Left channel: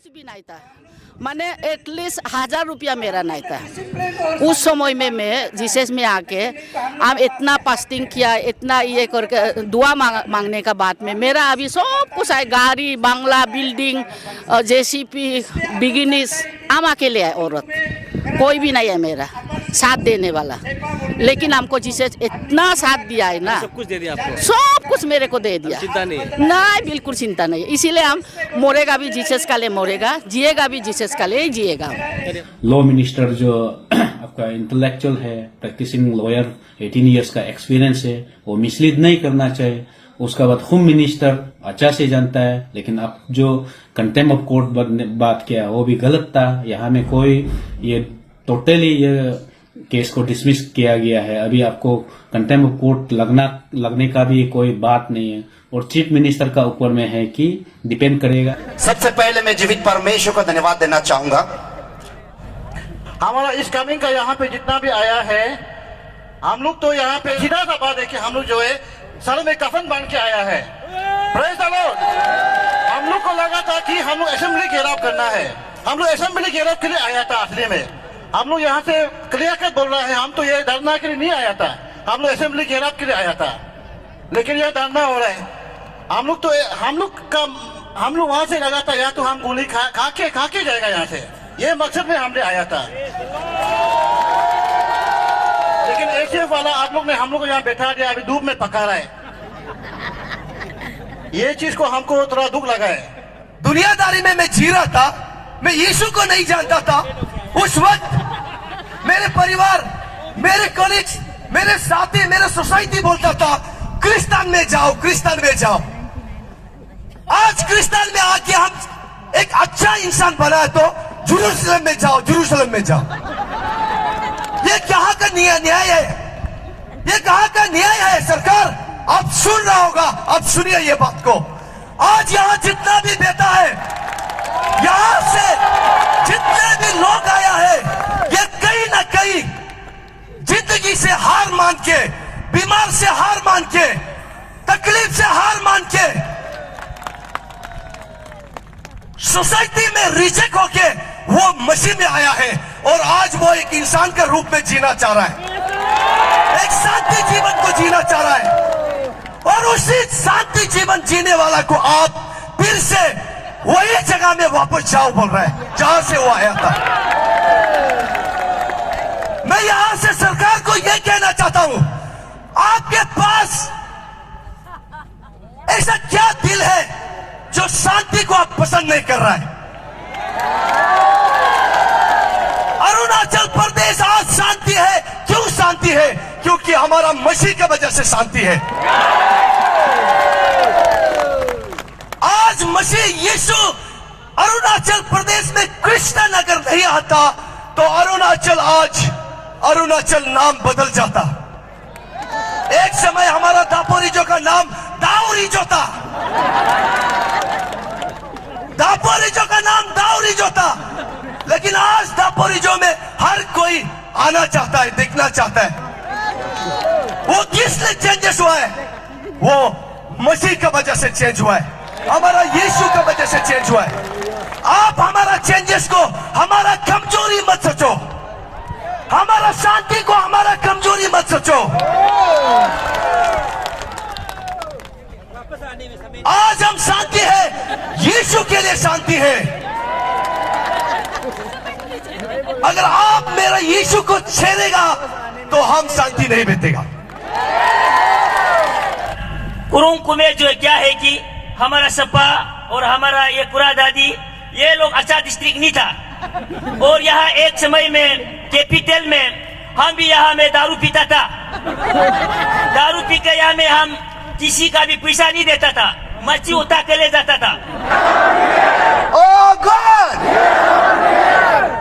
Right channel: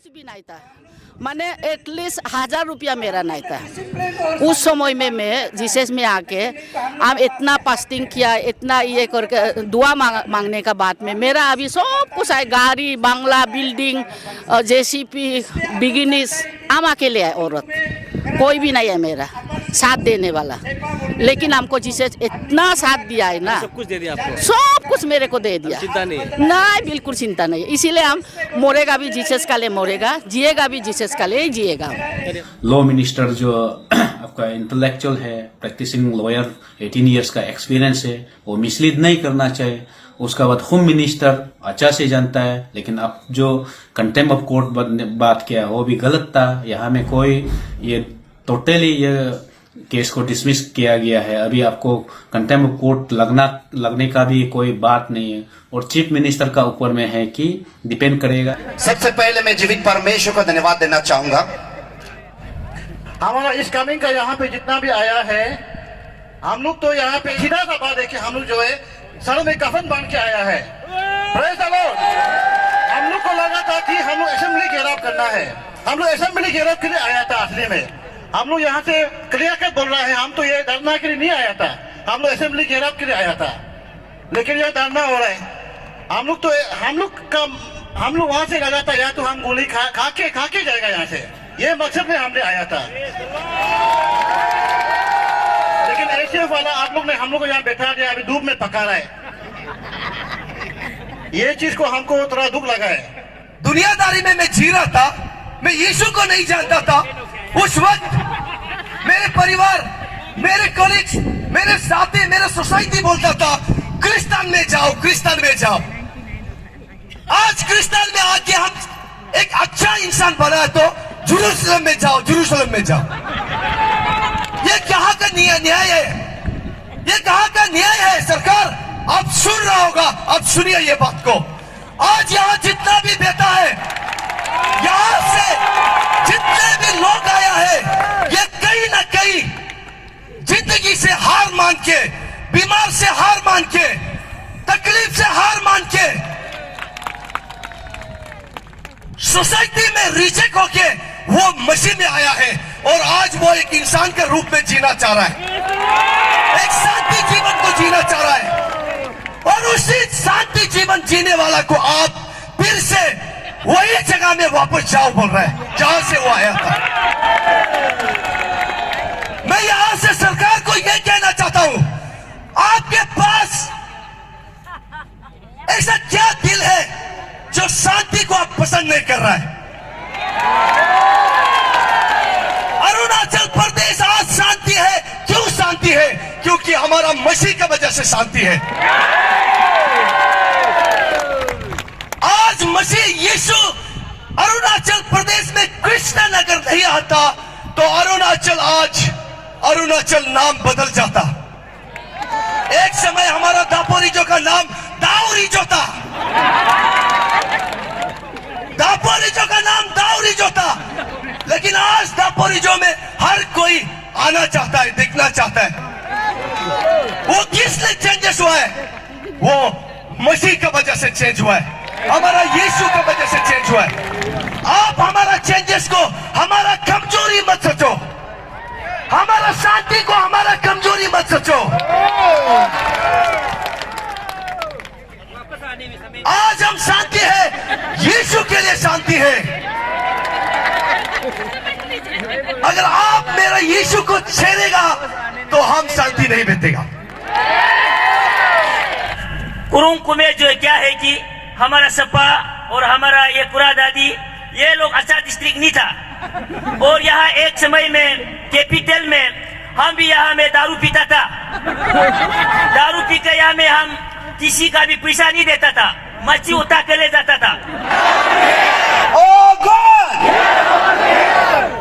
कुछ भी नहीं था, मैंने एटलीस्ट 1000 रुपया मेरा नहीं था। उस समय में मैं जीसस में आके हम इतना फास्टिंग किया, इतना ये करके दुआ मांगने का बाद में मेरा अभी सब कुछ है, गाड़ी, बंगला, बिल्डिंग, जेसीपी, बिगिनिस। हम अकेले है, औरत कोई भी नहीं है मेरा साथ देने वाला, लेकिन हमको जीसस इतना साथ दिया है ना, सब कुछ दे दिया आपको, सब कुछ मेरे को दे दिया। चिंता नहीं है? नहीं, बिल्कुल चिंता नहीं है। इसीलिए हम मरेगा भी जीसस का लिए मरेगा, जिएगा भी जीसस का लिए जिएगा। लॉ मिनिस्टर जो आपका इंटेलेक्चुअल है, प्रैक्टिसिंग लॉयर, 18 इयर्स का एक्सपीरियंस है, वो मिसलीड नहीं करना चाहिए। उसका बाद होम मिनिस्टर अच्छा से जानता है, लेकिन आप जो कंटेम्प्ट ऑफ कोर्ट बात किया वो भी गलत था। यहाँ में कोई ये टोटली ये केस को डिसमिस किया गया है। अभी आपको कंटेम्प्ट ऑफ कोर्ट लगने का भी कोई बात नहीं है, और चीफ मिनिस्टर का ऊपर में है कि डिपेंड करेगा। सबसे पहले मैं जीवित परमेश्वर को धन्यवाद देना चाहूंगा। हमारा इस कमिंग का यहाँ पे जितना भी आया है, हम लोग तो यहाँ पे सीधा सा बात है कि हम लोग जो है सर में कफन बांध के आया है। Praise the Lord. हम लोग को लगा था कि हम लोग असेंबली घेराव करना है, हम लोग असेंबली घेराव के लिए आया था। असली में हम लोग यहाँ से क्लियर कट बोल रहे हैं, हम तो ये धरना के लिए नहीं आया था, हम लोग असेंबली घेराव के लिए आया था। लेकिन यह धरना हो रहा है, हम लोग वहां से लगा था या तो हम गोली खा के जाएगा यहाँ से, ये मकसद में हमने आया था। लेकिन एसीएफ वाला आप लोग ने हम लोग को यहाँ बैठा दिया, अभी धूप में पका रहा है। ये चीज को हमको थोड़ा दुख लगा है। दुनियादारी में मैं जी रहा था, मैं यीशु को नहीं जानता था। उस वक्त मेरे परिवार, मेरे कलीग्स, मेरे साथी, मेरे सोसाइटी बोलता था क्रिस्तान में जाओ, क्रिस्तान में जाओ। आज क्रिस्तान में आके हम एक अच्छा इंसान बना तो जेरूसलम में जाओ, जेरूसलम में जाओ। ये कहाँ का न्याय है? ये कहाँ का न्याय है? सरकार आप सुन रहा होगा, आप सुनिए ये बात को। आज यहाँ जितना भी बेटा है, यहाँ से जितने भी लोग आया है, ये कहीं ना कहीं जिंदगी से हार मान के, बीमार से हार मान के, तकलीफ से हार मान के, सोसाइटी में रिजेक्ट होके वो मसीह में आया है, और आज वो एक इंसान के रूप में जीना चाह रहा है, एक शांति जीवन को जीना चाह रहा है। और उसी शांति जीवन जीने वाला को आप फिर से वही जगह में वापस जाओ बोल रहे हैं जहां से वो आया था। मैं यहां से सरकार को यह कहना चाहता हूं, आपके पास ऐसा क्या दिल है जो शांति को आप पसंद नहीं कर रहा है? अरुणाचल प्रदेश आज शांति है। क्यों शांति है? क्योंकि हमारा मसीह की वजह से शांति है। आज मसीह यीशु अरुणाचल प्रदेश में क्रिश्चियन अगर नहीं आता तो अरुणाचल नाम बदल जाता। एक समय हमारा दापोरिजो का नाम दाऊरिजो था, दापोरिजो का नाम दाऊरिजो था, लेकिन आज दापोरिजो में हर कोई आना चाहता है, दिखना चाहता है। वो किस लिए चेंजेस हुआ है? वो मसीह की वजह से चेंज हुआ है, हमारा यीशु की वजह से चेंज हुआ है। आप हमारा चेंजेस को हमारा कमजोरी मत सोचो, हमारा शांति को हमारा कमजोरी मत सोचो। आज हम शांति है, यीशु के लिए शांति है। अगर आप मेरा यीशु को छेड़ेगा तो हम शांति नहीं बीतेगा। कुरुंग में जो क्या है कि हमारा सपा और हमारा ये कुरा दादी, ये लोग अच्छा डिस्ट्रिक्ट नहीं था, और यहाँ एक समय में कैपिटल में हम भी यहाँ में दारू पीता था। दारू पी के यहाँ में हम किसी का भी पैसा नहीं देता था, मच्छी उठा के ले जाता था। ओ गॉड!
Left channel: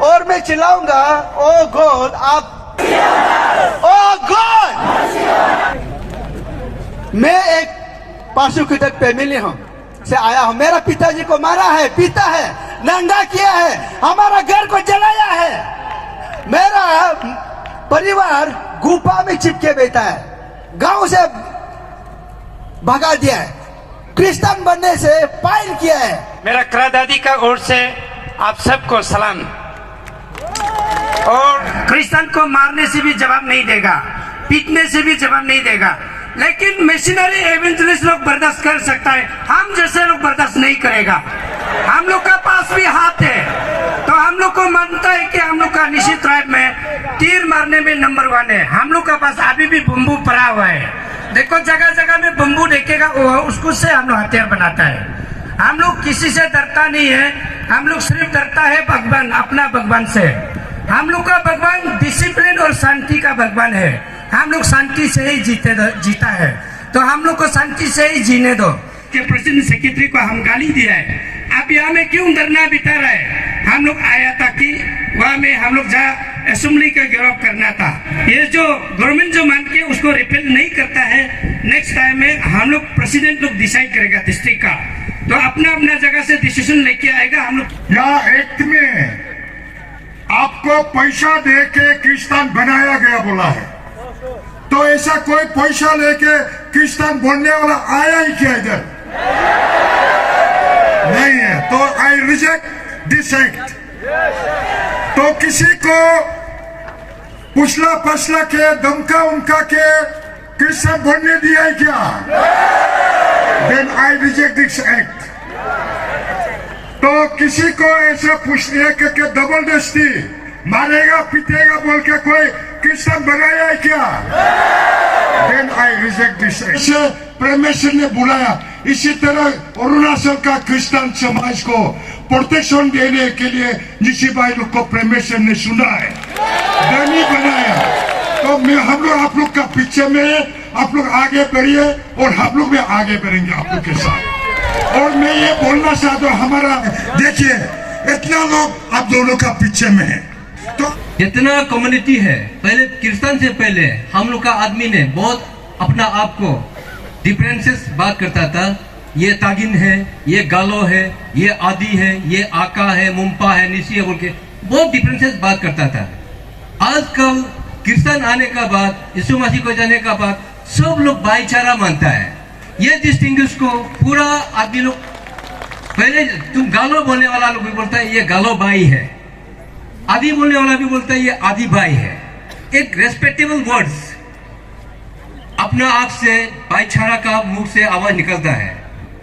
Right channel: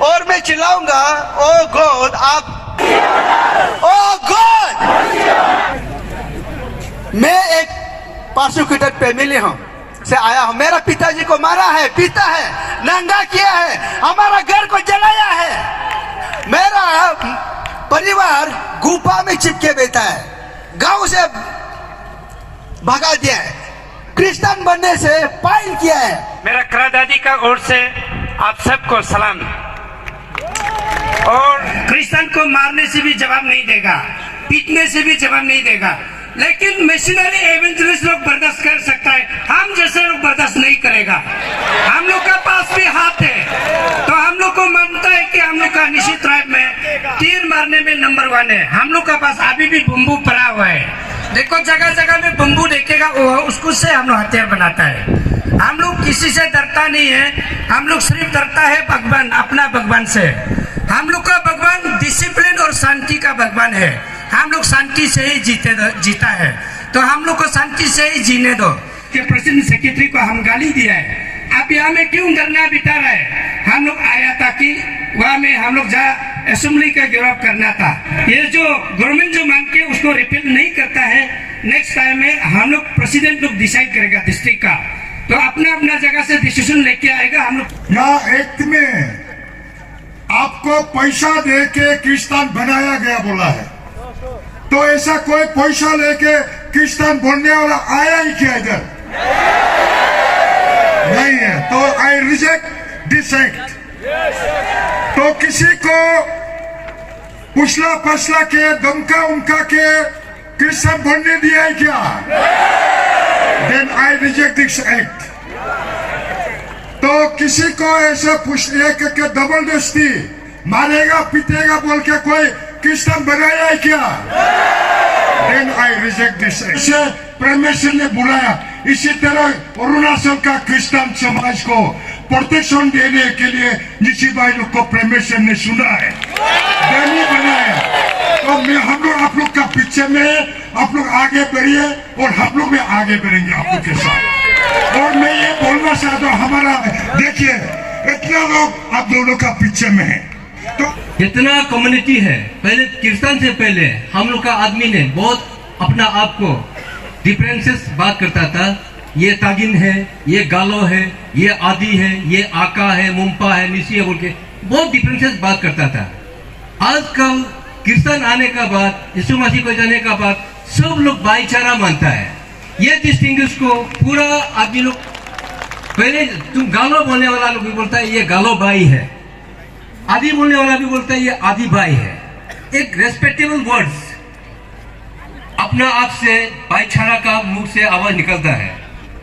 और मैं चिल्लाऊंगा, ओ गॉड! आप ओ गॉड! मैं एक प्रोसिक्यूटेड फैमिली हूँ से आया हूँ। मेरा पिताजी को मारा है, पीता है, नंगा किया है, हमारा घर को जलाया है। मेरा परिवार गुफा में चिपके बैठा है, गांव से भगा दिया है, क्रिश्चियन बनने से पायल किया है। मेरा दादी का ओर से आप सबको सलाम। और क्रिश्चियन को मारने से भी जवाब नहीं देगा, पीटने से भी जवाब नहीं देगा, लेकिन मिशनरी एवेंजलिस्ट लोग बर्दाश्त कर सकता है, हम जैसे लोग बर्दाश्त नहीं करेगा। हम लोग का पास भी हाथ है, तो हम लोग को मानता है कि हम लोग का निश्चित ट्राइब में तीर मारने में नंबर 1 है। हम लोग का पास अभी भी बम्बू पड़ा हुआ है। देखो जगह जगह में बम्बू देखेगा, उसको से हम लोग हथियार बनाता है। हम लोग किसी से डरता नहीं है, हम लोग सिर्फ डरता है भगवान, अपना भगवान से। हम लोग का भगवान डिसिप्लिन और शांति का भगवान है। हम लोग शांति से ही जीता है, तो हम लोग को शांति से ही जीने दो। कि प्रेसिडेंट सेक्रेटरी को हम गाली दिया है, आप यहाँ में क्यों धरना बिता रहा है? हम लोग आया था कि वहाँ में हम लोग जहाँ असेंबली का घेराव करना था। ये जो गवर्नमेंट जो मान के उसको रिपेल नहीं करता है, नेक्स्ट टाइम में हम लोग प्रेसिडेंट लोग डिसाइड करेगा डिस्ट्रिक्ट का, तो अपना अपना जगह से डिसीजन लेके आएगा। हम लोग यहाँ एक्ट में आपको पैसा दे के क्रिश्चियन बनाया गया बोला है, तो ऐसा कोई पैसा लेके क्रिश्चियन बनने वाला आया ही क्या इधर? नहीं है, तो आई रिजेक्ट दिस एक्ट। तो किसी को पुछला पछला के धमका उमका के क्रिश्चियन बनने दिया है क्या? Then I reject this act. तो किसी को ऐसा पूछ लिया कि जबरदस्ती मारेगा पीटेगा बोल के कोई क्रिश्चियन बनाया है क्या? Then I reject this act. इसे परमेश्वर ने बुलाया, इसी तरह अरुणाचल का क्रिश्चियन समाज को प्रोटेक्शन देने के लिए निशी भाई लोग को परमेश्वर ने सुना है, नहीं बनाया। तो मैं हम लोग आप लोग का पीछे में, आप लोग आगे बढ़िए और हम लोग भी आगे बढ़ेंगे आप लोग के साथ। और मैं ये बोलना चाहता हूँ, हमारा देखिए इतना लोग आप दोनों का पीछे में है, तो जितना कम्युनिटी है, पहले क्रिश्चियन से पहले हम लोग का आदमी ने बहुत अपना आप को डिफरेंसेस बात करता था। ये तागिन है, ये गालो है, ये आदि है, ये आका है, मुंपा है, निशी है बोल के बहुत डिफरेंसेस बात करता था। आजकल क्रिश्चियन आने का बाद, यीशु मसीह को जाने का बाद सब लोग भाईचारा मानता है। ये डिस्टिंग्विश को पूरा आदमी लोग, पहले तुम गालो बोलने वाला लोग भी बोलता है ये गालो भाई है, आदि बोलने वाला भी बोलता है ये आदि भाई है। एक रेस्पेक्टेबल वर्ड्स अपना आप से भाईचारा का मुंह से आवाज निकलता है।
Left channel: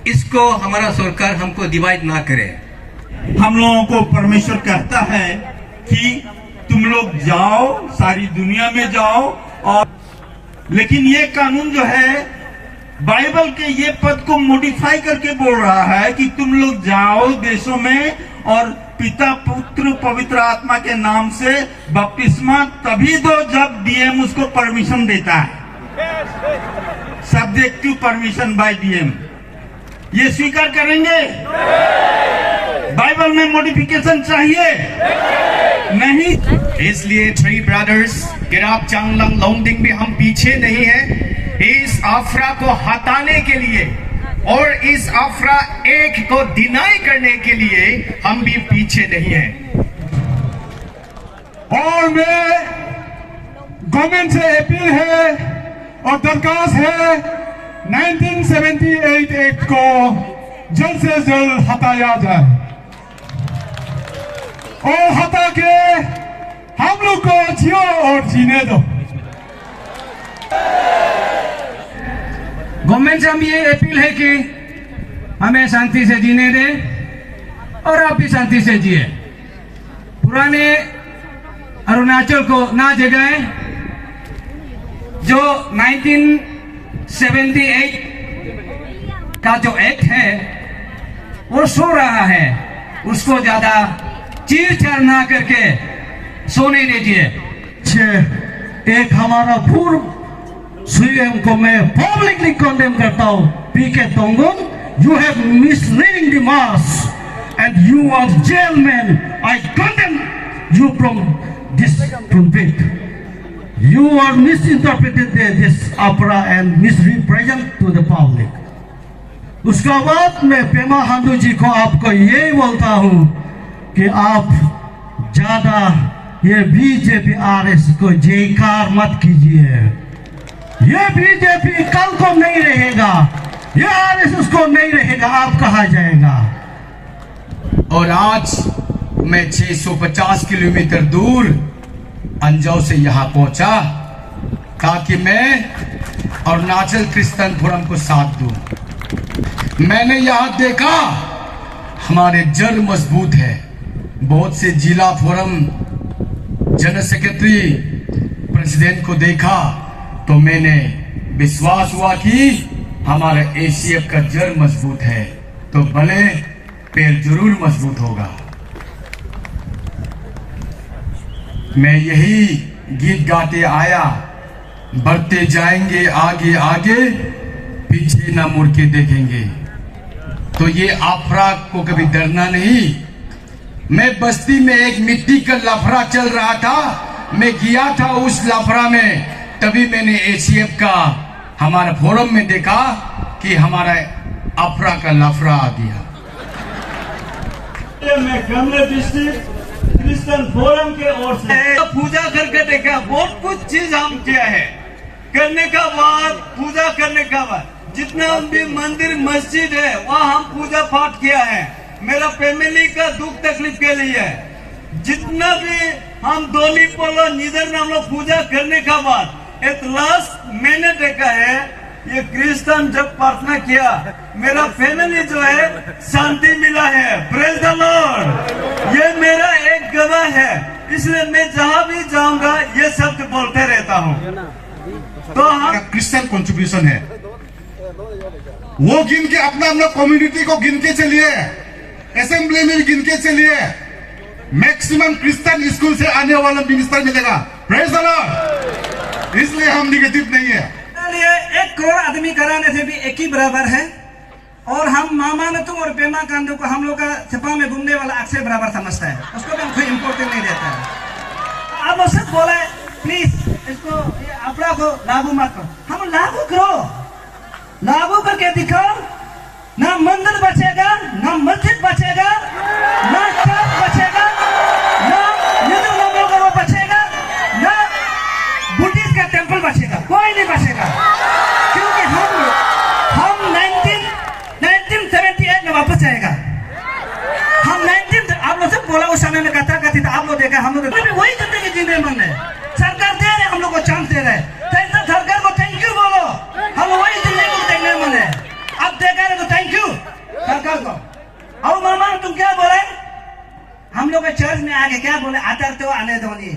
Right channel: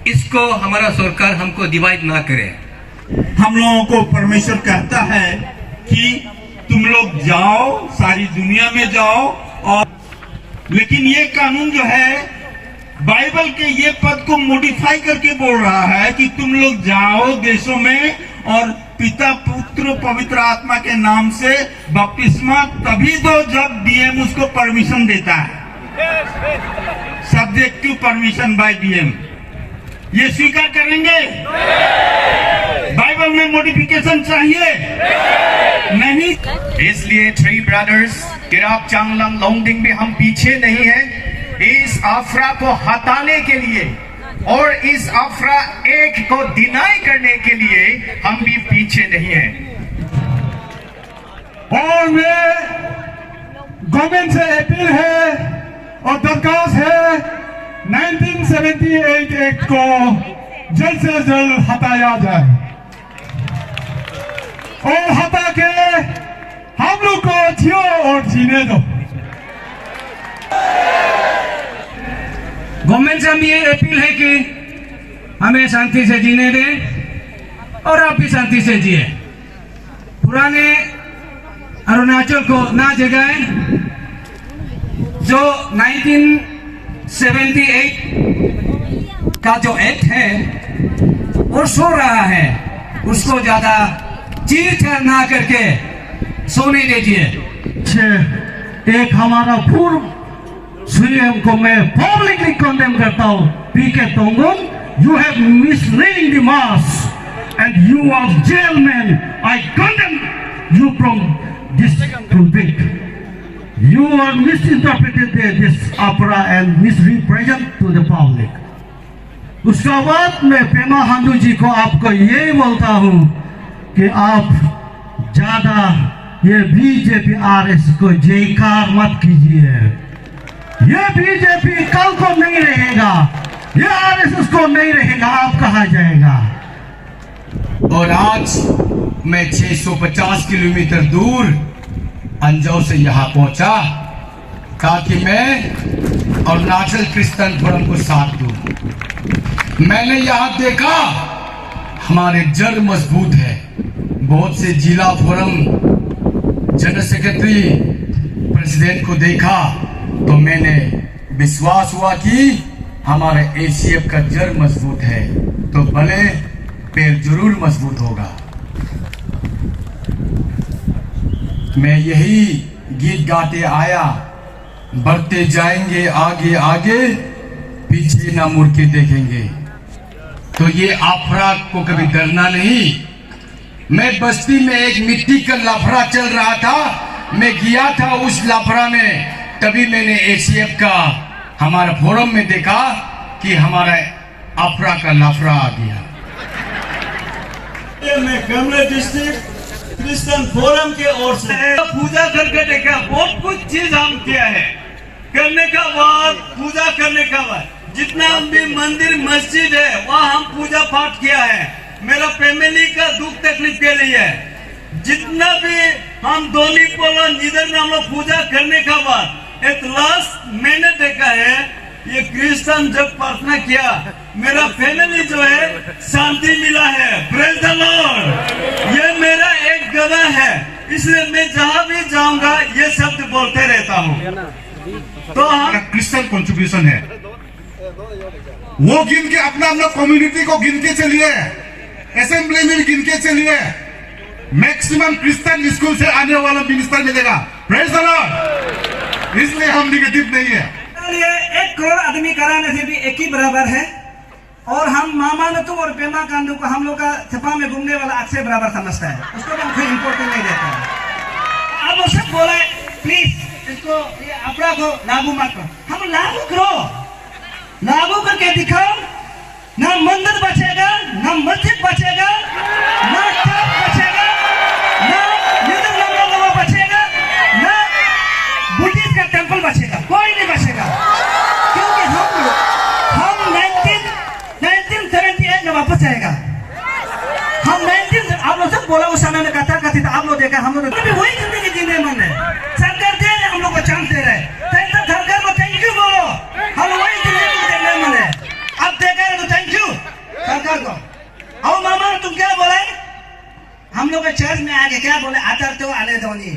इसको हमारा सरकार हमको डिवाइड ना करे। हम लोगों को परमेश्वर कहता है कि तुम लोग जाओ, सारी दुनिया में जाओ, और लेकिन ये कानून जो है बाइबल के ये पद को मॉडिफाई करके बोल रहा है कि तुम लोग जाओ देशों में और पिता पुत्र पवित्र आत्मा के नाम से बपतिस्मा तभी दो जब डीएम उसको परमिशन देता है। सब्जेक्टिव परमिशन बाय डीएम, ये स्वीकार करेंगे? बाइबल में मॉडिफिकेशन चाहिए नहीं। इसलिए थ्री ब्रदर्स गिराप चांगलंग लोंगडिंग भी हम पीछे नहीं है इस आफरा को हटाने के लिए, और इस आफरा एक को डिनाई करने के लिए हम भी पीछे नहीं है। और मैं गवर्नमेंट से अपील है और दरखास्त है, 1978 एक्ट को जल्द से जल्द हटाया जाए, और हटा के हम लोग को जियो और जीने दो। गवर्नमेंट से हम ये अपील है कि हमें शांति से जीने दें और आप भी शांति से जिए। पुराने अरुणाचल को ना जगाएं। जो 1978 का जो एक्ट है वो सो रहा है, उसको ज्यादा चीर-चार ना करके सोने दीजिए। एक हमारा पूर्व सीएम को मैं पब्लिकली कंडेम करता हूँ, PK Tongon, you have misleading the mass and you are jail man, I condemn you from this pulpit. You are misinterpreted this opera and misrepresent to the public. उसका बाद मैं पेमा खांडू जी को आपको यही बोलता हूँ कि आप ज्यादा ये बीजेपी आरएस को जयकार मत कीजिए। ये बीजेपी कल को नहीं रहेगा, ये आरएसएस को नहीं रहेगा, आप कहा जाएगा। और आज मैं 650 किलोमीटर दूर अंजाव से यहाँ पहुंचा ताकि मैं अरुणाचल क्रिश्चियन फोरम को साथ दूं। मैंने यहाँ देखा हमारे जड़ मजबूत है। बहुत से जिला फोरम जनरल सेक्रेटरी प्रेसिडेंट को देखा तो मैंने विश्वास हुआ कि हमारे एसीएफ का जड़ मजबूत है तो भले पैर जरूर मजबूत होगा। मैं यही गीत गाते आया, बढ़ते जाएंगे आगे आगे, पीछे ना मुड़ के देखेंगे। तो ये आफरा को कभी डरना नहीं। मैं बस्ती में एक मिट्टी का लफड़ा चल रहा था, मैं गया था उस लफड़ा में, तभी मैंने एसीएफ का हमारा फोरम में देखा कि हमारा अफरा का लफड़ा आ गया। मैं कमला डिस्ट्रिक्ट क्रिश्चियन फोरम के ओर से पूजा करके देखा। बहुत कुछ चीज हम किया है। करने का बाद, पूजा करने का बाद जितना भी मंदिर मस्जिद है वहाँ हम पूजा पाठ किया है। मेरा फैमिली का दुख तकलीफ के लिए जितना भी हम दोली पोलो निधर नाम लोग पूजा करने का बाद एट लास्ट मैंने देखा है ये क्रिश्चियन जब प्रार्थना किया मेरा फैमिली जो है शांति मिला है। Praise the Lord. ये मेरा एक गवाह है, इसलिए मैं जहाँ भी जाऊंगा ये शब्द बोलते रहता हूँ। तो हम क्रिश्चियन कंट्रीब्यूशन है, वो गिन के अपना अपना कम्युनिटी को गिन के चलिए, असेंबली में गिन के चलिए। मैक्सिमम क्रिश्चियन स्कूल से आने वाला मिनिस्टर मिलेगा। Praise the Lord. इसलिए हम निगेटिव नहीं है। 1 करोड़ आदमी कराने से भी एक ही बराबर है। और हम मामा नतु और पेमा कांडू को हम लोग का छपा में घूमने वाला आग से बराबर समझता है, उसको हम कोई इम्पोर्टेंट नहीं देता है। अब उसे बोले प्लीज इसको अपना को लागू मत करो। हम लागू करो, लागू करके दिखाओ। ना मंदिर बचेगा, ना मस्जिद बचेगा, ना चर्च बचेगा, ना हिंदू लोगों का बचेगा, ना बुद्धिस्ट का टेंपल बचेगा, कोई नहीं बचेगा। क्योंकि हम 1978 में वापस जाएगा। हम 19 आप लोग सब बोला उस समय में कथा कथी था, आप लोग देखा हम लोग भी वही जिंदगी जीने मन है। सरकार दे रहे हम लोग को चांस दे रहे, सरकार को थैंक यू बोलो। हम वही जिंदगी को देखने मन है। आप देखा रहे तो थैंक यू सरकार को। और मामा तुम क्या बोले, हम लोग चर्च में आके क्या बोले, आचार तो आने दो नहीं।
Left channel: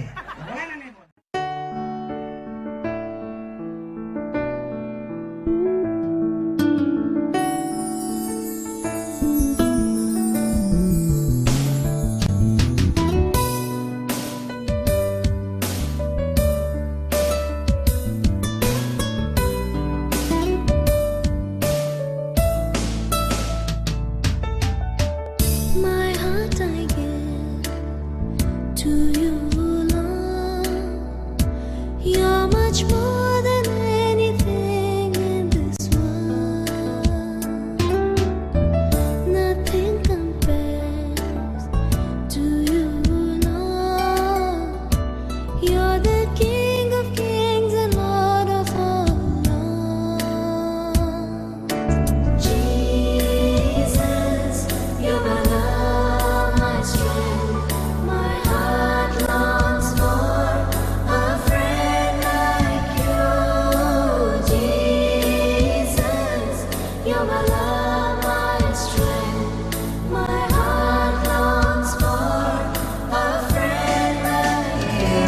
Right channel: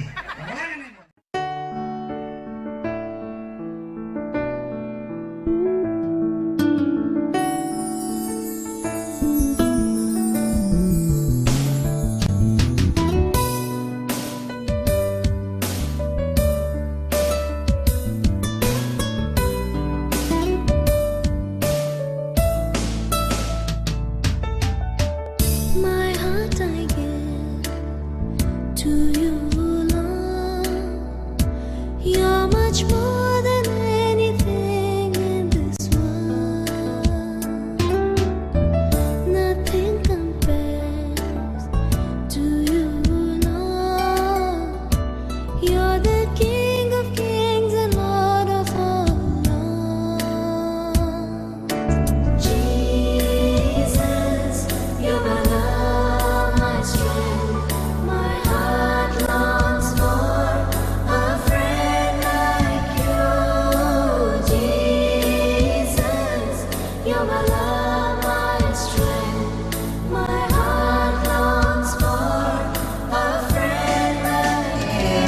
My heart I give to you, Lord. You're much more than anything in this world. Nothing compares to you, Lord. You're the King of kings and Lord of all lords. Jesus, you're my love, my strength. My heart longs for a friend like you. Jesus, you're my love, my strength. My heart longs for a friend like you.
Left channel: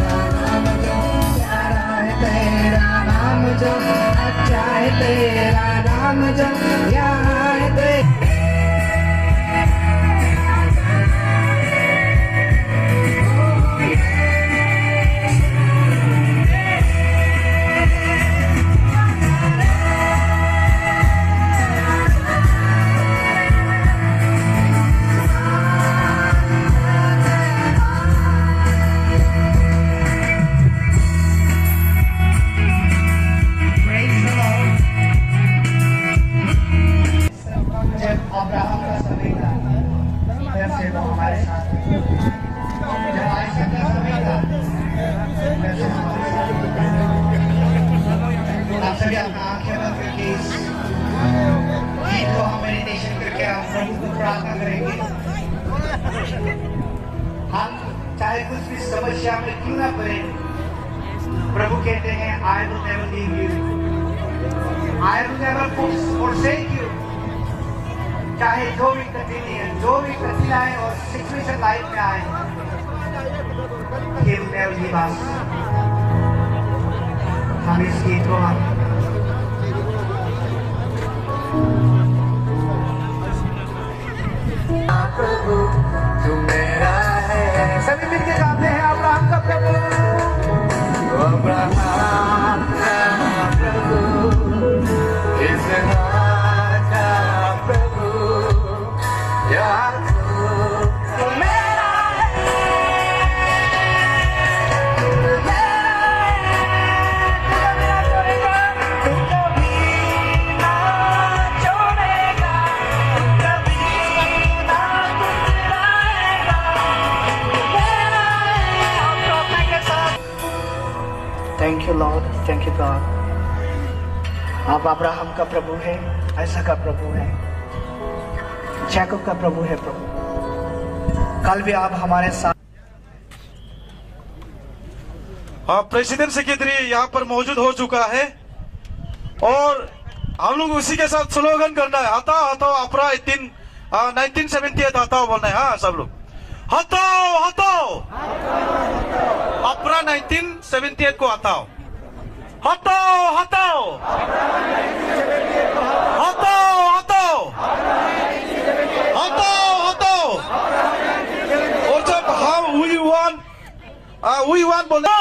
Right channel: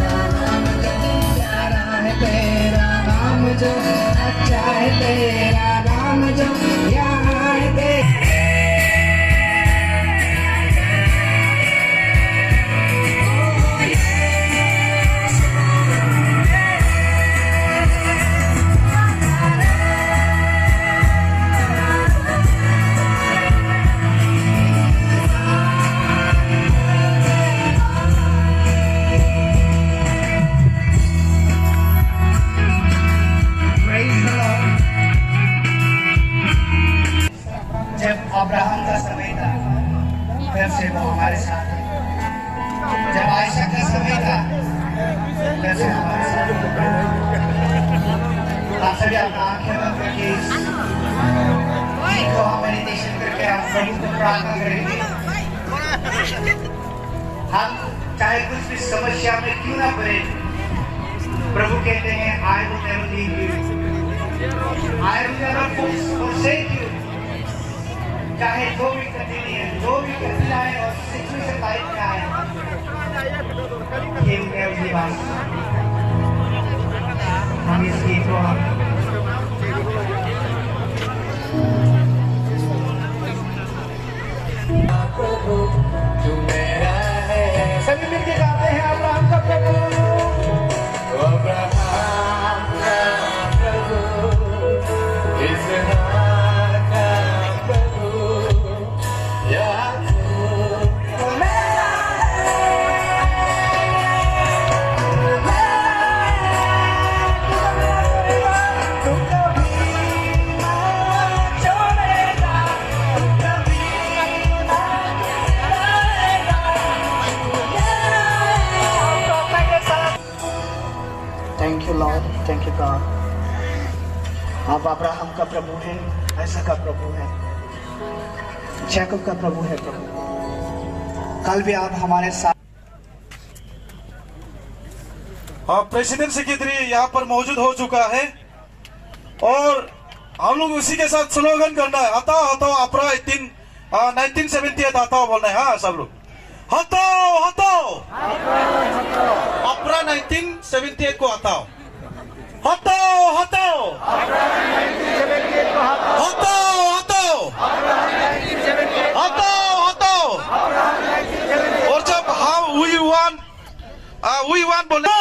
तेरा नाम जो अच्छा है, तेरा नाम जो यहाँ है जब अब्राहम का समय था तब से वो हमारे साथ थे। जब आयशा का समय था तब से हमारे साथ थे। आप सभी अपना आंखें बंद करके इस गीत को हम मेडिटेशन करके हम प्रभु को प्रार्थना करेंगे। कुछ भी समस्या में क्यों ना पड़े, प्रभु कहते हैं I will never leave you, I will never forsake you। चाहे जो भी तब्दीली है, जो भी कठिनाई और सिचुएशन लाइफ में आए, He will never leave us। हम इस गीत को प्रभु तू मेरा है, सभी मिलके गाते हैं अब्राहम का प्रभु, अब्राहम का प्रभु, इसहाक का प्रभु, याकूब तू मेरा है, तू कभी ना छोड़ेगा, तू कभी ना thank you Lord, thank you God. आप अब्राहम का प्रभु है, ऐसा का प्रभु है, जैकब का प्रभु है प्रभु। कल भी आप हमारे साथ। प्रेसिडेंट सेक्रेटरी यहाँ पर मौजूद हो चुका है और हम लोग उसी के साथ स्लोगन करना है, हटाओ हटाओ अप्रा 1978 हटाओ बोलना है। हाँ सब लोग हटाओ हटाओ अप्रा 1978 को हटाओ, हटाओ हटाओ हटाओ हटाओ हटाओ हटाओ। और जब हम वी वांट बोले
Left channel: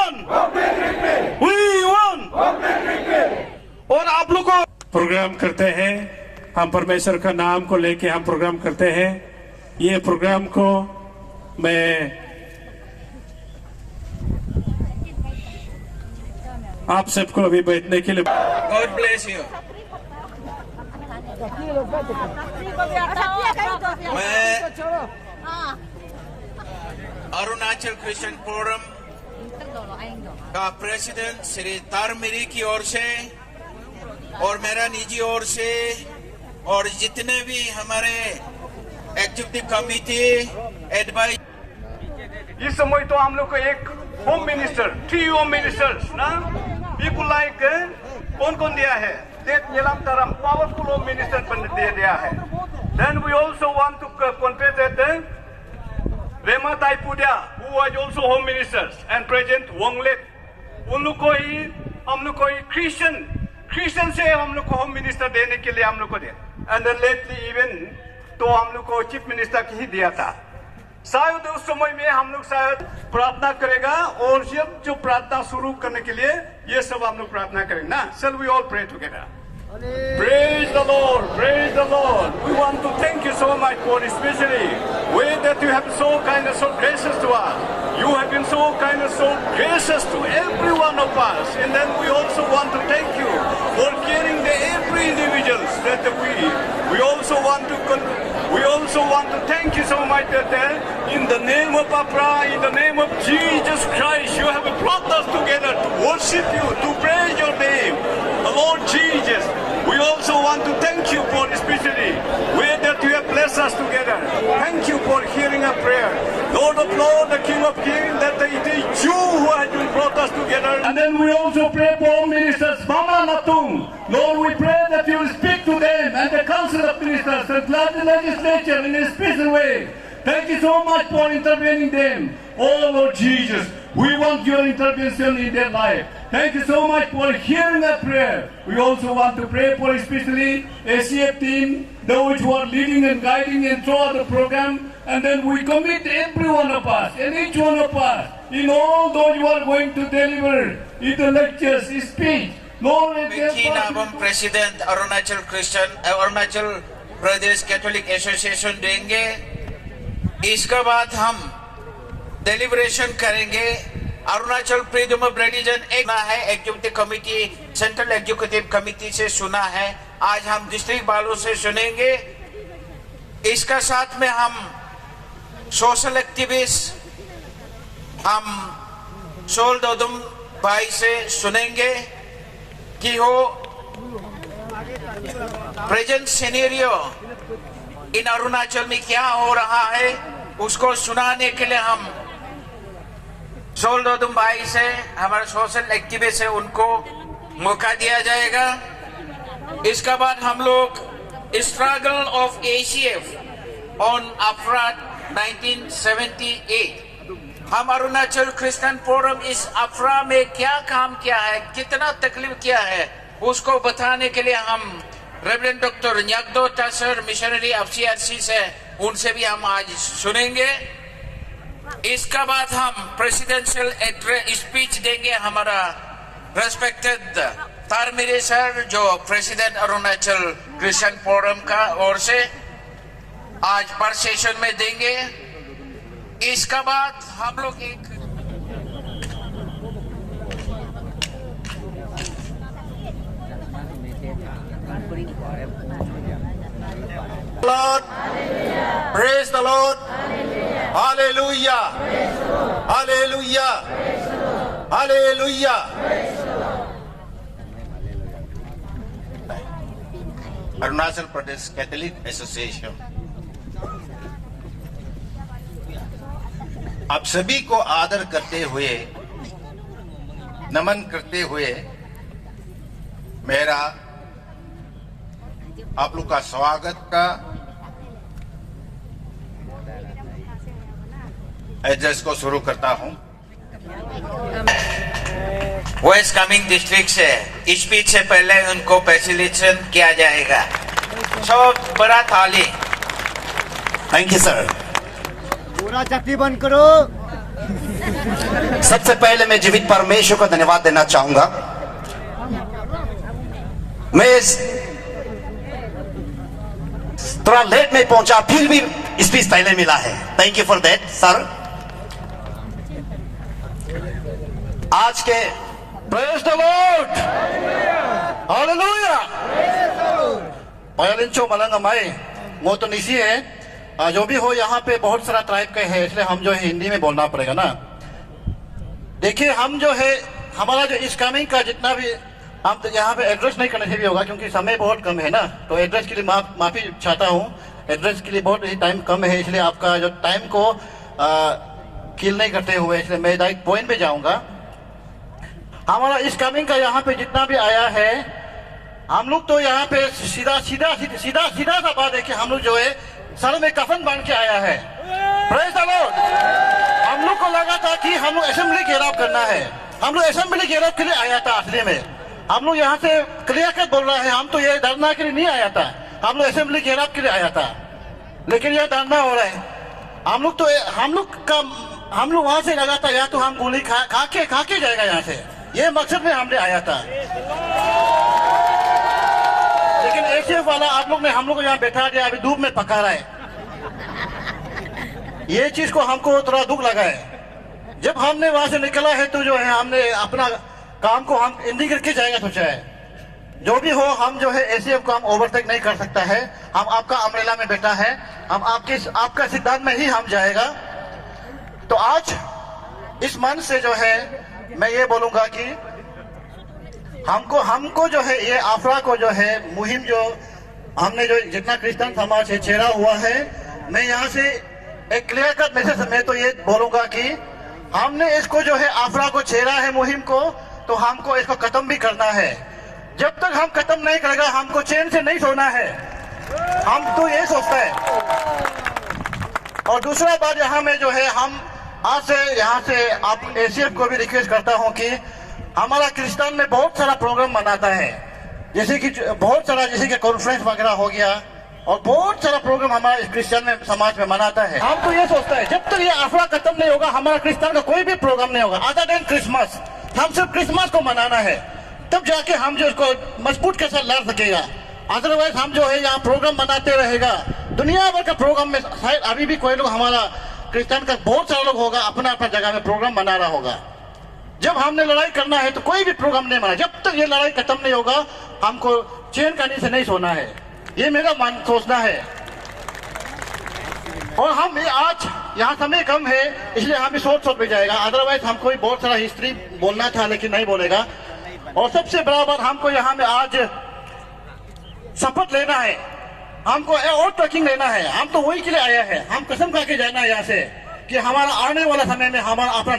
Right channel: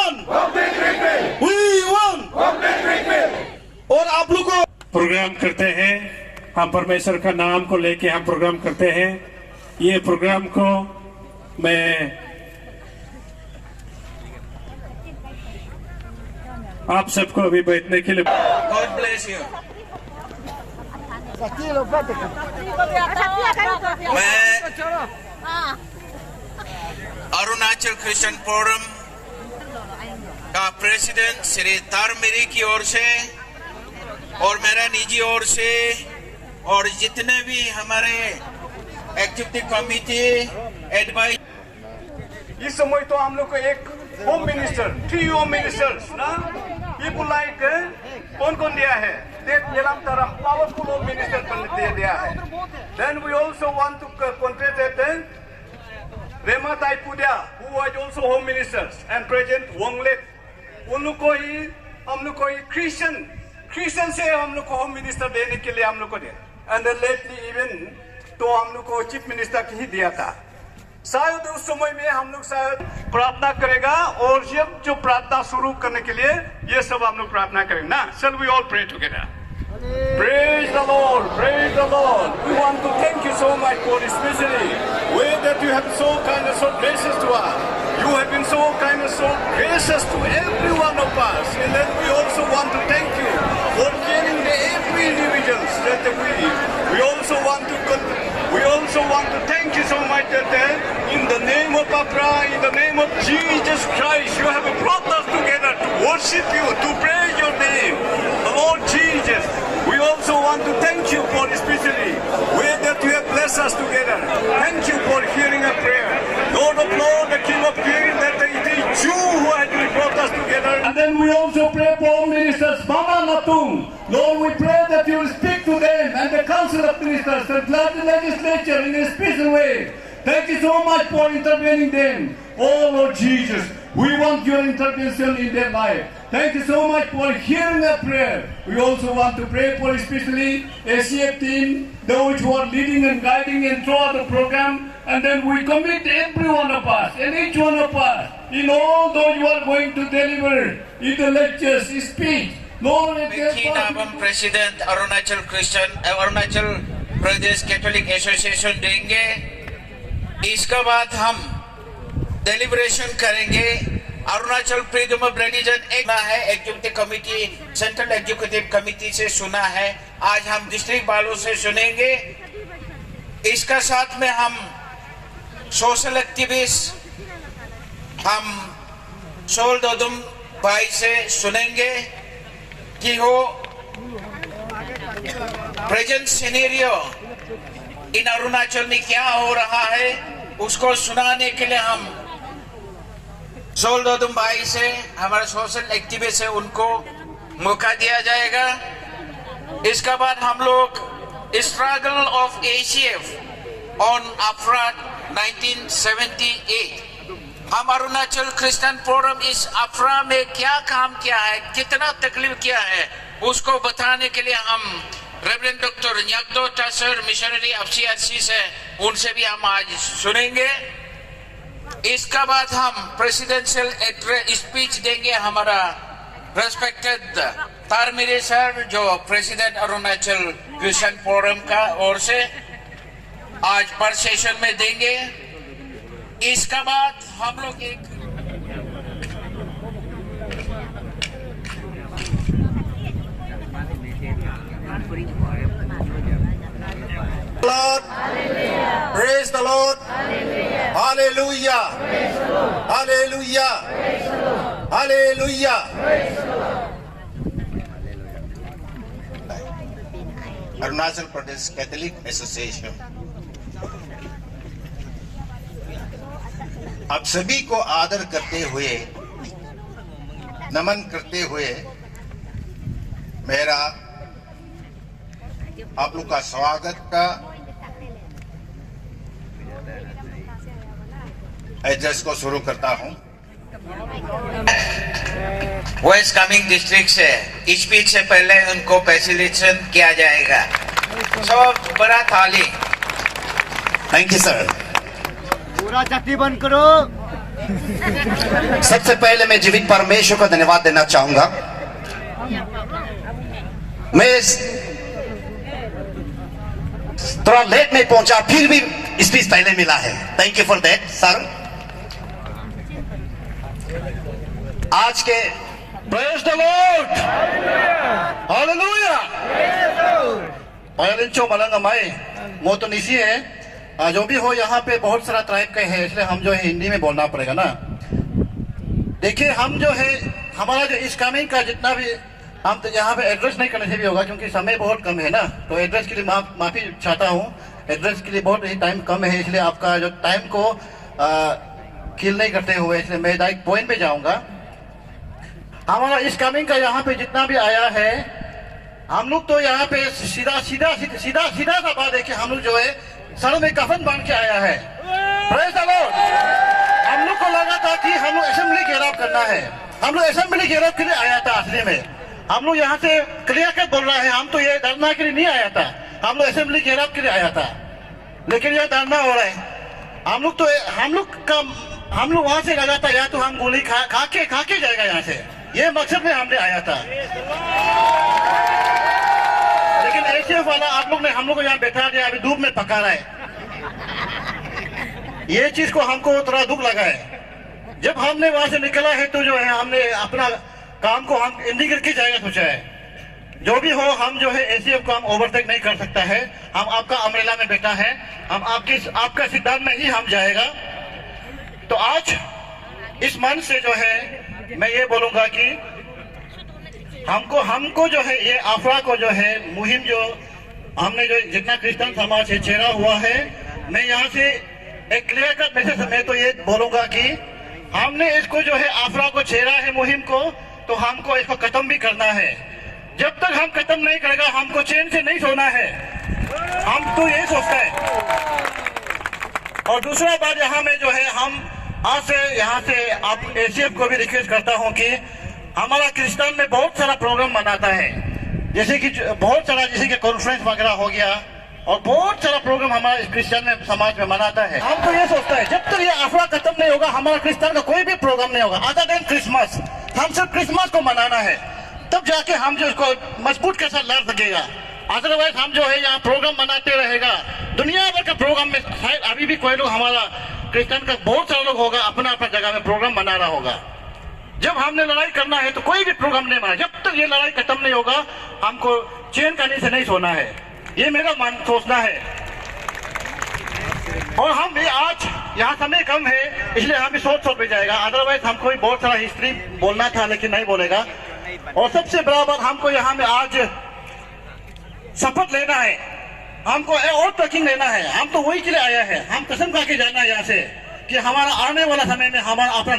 वी वांट, और आप लोग को प्रोग्राम करते हैं, हम परमेश्वर का नाम को लेके हम प्रोग्राम करते हैं। ये प्रोग्राम को मैं आप सबको अभी बैठने के लिए गॉड ब्लेस यू। मैं अरुणाचल क्रिश्चियन फोरम का प्रेसिडेंट श्री तारमिरी की ओर से और मेरा निजी ओर से और जितने भी हमारे एग्जीक्यूटिव कमिटी एडवाइस, इस समय तो हम लोग को एक होम मिनिस्टर, 3 होम मिनिस्टर्स ना, पीपुल लाइक कौन कौन दिया है, पावरफुल होम मिनिस्टर दिया है। Then we also want to congratulate Rema Taipodia who was also home ministers and president Wanglet. उन लोग को ही हम लोग को क्रिश्चियन से हम लोग को होम मिनिस्टर देने के लिए हम लोग को दिया, एंड लेटली इवन तो हम लोग को चीफ मिनिस्टर की ही दिया था। शायद उस समय में हम लोग शायद प्रार्थना करेगा और जब जो प्रार्थना शुरू करने के लिए ये सब हम लोग प्रार्थना करेंगे ना। Shall we all pray together? Praise the Lord, praise the Lord. We want to thank you so much for especially way that you have been so kind and so gracious to us. You have been so kind and so gracious to every one of us, and then we also want to thank you for caring the every individuals that we also want to thank you so much that in the name of Apra, in the name of Jesus Christ, you have brought us together to worship you, to praise your name, Lord Jesus. We also want to thank you for especially way that you have blessed us together. Thank you for hearing our prayer, Lord of Lords, the King of Kings, that it is you who has brought us together. And then we also pray for ministers, Mama Natung. Lord, we pray that you will speak to them and the Council of Ministers and the legislature in a special way. Thank you so much for intervening them. Oh Lord Jesus, we want your intervention in their life. Thank you so much for hearing that prayer. We also want to pray for especially ACF team, those who are leading and guiding and throughout the program. And then we commit every one of us and each one of us in all those who are going to deliver in the lectures, speech. Lord, नाम president Arunachal Pradesh Catholic association देंगे। इसके बाद हम deliberation करेंगे। Arunachal freedom of religion एक है, executive committee central executive committee से सुना है, आज हम डिस्ट्रिक्ट वालों से सुनेंगे। इसका साथ में हम सोशल एक्टिविस्ट हम सोल दोदुम भाई से सुनेंगे कि हो प्रेजेंट सिनेरियो इन अरुणाचल में क्या हो रहा है, उसको सुनाने के लिए हम सोल्डो दुम्बाई से हमारे सोशल एक्टिविस्ट है उनको मौका दिया जाएगा। इसके बाद हम लोग स्ट्रगल ऑफ ACF ऑन अफ्रा 1978, हम अरुणाचल क्रिश्चियन फोरम इस अफ्रा में क्या काम किया है, कितना तकलीफ किया है, उसको बताने के लिए हम रेवरेंड डॉक्टर न्यागदो टासर मिशनरी FCRC से उनसे भी हम आज सुनेंगे। इसके बाद हम प्रेसिडेंशियल एड्रेस स्पीच देंगे हमारा रेस्पेक्टेड तारमिरे सर जो प्रेसिडेंट अरुणाचल क्रिश्चियन फोरम का ओर से आज पर सेशन में देंगे। इसके बाद हम लोग एक Lord, praise the Lord, hallelujah, hallelujah, hallelujah. Arunachal Pradesh Catholic association आप सभी को आदर करते हुए, नमन करते हुए मेरा आप लोग का स्वागत का एड्रेस को शुरू करता हूं। वेस्ट कामेंग डिस्ट्रिक्ट से स्पीच से पहले उनको फैसिलिटेशन किया जाएगा। सब बड़ा थाली। Thank you sir. पूरा चक्की बंद करो। सबसे पहले मैं जीवित परमेश्वर को धन्यवाद देना चाहूंगा। मैं थोड़ा लेट में पहुंचा, फिर भी स्पीच पहले मिला है। Thank you for that sir. आज के प्रेज द लॉर्ड, हालेलुया। पायलिंचो मलंगा माई मोतनिसी है। जो भी हो यहाँ पे बहुत सारा ट्राइब के है, इसलिए हम जो है हिंदी में बोलना पड़ेगा ना। देखिए हम जो है हमारा जो इस कामिंग का जितना भी हम तो यहाँ पे एड्रेस नहीं करने से भी होगा क्योंकि समय बहुत कम है ना, तो एड्रेस के लिए माफी चाहता हूँ। एड्रेस के लिए बहुत ही टाइम कम है, इसलिए आपका जो टाइम को किल नहीं करते हुए इसलिए मैं डायरेक्ट पॉइंट पे जाऊंगा। हमारा इस कामिंग का यहाँ पे जितना भी आया है, हम लोग तो यहाँ पे सीधा सा बात है कि हम लोग जो है सर में कफन बांध के आया है। Praise the Lord. हम लोग को लगा था कि हम लोग असेंबली घेराव करना है, हम लोग असेंबली घेराव के लिए आया था। असली में हम लोग यहाँ से क्लियर कट बोल रहे हैं, हम तो ये धरना के लिए नहीं आया था, हम लोग असेंबली घेराव के लिए आया था। लेकिन यह धरना हो रहा है। हम लोग वहां से लगा था या तो हम गोली खा के जाएगा यहाँ से, ये मकसद में हमने आया था। लेकिन ACF वाला आप लोग ने हम लोग को यहाँ बैठा दिया, अभी धूप में पका रहा है। ये चीज को हमको थोड़ा दुख लगा है। जब हमने वहां से निकला है तो जो है हमने अपना काम को हम एंडिंग करके जाएगा सोचा है। जो भी हो हम जो है ACF को हम ओवरटेक नहीं कर सकता है। हम आपका अमरेला में बैठा है, हम आपका सिद्धांत में ही हम जाएगा। तो आज इस मन से जो है मैं ये बोलूंगा कि हमको जो है ये अफरा को जो है मुहिम जो हमने जो जितना क्रिश्चियन समाज से छेड़ा हुआ है, मैं यहाँ से एक क्लियर कट मैसेज मैं तो ये बोलूंगा कि हमने इसको जो है अफरा को छेड़ा है मुहिम को, तो हमको इसको खत्म भी करना है। जब तक हम खत्म नहीं करेगा हमको चैन से नहीं सोना है, हम तो ये सोचता है। और दूसरा बात यहाँ में जो है हम आज से यहाँ से आप ACF को भी रिक्वेस्ट करता हूँ कि हमारा क्रिश्चियन में बहुत सारा प्रोग्राम मनाता है, जैसे कि कॉन्फ्रेंस वगैरह हो गया और बहुत सारा प्रोग्राम हमारा क्रिश्चियन में समाज में मनाता है। हम तो ये सोचता है जब तक ये अफरा खत्म नहीं होगा हमारा क्रिश्चियन का कोई भी प्रोग्राम नहीं होगा अदर देन क्रिसमस। हम सिर्फ क्रिसमस को मनाना है, तब जाके हम जो इसको मजबूत के साथ लड़ सकेगा। अदरवाइज हम जो है यहाँ प्रोग्राम मनाते रहेगा, दुनिया भर का प्रोग्राम में अभी भी कोई लोग हमारा क्रिश्चियन का बहुत सारा लोग होगा अपना अपना जगह में प्रोग्राम मना रहा होगा। जब हमने लड़ाई करना है तो कोई भी प्रोग्राम नहीं मना, जब तक ये लड़ाई खत्म नहीं होगा हमको चैन करने से नहीं सोना है, ये मेरा मन सोचना है। और हम आज यहाँ समय कम है इसलिए हम भी सोच भी जाएगा, अदरवाइज हमको भी बहुत सारा हिस्ट्री बोलना था लेकिन नहीं बोलेगा। और सबसे बड़ा बात हमको यहाँ में आज शपथ लेना है, हमको और ट्रैकिंग लेना है। हम तो वही के लिए आया है, हम कसम खा के जाना है यहाँ से कि हमारा आने वाला समय में हमारा अपना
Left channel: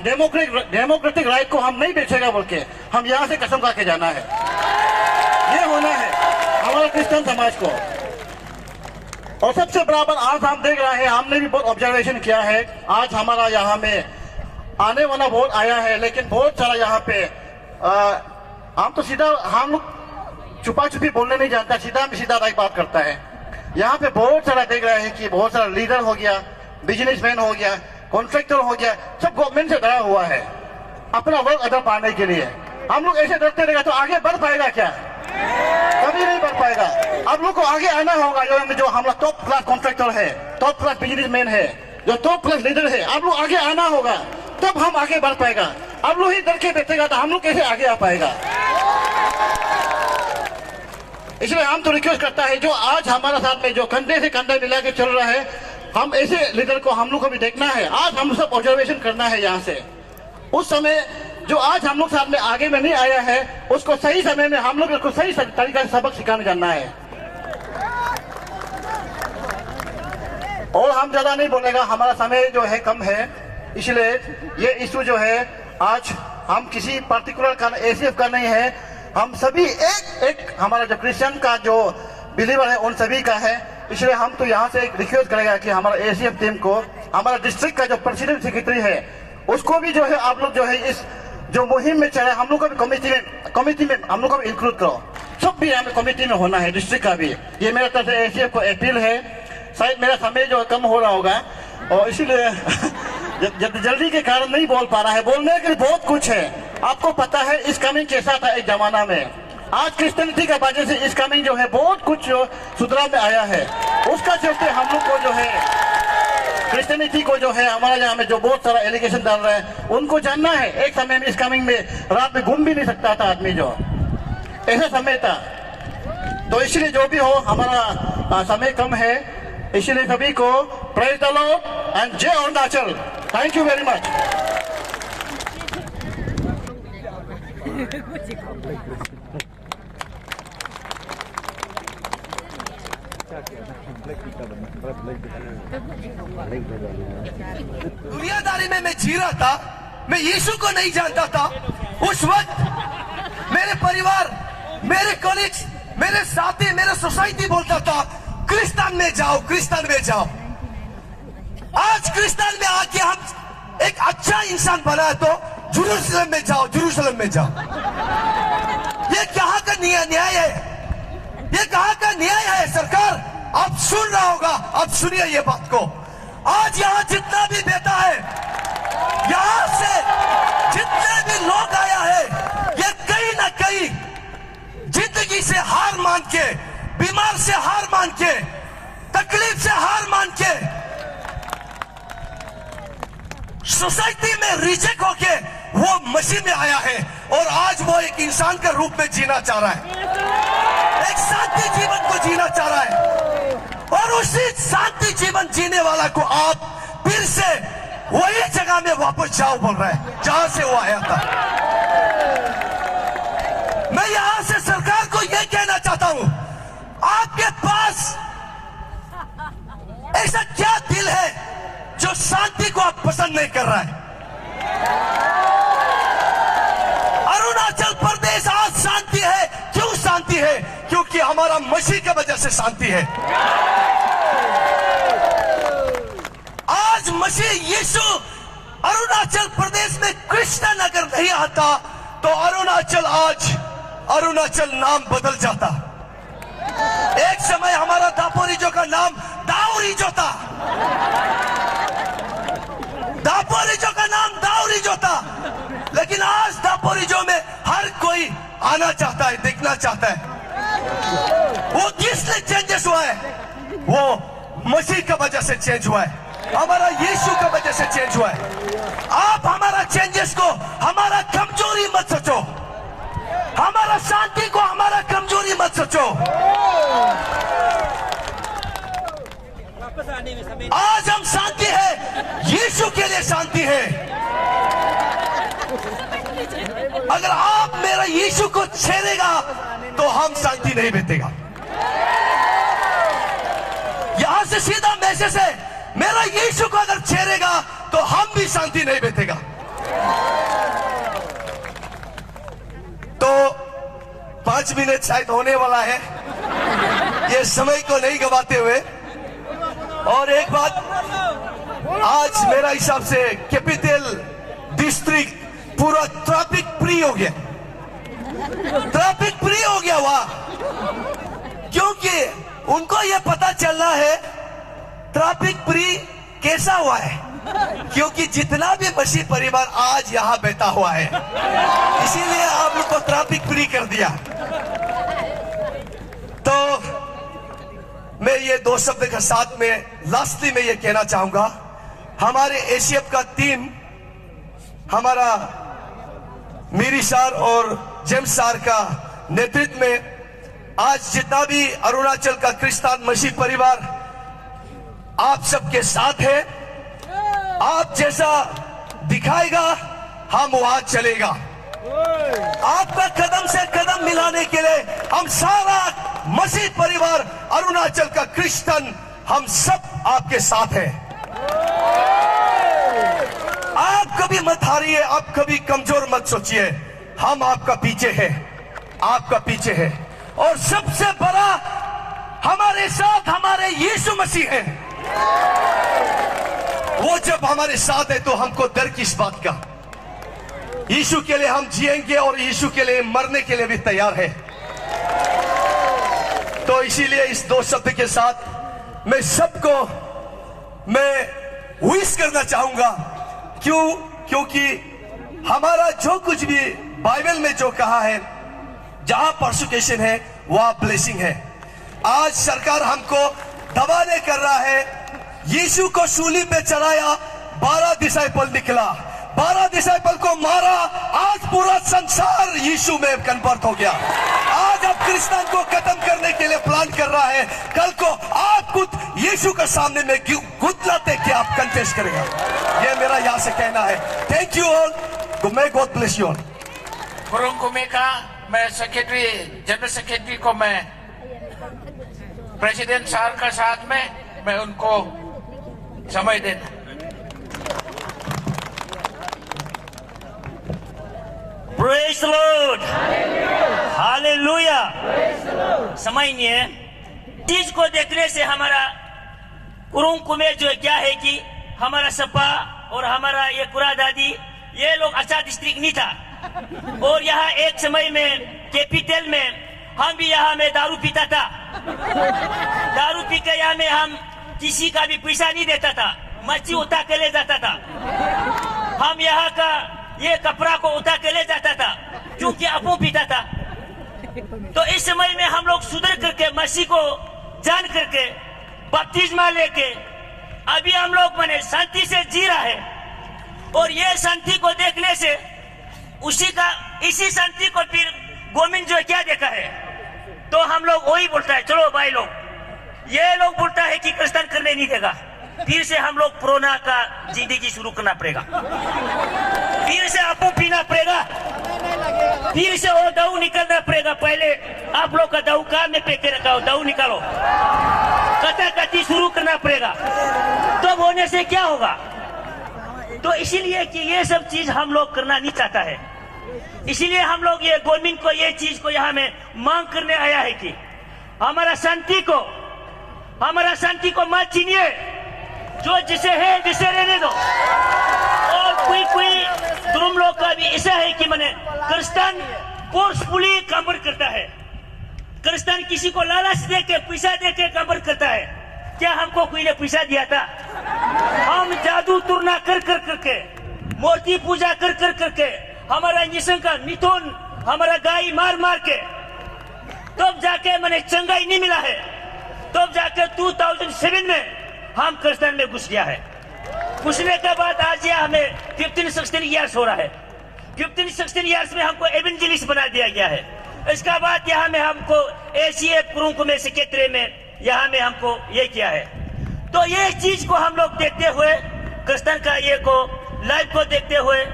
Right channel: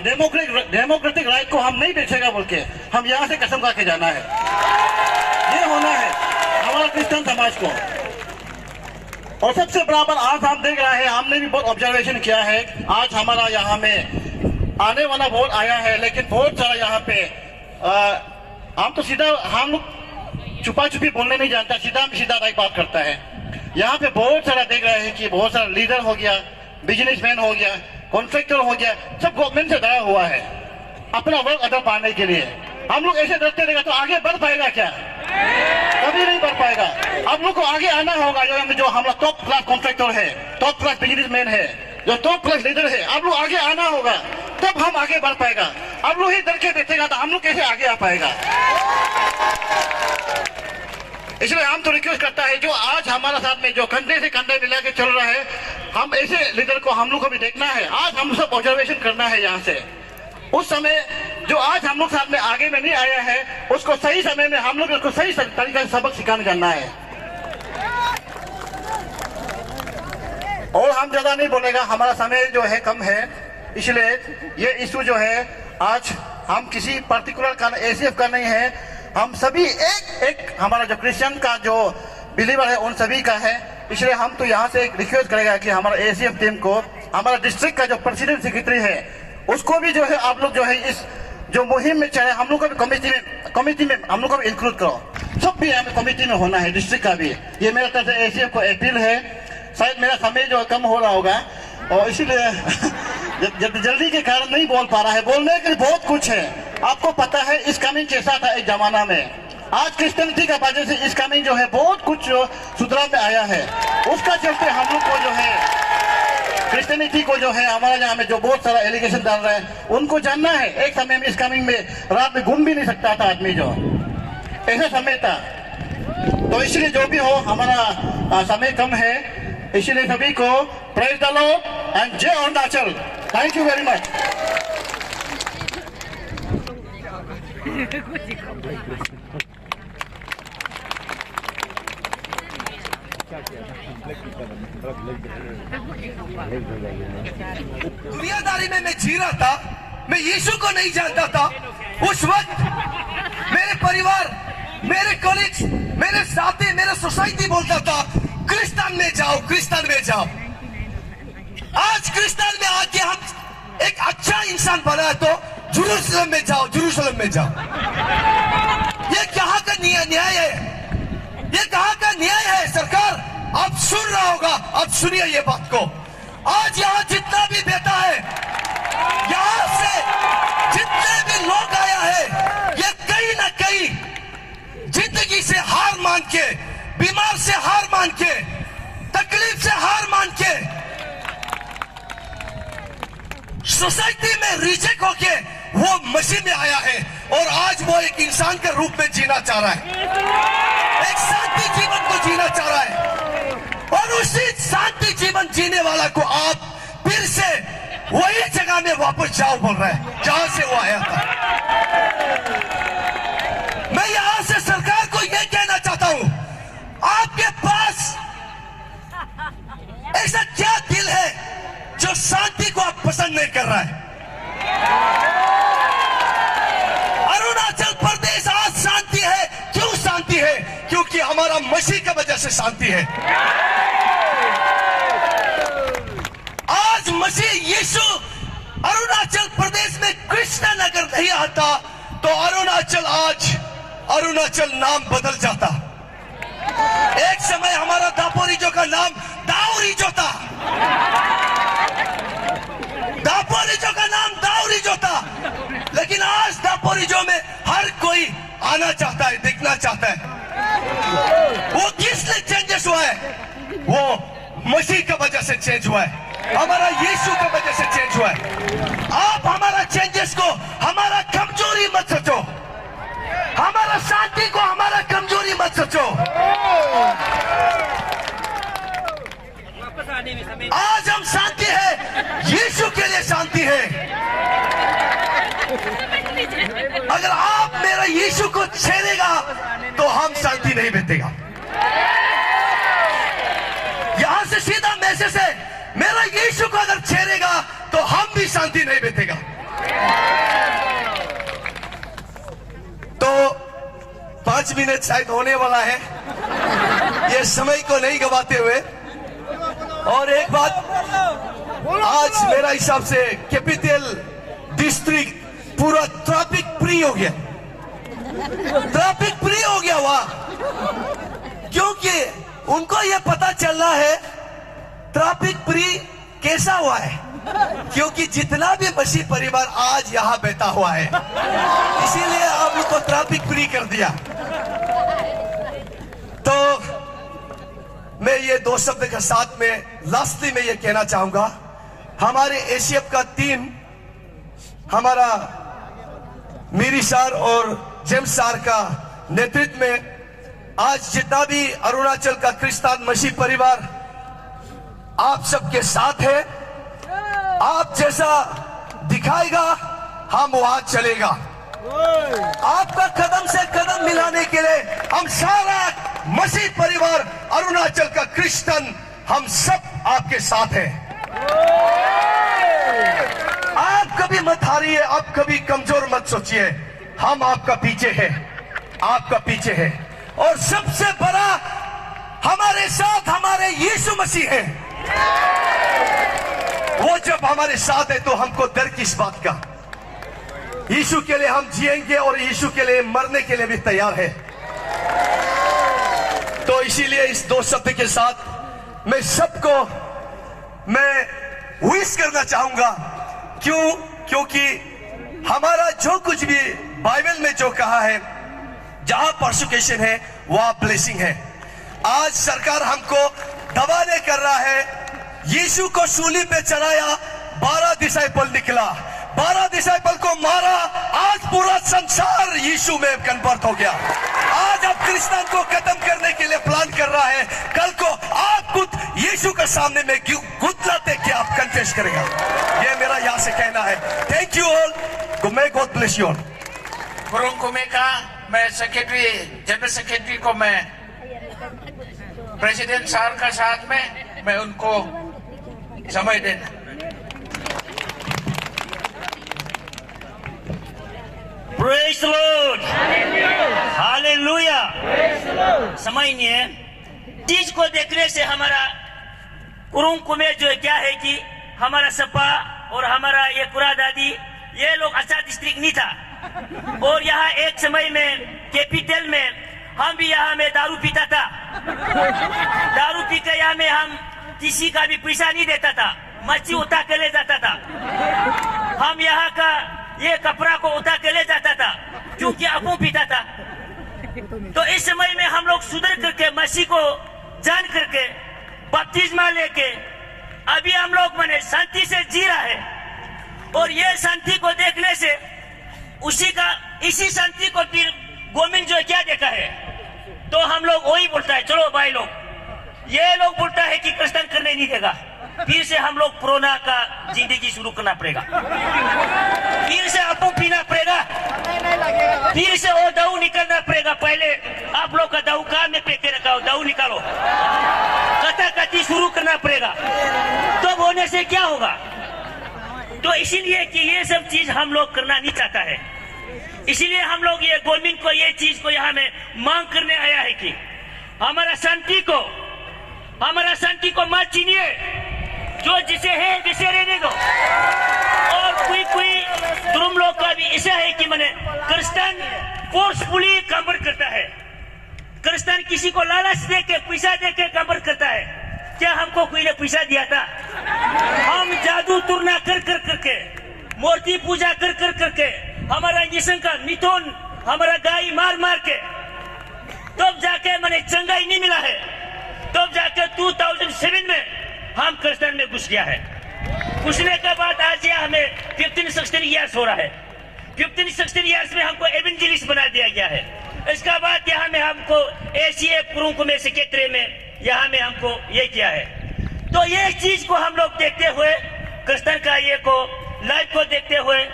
डेमोक्रेटिक राइट को हम नहीं बेचेगा बोल के हम यहाँ से कसम खा के जाना है। ये होना है हमारा क्रिश्चियन समाज को। और सबसे बराबर आज हम देख रहे हैं, हमने भी बहुत ऑब्जर्वेशन किया है, आज हमारा यहाँ में आने वाला वोट आया है, लेकिन बहुत सारा यहाँ पे हम तो सीधा हम लोग छुपा छुपी बोलने नहीं जानता, सीधा राइट बात करता है। यहाँ पे बहुत सारा देख रहे हैं कि बहुत सारा लीडर हो गया, बिजनेसमैन हो गया, कॉन्ट्रैक्टर हो गया, सब गवर्नमेंट से डरा हुआ है अपना वर्क अदर पाने के लिए। हम लोग ऐसे डरते रहेगा तो आगे बढ़ पाएगा क्या? कभी नहीं बढ़ पाएगा। आप लोग को आगे आना होगा। जो हमारा टॉप क्लास कॉन्ट्रैक्टर है, टॉप क्लास बिजनेसमैन है, जो टॉप क्लास लीडर है, आप लोग आगे आना होगा तब हम आगे बढ़ पाएगा। आप लोग ही डर के बैठेगा तो हम लोग कैसे आगे आ पाएगा? इसलिए हम तो रिक्वेस्ट करता है जो आज हमारे साथ में जो कंधे से कंधा मिला के चल रहा है, हम ऐसे लीडर को हम लोग को भी देखना है। आज हम सब ऑब्जर्वेशन करना है यहाँ से। उस समय जो आज हम लोग साथ में आगे में नहीं आया है, उसको सही समय में हम लोग उसको सही तरीके से सबक सिखाने जानना है। और हम ज्यादा नहीं बोलेगा, हमारा समय जो है कम है, इसलिए ये इशू जो है आज हम किसी पर्टिकुलर का एसीएफ का नहीं है, हम सभी एक हमारा जो क्रिश्चियन का जो बिलीवर है उन सभी का है। इसलिए हम तो यहाँ से एक रिक्वेस्ट करेगा कि हमारा एसीएफ टीम को, हमारा डिस्ट्रिक्ट का जो प्रेसिडेंट सेक्रेटरी है उसको भी जो है आप लोग जो है इस जो मुहिम में चले, हम लोग को भी कमिटी में हम लोग को भी इंक्लूड करो। सब भी हमें कमिटी में होना है, डिस्ट्रिक्ट का भी। ये मेरे तरफ से एसीएफ को अपील है। शायद मेरा समय जो कम हो रहा होगा और इसीलिए जल्दी के कारण नहीं बोल पा रहा है। बोलने के लिए बहुत कुछ है। आपको पता है इस कमिंग कैसा था एक जमाना में। आज क्रिश्चियनिटी का वजह से इस कमिंग जो है बहुत कुछ सुधार में आया है। उसका चलते हम लोग को जो है क्रिश्चियनिटी को जो है हमारे यहाँ में जो बहुत सारा एलिगेशन डाल रहे हैं उनको जानना है। एक समय में इस कमिंग में रात में घूम भी नहीं सकता था आदमी, जो ऐसा समय था। तो इसलिए जो भी हो, हमारा समय कम है, इसलिए सभी को प्रेज द लॉर्ड एंड जय Arunachal. Thank you very much. दुनियादारी में मैं जी रहा था, मैं यीशु को नहीं जानता था। उस वक्त मेरे परिवार, मेरे कॉलेज, मेरे साथी, मेरा सोसाइटी बोलता था क्रिस्तान में जाओ, क्रिस्तान में जाओ। आज क्रिस्तान में आके हम एक अच्छा इंसान बना है तो जेरूसलम में जाओ, जेरूसलम में जाओ। ये कहाँ का न्याय है? ये कहाँ का न्याय है? सरकार आप सुन रहा होगा, आप सुनिए ये बात को। आज यहाँ जितना भी बेटा है, यहाँ से जितने भी लोग आया है, ये कहीं ना कहीं जिंदगी से हार मान के, बीमार से हार मान के, तकलीफ से हार मान के, सोसाइटी में रिजेक्ट होके वो मसीह में आया है और आज वो एक इंसान के रूप में जीना चाह रहा है, एक शांति जीवन को जीना चाह रहा है। और उसी शांति जीवन जीने वाला को आप फिर से वही जगह में वापस जाओ बोल रहे हैं जहां से वो आया था। मैं यहां से सरकार को यह कहना चाहता हूं, आपके पास ऐसा क्या दिल है जो शांति को आप पसंद नहीं कर रहा है? अरुणाचल प्रदेश आज शांति है। क्यों शांति है? क्योंकि हमारा मसीह की वजह से शांति है। आज मसीह यीशु अरुणाचल प्रदेश में कृष्ण अगर नहीं आता तो अरुणाचल आज अरुणाचल नाम बदल जाता। एक समय हमारा दापोरिजो का नाम दाऊरिजो था, दापोरिजो का नाम दाऊरिजो था, लेकिन आज दापोरिजो में हर कोई आना चाहता है, देखना चाहता है। वो किसने चेंजेस हुआ है? वो मसीह की वजह से चेंज हुआ है, हमारा यीशु की वजह से चेंज हुआ है। आप हमारा चेंजेस को हमारा कमजोरी मत सोचो, हमारा शांति को हमारा कमजोरी मत सोचो। आज हम शांति है, यीशु के लिए शांति है। अगर आप मेरा यीशु को छेड़ेगा तो हम शांति नहीं बीतेगा। यहां से सीधा मैसेज है, मेरा यीशु को अगर छेड़ेगा तो हम भी शांति नहीं बैठेगा। तो 5 मिनट शायद होने वाला है, ये समय को नहीं गवाते हुए। और एक बात, आज मेरा हिसाब से कैपिटल डिस्ट्रिक्ट पूरा ट्रैफिक फ्री हो गया, ट्रैफिक फ्री हो गया वहां, क्योंकि उनको यह पता चल रहा है ट्रैफिक फ्री कैसा हुआ है, क्योंकि जितना भी मसीह परिवार आज यहाँ बैठा हुआ है, इसीलिए आप लोग को ट्रैफिक फ्री कर दिया। तो मैं ये 2 शब्द के साथ में लास्टली मैं ये कहना चाहूंगा, हमारे एसीएफ का टीम, हमारा मीरी सर और जेम्स सर का नेतृत्व में आज जितना भी अरुणाचल का क्रिश्चियन मसीह परिवार आप सबके साथ है। आप जैसा दिखाएगा हम वहां चलेगा। आपका कदम से कदम मिलाने के लिए हम सारा मसीह परिवार अरुणाचल का क्रिश्चियन हम सब आपके साथ हैं। आप कभी मत हारिए, आप कभी कमजोर मत सोचिए, हम आपका पीछे हैं, आपका पीछे है। और सबसे बड़ा हमारे साथ हमारे यीशु मसीह है। वो जब हमारे साथ है तो हमको डर किस बात का। यीशु के लिए हम जिएंगे और यीशु के लिए मरने के लिए भी तैयार है। तो इसीलिए इस 2 शब्द के साथ मैं सबको मैं विश करना चाहूंगा। क्योंकि हमारा जो कुछ भी बाइबल में जो कहा है, जहां परसिक्यूशन है वहां ब्लेसिंग है। आज सरकार हमको दबाने कर रहा है। यीशु को सूली पे चढ़ाया, 12 डिसाइपल निकला, 12 डिसाइपल को मारा, आज पूरा संसार यीशु में कन्वर्ट हो गया। आज अब क्रिश्चियन को खत्म करने के लिए प्लान कर रहा है। कल को आप खुद यीशु के सामने में घुटना टेक के आप कन्फेस करेगा। ये मेरा यहाँ से कहना है। Thank you all, may God bless you all. Kurung Kumey का मैं सेक्रेटरी, जनरल सेक्रेटरी को मैं प्रेसिडेंट सर का साथ में मैं उनको समय देता। Praise the Lord. Hallelujah. समझिए, चीज को देखने से हमारा कुरुंग कुमे जो है क्या है कि हमारा सपा और हमारा ये कुरा दादी, ये लोग अच्छा डिस्ट्रिक्ट नहीं था। और यहाँ एक समय में कैपिटल में हम भी यहाँ में दारू पीता था। दारू पी के यहाँ में हम किसी का भी पैसा नहीं देता था, मच्छी उठा के ले जाता था। हम यहाँ का ये कपड़ा को उठा के ले जाता था, क्योंकि अफू पीता था। तो इस समय में हम लोग सुधर करके मसीह को जान करके बपतिस्मा लेके अभी हम लोग माने शांति से जी रहा है। और ये शांति को देखने से इसी शांति को फिर गवर्नमेंट जो क्या देखा है, तो हम लोग वही बोलता है, चलो भाई लोग, ये लोग बोलता है कि क्रिश्चियन करने नहीं देगा, फिर से हम लोग कोरोना का जिंदगी शुरू करना पड़ेगा, फिर से आपको पीना पड़ेगा, फिर से वो दाऊ निकलना पड़ेगा। पहले आप लोग का दाऊ कहाँ में फेंके रखा हो, दाऊ निकालो, कथाकथी शुरू करना पड़ेगा। तो होने से क्या होगा? तो इसीलिए कि ये सब चीज हम लोग करना नहीं चाहता है। इसीलिए हम लोग ये गवर्नमेंट को ये चीज को यहाँ में मांग करने आया है कि हमारा शांति को मत छीनिए, जो जिसे है जिसे रहने दो। और कोई धर्म लोग का भी ऐसा है कि मैंने क्रिश्चियन फोर्सफुली कन्वर्ट करता है, क्रिश्चियन किसी को लालच दे के पैसा दे के कन्वर्ट करता है। क्या हमको कोई ने पैसा दिया था? हम जादू टूरना कर करके, मूर्ति पूजा कर करके, हमारा इंजेक्शन का मिथुन, हमारा गाय मार के, तब जाके मैंने चंगाई नहीं मिला है। तब जाके 2007 में हम क्रिश्चियन में घुस गया है। घुसने के बाद आज यह हमें 15-16 ईयर्स हो रहा है। 15-16 ईयर्स में हमको एवेंजलिस्ट बना दिया गया है। इसके बाद यहाँ में हमको एसीएफ कुरुंग में सेक्रेटरी में यहाँ में हमको ये किया है। तो ये चीज को हम लोग देखते हुए, क्रिश्चियन का ये को लाइफ को देखते हुए,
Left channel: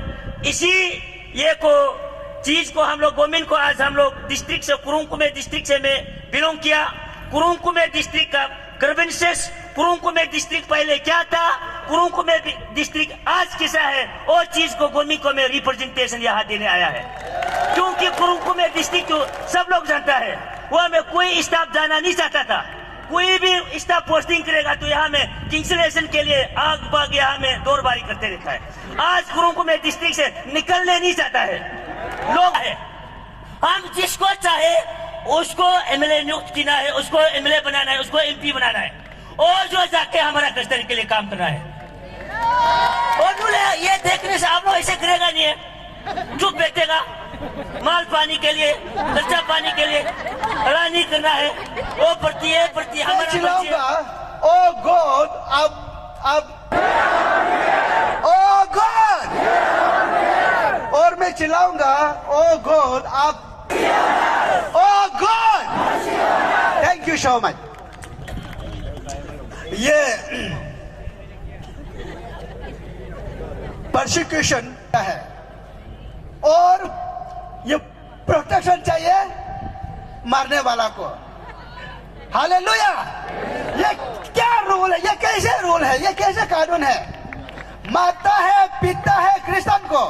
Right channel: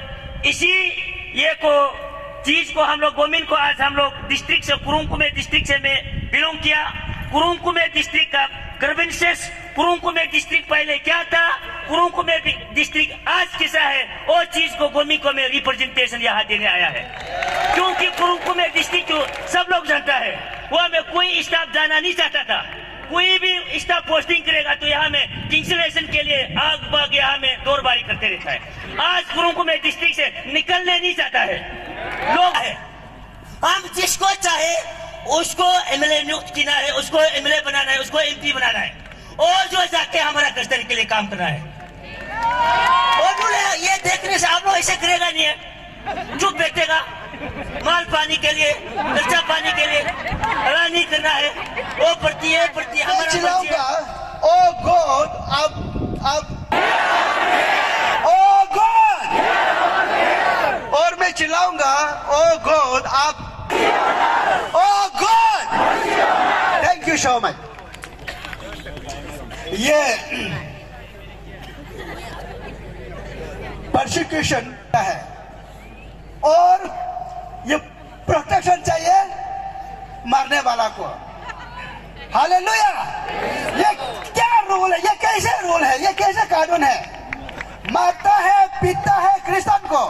इसी ये को चीज को हम लोग गवर्नमेंट को आज हम लोग डिस्ट्रिक्ट से कुरुंग में डिस्ट्रिक्ट से में बिलोंग किया। कुरुंग में डिस्ट्रिक्ट का ग्रीवेंसेस, कुरुंग में डिस्ट्रिक्ट पहले क्या था कुरुकुमे डिस्ट्रिक्ट आज कैसा है वो चीज को गोमिको में रिप्रेजेंटेशन यहाँ देने आया है। क्योंकि कुरुकुमे डिस्ट्रिक्ट जो सब लोग जानता है वह में कोई स्टाफ जाना नहीं चाहता था। कोई भी स्टाफ पोस्टिंग करेगा तो यहाँ में कैंसिलेशन के लिए आग बाग यहाँ में दौड़बारी करते रहता है। आज कुरुकुमे डिस्ट्रिक्ट से निकलने नहीं चाहता है लोग है। हम जिसको चाहे उसको एमएलए नियुक्त करना है, उसको एमएलए बनाना है, उसको एमपी बनाना है और जो जाके हमारा कस्टडी के लिए काम करना है। और ये देखने से आप लोग ऐसे करेगा नहीं है, चुप बैठेगा। माल पानी के लिए, खर्चा पानी के लिए हला नहीं करना है। वो प्रति हमारा चिल्लाऊंगा ओ गॉड अब ओ गॉड, और मैं चिल्लाऊंगा ओ गॉड अब oh god. Thank you so much. ये परसिक्यूशन है और ये प्रोटेक्शन चाहिए मारने वाला को। हालेलुया। ये क्या रूल है? ये कैसे रूल है? ये कैसे कानून है? मारता है, पीटता है क्रिश्चियन को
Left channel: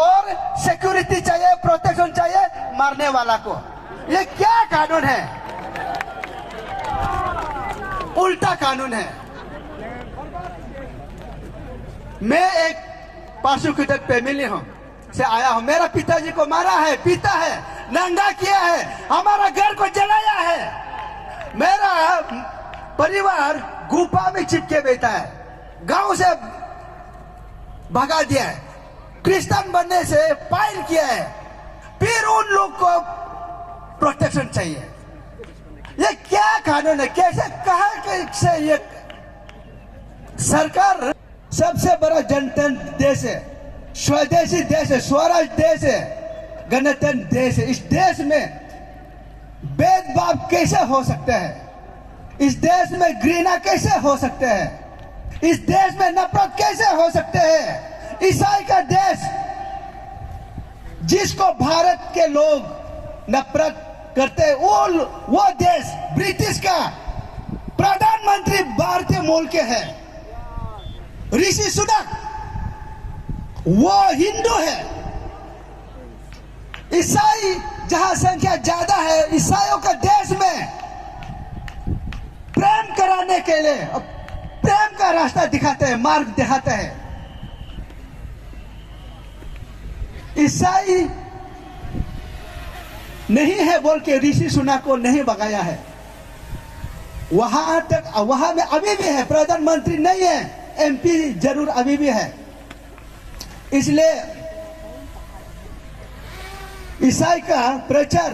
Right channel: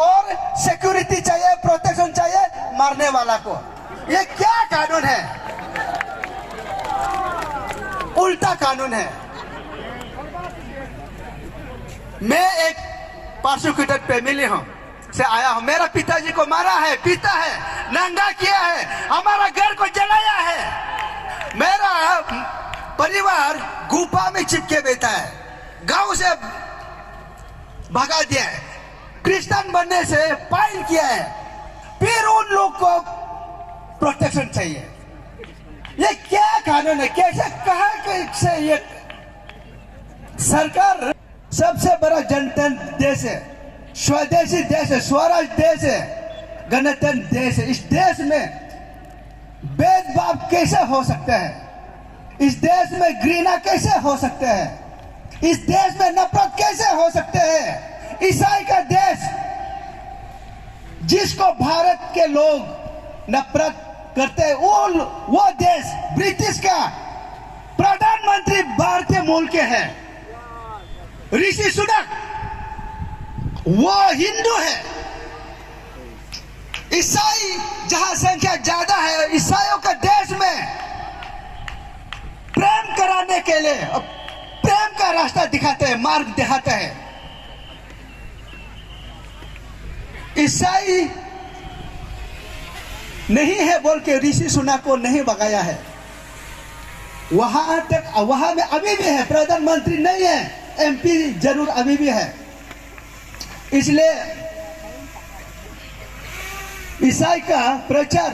और सिक्योरिटी चाहिए, प्रोटेक्शन चाहिए मारने वाला को। ये क्या कानून है? उल्टा कानून है। मैं एक प्रोसिक्यूटेड फैमिली हूं से आया हूं। मेरा पिताजी को मारा है, पीटा है, नंगा किया है, हमारा घर को जलाया है। मेरा परिवार गुफा में चिपके बैठा है, गांव से भगा दिया है, क्रिश्चियन बनने से फाइल किया है। फिर उन लोग को प्रोटेक्शन चाहिए। ये क्या कानून है? कैसे कहा से ये सरकार सबसे बड़ा जनतंत्र देश है, स्वदेशी देश है, स्वराज देश है, गणतंत्र देश है। इस देश में भेदभाव कैसे हो सकता है? इस देश में घृणा कैसे हो सकते हैं? इस देश में नफरत कैसे हो सकते हैं? ईसाई का देश जिसको भारत के लोग नफरत करते हैं, वो देश ब्रिटिश का प्रधानमंत्री भारतीय मूल के हैं, ऋषि सुनक, वो हिंदू है। ईसाई जहां संख्या ज्यादा है, ईसाइयों का देश में प्रेम कराने के लिए प्रेम का रास्ता दिखाते हैं, मार्ग दिखाते हैं। ईसाई नहीं है बोल के ऋषि सुनक को नहीं भगाया है। वहां तक वहां में अभी भी है, प्रधानमंत्री नहीं है, एमपी जरूर अभी भी है। इसलिए ईसाई का प्रचार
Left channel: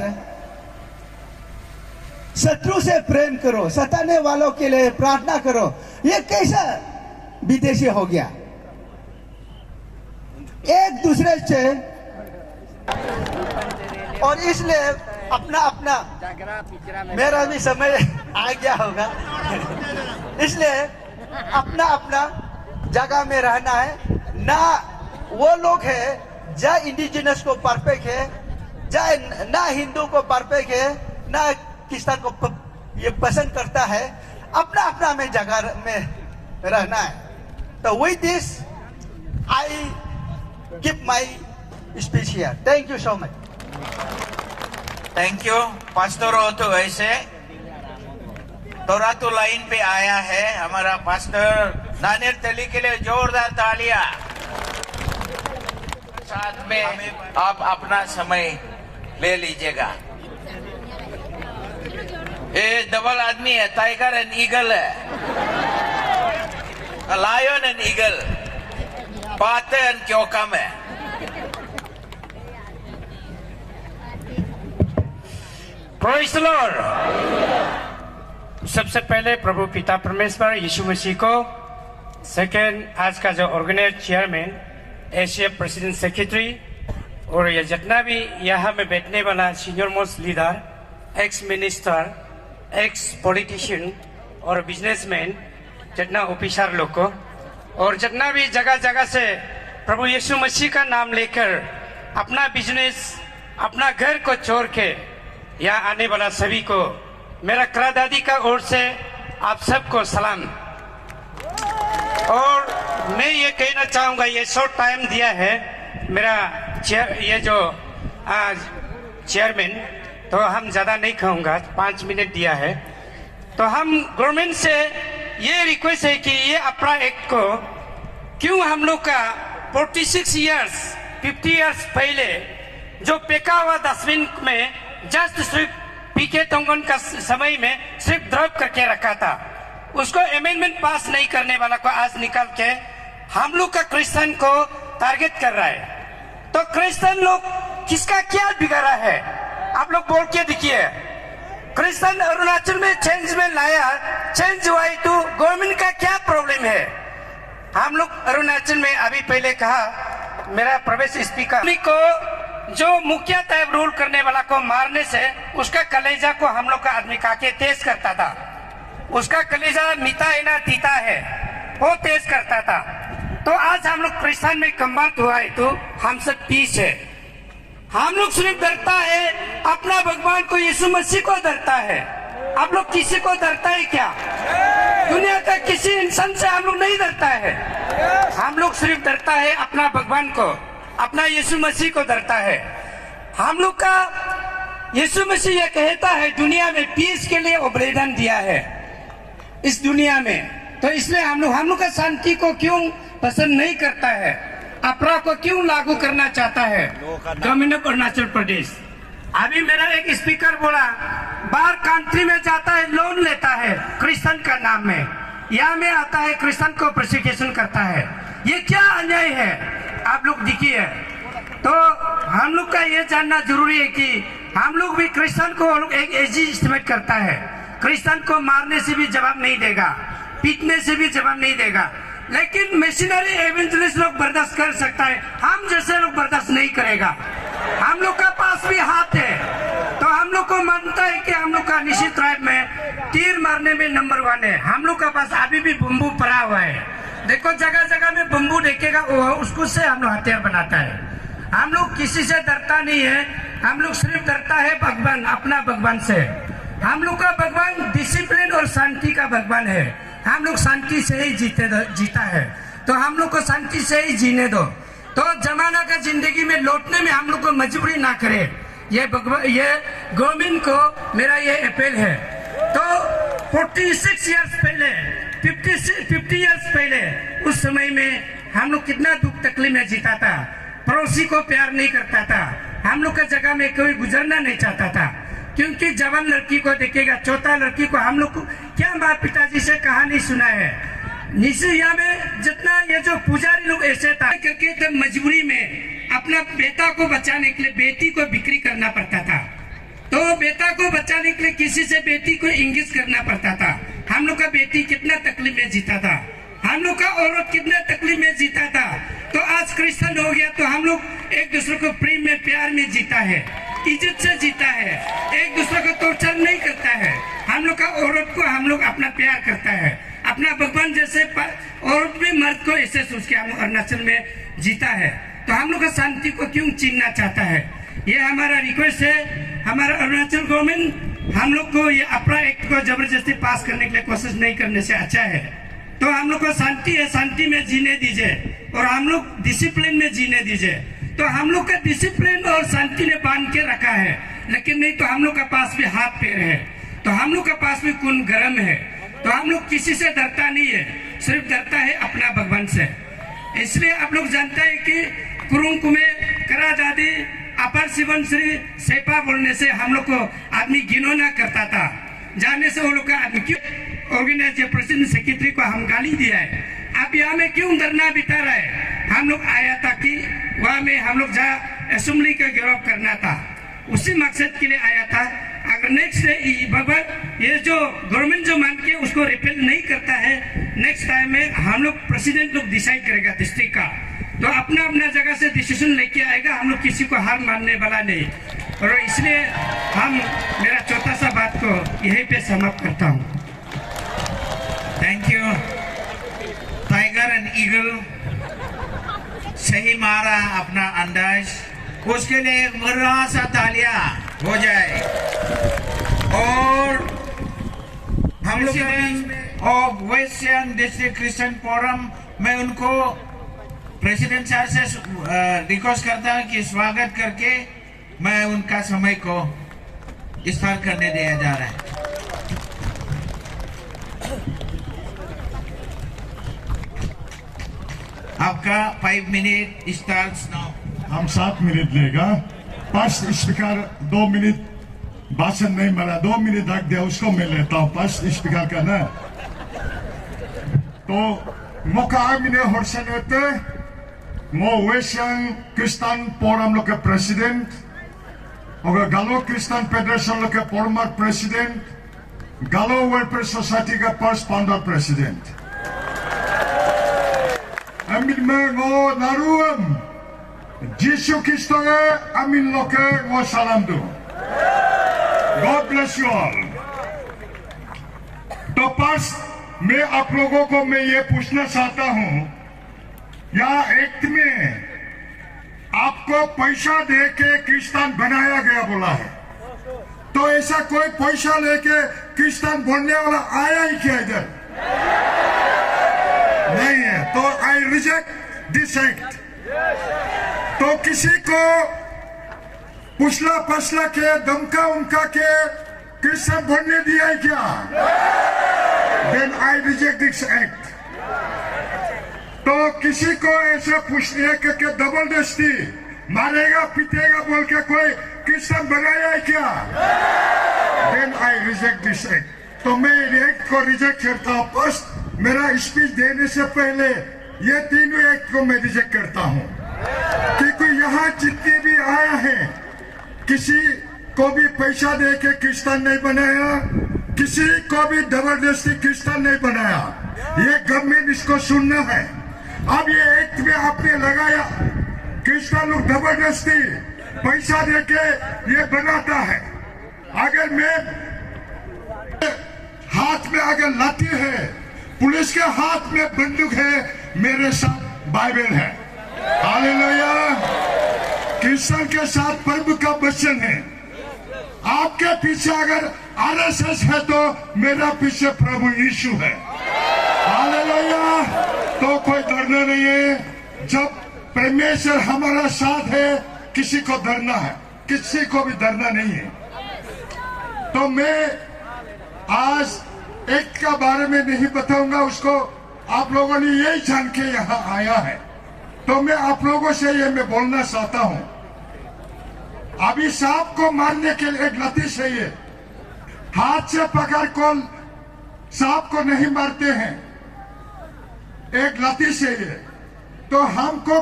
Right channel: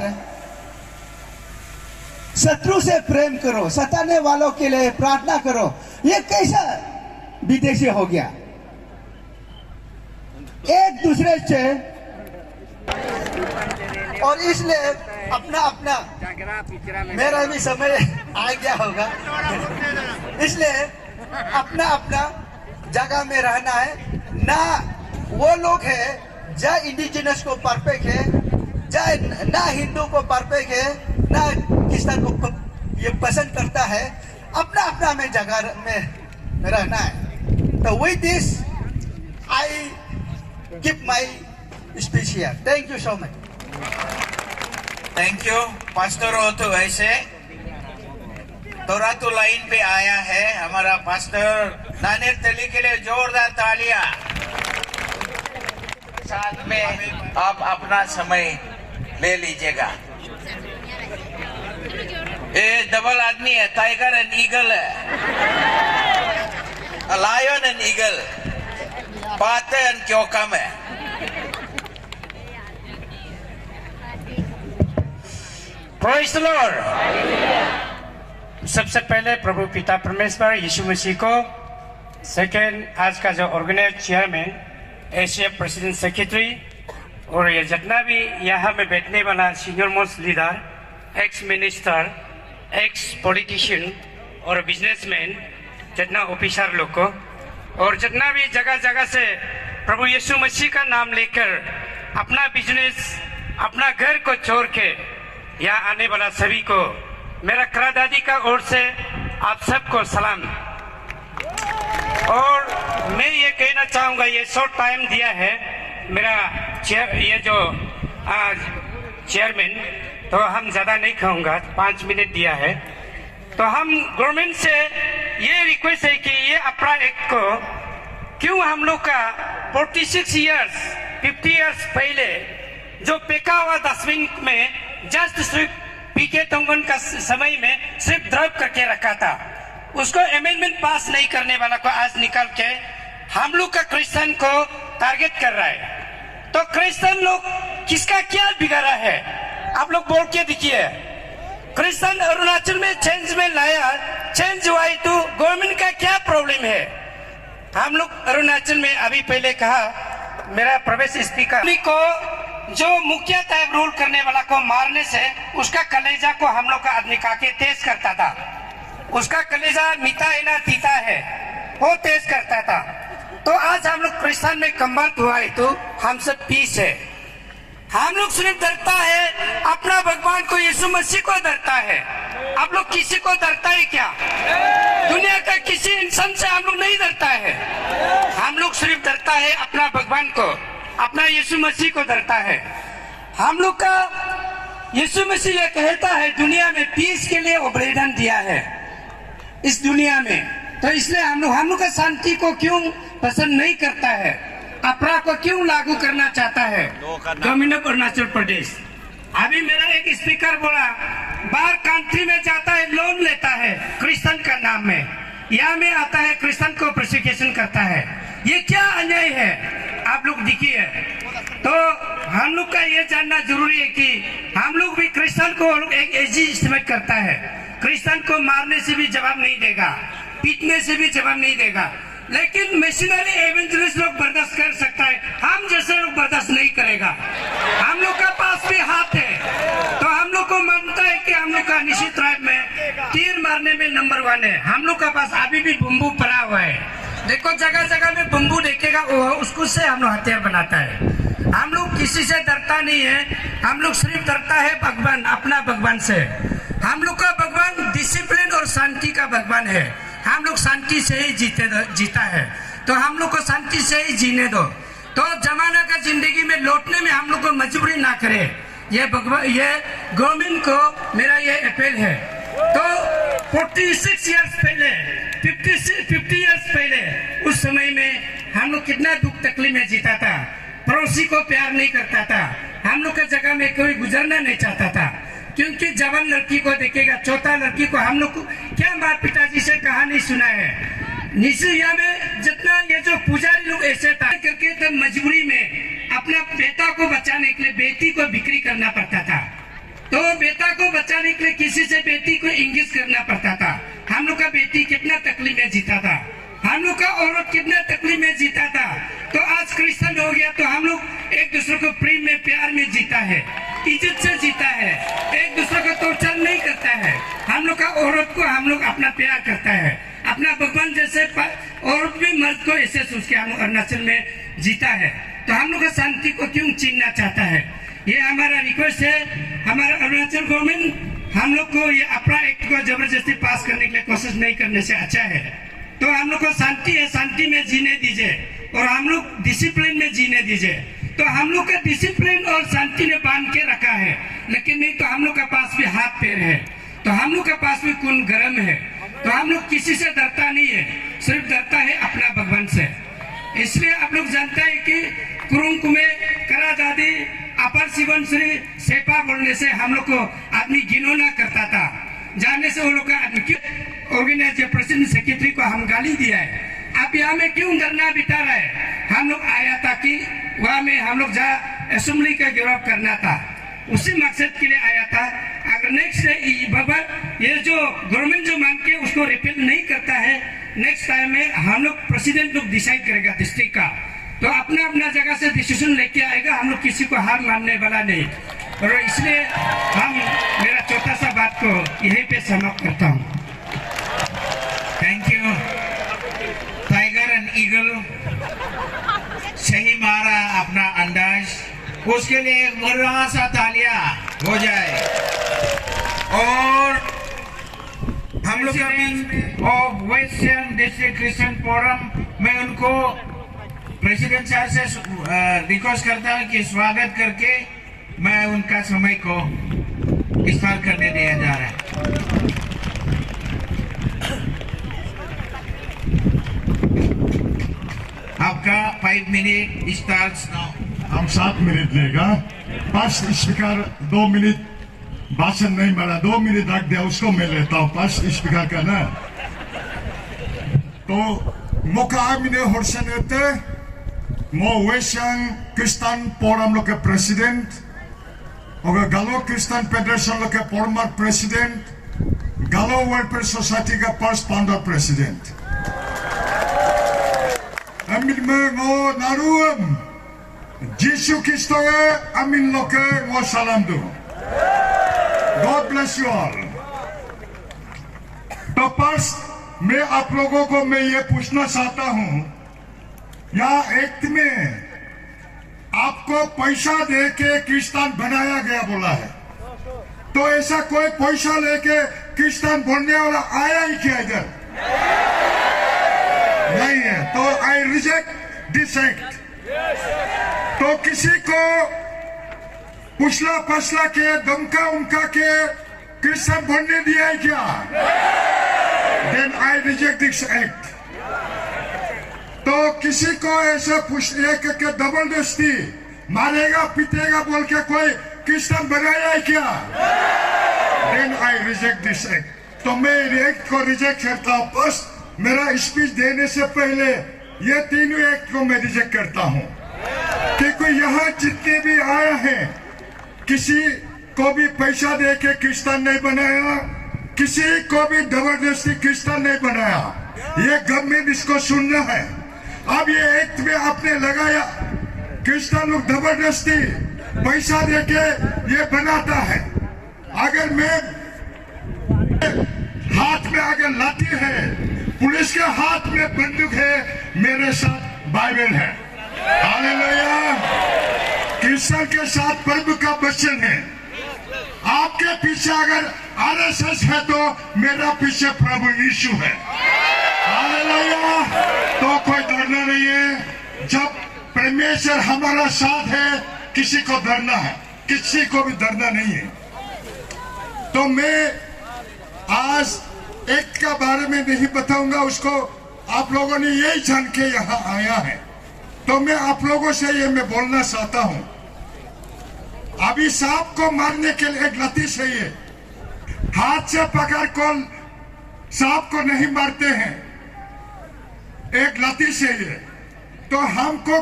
शत्रु से प्रेम करो, सताने वालों के लिए प्रार्थना करो, ये कैसा विदेशी हो गया? एक दूसरे से और इसलिए अपना अपना मेरा भी समय आ गया होगा, इसलिए अपना अपना जगह में रहना है। ना वो लोग है जहाँ इंडिजिनस को परफेक्ट है, जहाँ ना हिंदू को परफेक्ट है, ना क्रिश्चियन को ये पसंद करता है। अपना अपना में जगह में रहना है। तो with this I give my speech here. Thank you so much. Thank you pastor हो तो ऐसे तोरा तो लाइन पे आया है हमारा पास्टर नानेर तली के लिए जोरदार तालियां। साथ में आप अपना समय ले लीजिएगा। ये डबल आदमी है, टाइगर एंड ईगल है, लायन एंड ईगल, पाते एंड क्योकम है। Praise the Lord. सबसे पहले प्रभु पिता परमेश्वर यीशु मसीह को, सेकेंड आज का जो organise chairman, Asia president secretary और ये जितना भी यहाँ में बैठने वाला senior most leader, ex minister, ex politician और बिजनेसमैन, जितना ऑफिसर लोग को और जितना भी जगह जगह से प्रभु यीशु मसीह का नाम लेकर अपना बिजनेस, अपना घर को छोड़ के यहाँ आने वाला सभी को मेरा करादादी का ओर से आप सबको सलाम। और मैं ये कहना चाहूँगा, ये शॉर्ट टाइम दिया है मेरा ये जो आज चेयरमैन, तो हम ज़्यादा नहीं कहूँगा, 5 मिनट दिया है। तो हम गवर्नमेंट से ये रिक्वेस्ट है कि ये अपना एक्ट को क्यों हम लोग का 46 इयर्स 50 इयर्स पहले जो फेंका हुआ डस्टबिन में जस्ट सिर्फ पीके तोंगन का समय में सिर्फ ड्रॉप करके रखा था, उसको अमेंडमेंट पास नहीं करने वाला को आज निकाल के हम लोग का क्रिश्चियन को टारगेट कर रहा है। तो क्रिश्चियन लोग किसका क्या बिगाड़ा है, आप लोग बोल के देखिए। क्रिश्चियन अरुणाचल में चेंज में लाया, चेंज हुआ तो गवर्नमेंट का क्या प्रॉब्लम है। हम लोग अरुणाचल में अभी पहले कहा मेरा प्रवेश स्पीकर को जो मुखिया टाइप रूल करने वाला को मारने से उसका कलेजा को हम लोग का आदमी काके तेज करता था, उसका कलेजा मीठा है ना तीता है, वो तेज करता था। तो आज हम लोग क्रिश्चियन में कन्वर्ट हुआ है तो हम सब पीस है। हम लोग सिर्फ डरता है अपना भगवान को, यीशु मसीह को डरता है। आप लोग किसी को डरता है क्या? दुनिया का किसी इंसान से हम लोग नहीं डरता है। हम लोग सिर्फ डरता है अपना भगवान को, अपना यीशु मसीह को डरता है। हम लोग का यीशु मसीह यह कहता है दुनिया में पीस के लिए बलिदान दिया है इस दुनिया में। तो इसलिए हम लोग का शांति को क्यों पसंद नहीं करता है, अपराध को क्यों लागू करना चाहता है गवर्नमेंट ऑफ अरुणाचल प्रदेश। अभी मेरा एक स्पीकर बोला बाहर कंट्री में जाता है लोन लेता है क्रिश्चियन का नाम में, यहाँ में आता है क्रिश्चियन को प्रोसिक्यूशन करता है। ये क्या अन्याय है, आप लोग देखिए। तो हम लोग का ये जानना जरूरी है कि हम लोग भी क्रिश्चियन को एक एजी इस्तेमाल करता है। क्रिश्चियन को मारने से भी जवाब नहीं देगा, पीटने से भी जवाब नहीं देगा, लेकिन मिशनरी एवेंजलिस्ट लोग बर्दाश्त कर सकता है, हम जैसे लोग बर्दाश्त नहीं करेगा। हम लोग का पास भी हाथ है, तो हम लोग को मानता है कि हम लोग का निश्चित ट्राइब में तीर मारने में नंबर 1 है। हम लोग का पास अभी भी बम्बू पड़ा हुआ है, देखो जगह जगह में बम्बू देखेगा उसको से हम लोग हथियार बनाता है। हम लोग किसी से डरता नहीं है, हम लोग सिर्फ डरता है भगवान, अपना भगवान से। हम लोग का भगवान डिसिप्लिन और शांति का भगवान है। हम लोग शांति से ही जीता है, तो हम लोग को शांति से ही जीने दो। तो जमाना का जिंदगी में लौटने में हम लोग को मजबूरी ना करे, ये गवर्नमेंट को मेरा ये अपील है। तो 46 इयर्स पहले 50 इयर्स पहले उस समय में हम लोग कितना दुख तकलीफ में जीता था, पड़ोसी को प्यार नहीं करता था, हम लोग का जगह में कोई गुजरना नहीं चाहता था, क्योंकि जवान लड़की को देखेगा, चौथा लड़की को हम लोग को क्या माँ पिताजी से कहानी सुना है। निशिया में जितना ये जो पुजारी लोग ऐसे था करके तो मजबूरी में अपने बेटा को बचाने के लिए बेटी को बिक्री करना पड़ता था। तो बेटा को बचाने के लिए किसी से बेटी को इंगित करना पड़ता था। हम लोग का बेटी कितना तकलीफ में जीता था, हम लोग का औरत कितना तकलीफ में जीता था। तो आज क्रिश्चियन हो गया तो हम लोग एक दूसरे को प्रेम में प्यार में जीता है, इज्जत से जीता है, एक दूसरे को टॉर्चर नहीं करता है। हम लोग का औरत को हम लोग अपना प्यार करता है, अपना भगवान जैसे औरत भी मर्द को ऐसे सोच के हम अरुणाचल में जीता है। तो हम लोग का शांति को क्यों छीनना चाहता है, ये हमारा रिक्वेस्ट है। हमारा अरुणाचल गवर्नमेंट हम लोग को ये अपना एक्ट को जबरदस्ती पास करने के लिए कोशिश नहीं करने से अच्छा है। तो हम लोग को शांति है, शांति में जीने दीजिए और हम लोग डिसिप्लिन में जीने दीजिए। तो हम लोग का डिसिप्लिन और शांति ने बांध के रखा है, लेकिन नहीं तो हम लोग का पास भी हाथ पैर है, तो हम लोग का पास भी खून गर्म है। तो हम लोग किसी से डरता नहीं है, सिर्फ डरता है अपना भगवान से। इसलिए आप लोग जानते हैं कि कुरुंग कुमे करा दादी अपर शिवन श्री सेपा बोलने से हम लोग को आदमी घिनौना करता था, जाने से वो लोग का आदमी ऑर्गेनाइजर प्रेसिडेंट सेक्रेटरी को हम गाली दिया है। अब यहाँ में क्यों धरना बिता रहा है, हम लोग आया था कि वहाँ में हम लोग जहाँ असेंबली का घेराव करना था, उसी मकसद के लिए आया था। अगर नेक्स्ट ये जो गवर्नमेंट जो मान के उसको रिपेल नहीं करता है, नेक्स्ट टाइम में हम लोग प्रेसिडेंट लोग डिसाइड करेगा डिस्ट्रिक्ट का, तो अपना अपना जगह से डिसीजन लेके आएगा, हम लोग किसी को हार मानने वाला नहीं। और इसलिए हम मेरा छोटा सा बात को यहीं पे समाप्त करता हूँ। Thank you. Tiger and eagle सही मारा अपना अंदाज, उसके लिए बड़ा सा तालियां हो जाए। और हम लोग का भी west Siang district Christian forum में उनको प्रेसिडेंट साहब से रिक्वेस्ट करता हूं कि स्वागत करके मैं उनका समय को इस्तेमाल करने दिया जा रहा है। आपका 5 मिनट स्टार्ट्स नाउ। हम 7 मिनट लेगा। फर्स्ट स्पीकर 2 मिनट भाषण नहीं मिला, 2 मिनट रख दिया, उसको मैं लेता हूँ फर्स्ट स्पीकर का ना। तो मुका आमिने होर्सनते मो वेशन क्रिस्तान फोरम लोग के प्रेसिडेंट और गालो क्रिस्तान फेडरेशन लोग के फॉर्मर प्रेसिडेंट, गालो वेलफेयर सोसाइटी का first founder president. Amin me ngo naruam Jisu Kristo amin loke ngo salam do। God bless you all। तो पास मैं आप लोगों को मैं ये पूछना चाहता हूं, यहाँ एक्ट में आपको पैसा दे के क्रिस्तान बनाया गया बोला है, तो ऐसा कोई पैसा लेके क्रिस्तान बनने वाला आया ही क्या इधर? नहीं है। तो आई रिजेक्ट दिस एक्ट। तो किसी को पुछला पछला के धमका उमका के क्रिश्चियन बनने दिया है क्या? Then I reject this act. तो किसी को ऐसा पूछने के जबरदस्ती मारेगा पीटेगा बोल के कोई क्रिश्चियन बनाया है क्या? Then I reject this act. तो मैं एक्ट को रिजेक्ट करता हूं। फर्स्ट मेरा स्पीच देने से पहले ये तीनों एक्ट को मैं रिजेक्ट करता हूं, क्योंकि यहाँ जितने भी आया है किसी को भी पैसा दे के क्रिश्चियन नहीं बनाया, किसी को भी जबरदस्ती क्रिश्चियन नहीं बनाया। ये गवर्नमेंट इसको सुनना है। अब ये एक्ट में आपने लगाया क्रिश्चियन लोग जबरदस्ती पैसा दे के ये बनाता है। अगर मैं हाथ में अगर लाठी है, पुलिस के हाथ में बंदूक है, मेरे साथ बाइबल है। हालेलुया। क्रिश्चियन के साथ प्रभु का वचन है। आपके पीछे अगर आरएसएस है तो मेरा पीछे प्रभु यीशु है। हालेलुया। तो कोई डरना नहीं है। जब परमेश्वर हमारा साथ है, किसी को डरना है, किसी को भी डरना नहीं है। तो मैं आज एक्ट का बारे में नहीं बताऊंगा, उसको आप लोगों ने यही जान के यहाँ आया है। तो मैं आप लोगों से ये मैं बोलना चाहता हूं, अभी सांप को मारने के लिए एक लती चाहिए। हाथ से पकड़ को सांप को नहीं मारते हैं, एक लती चाहिए। तो हमको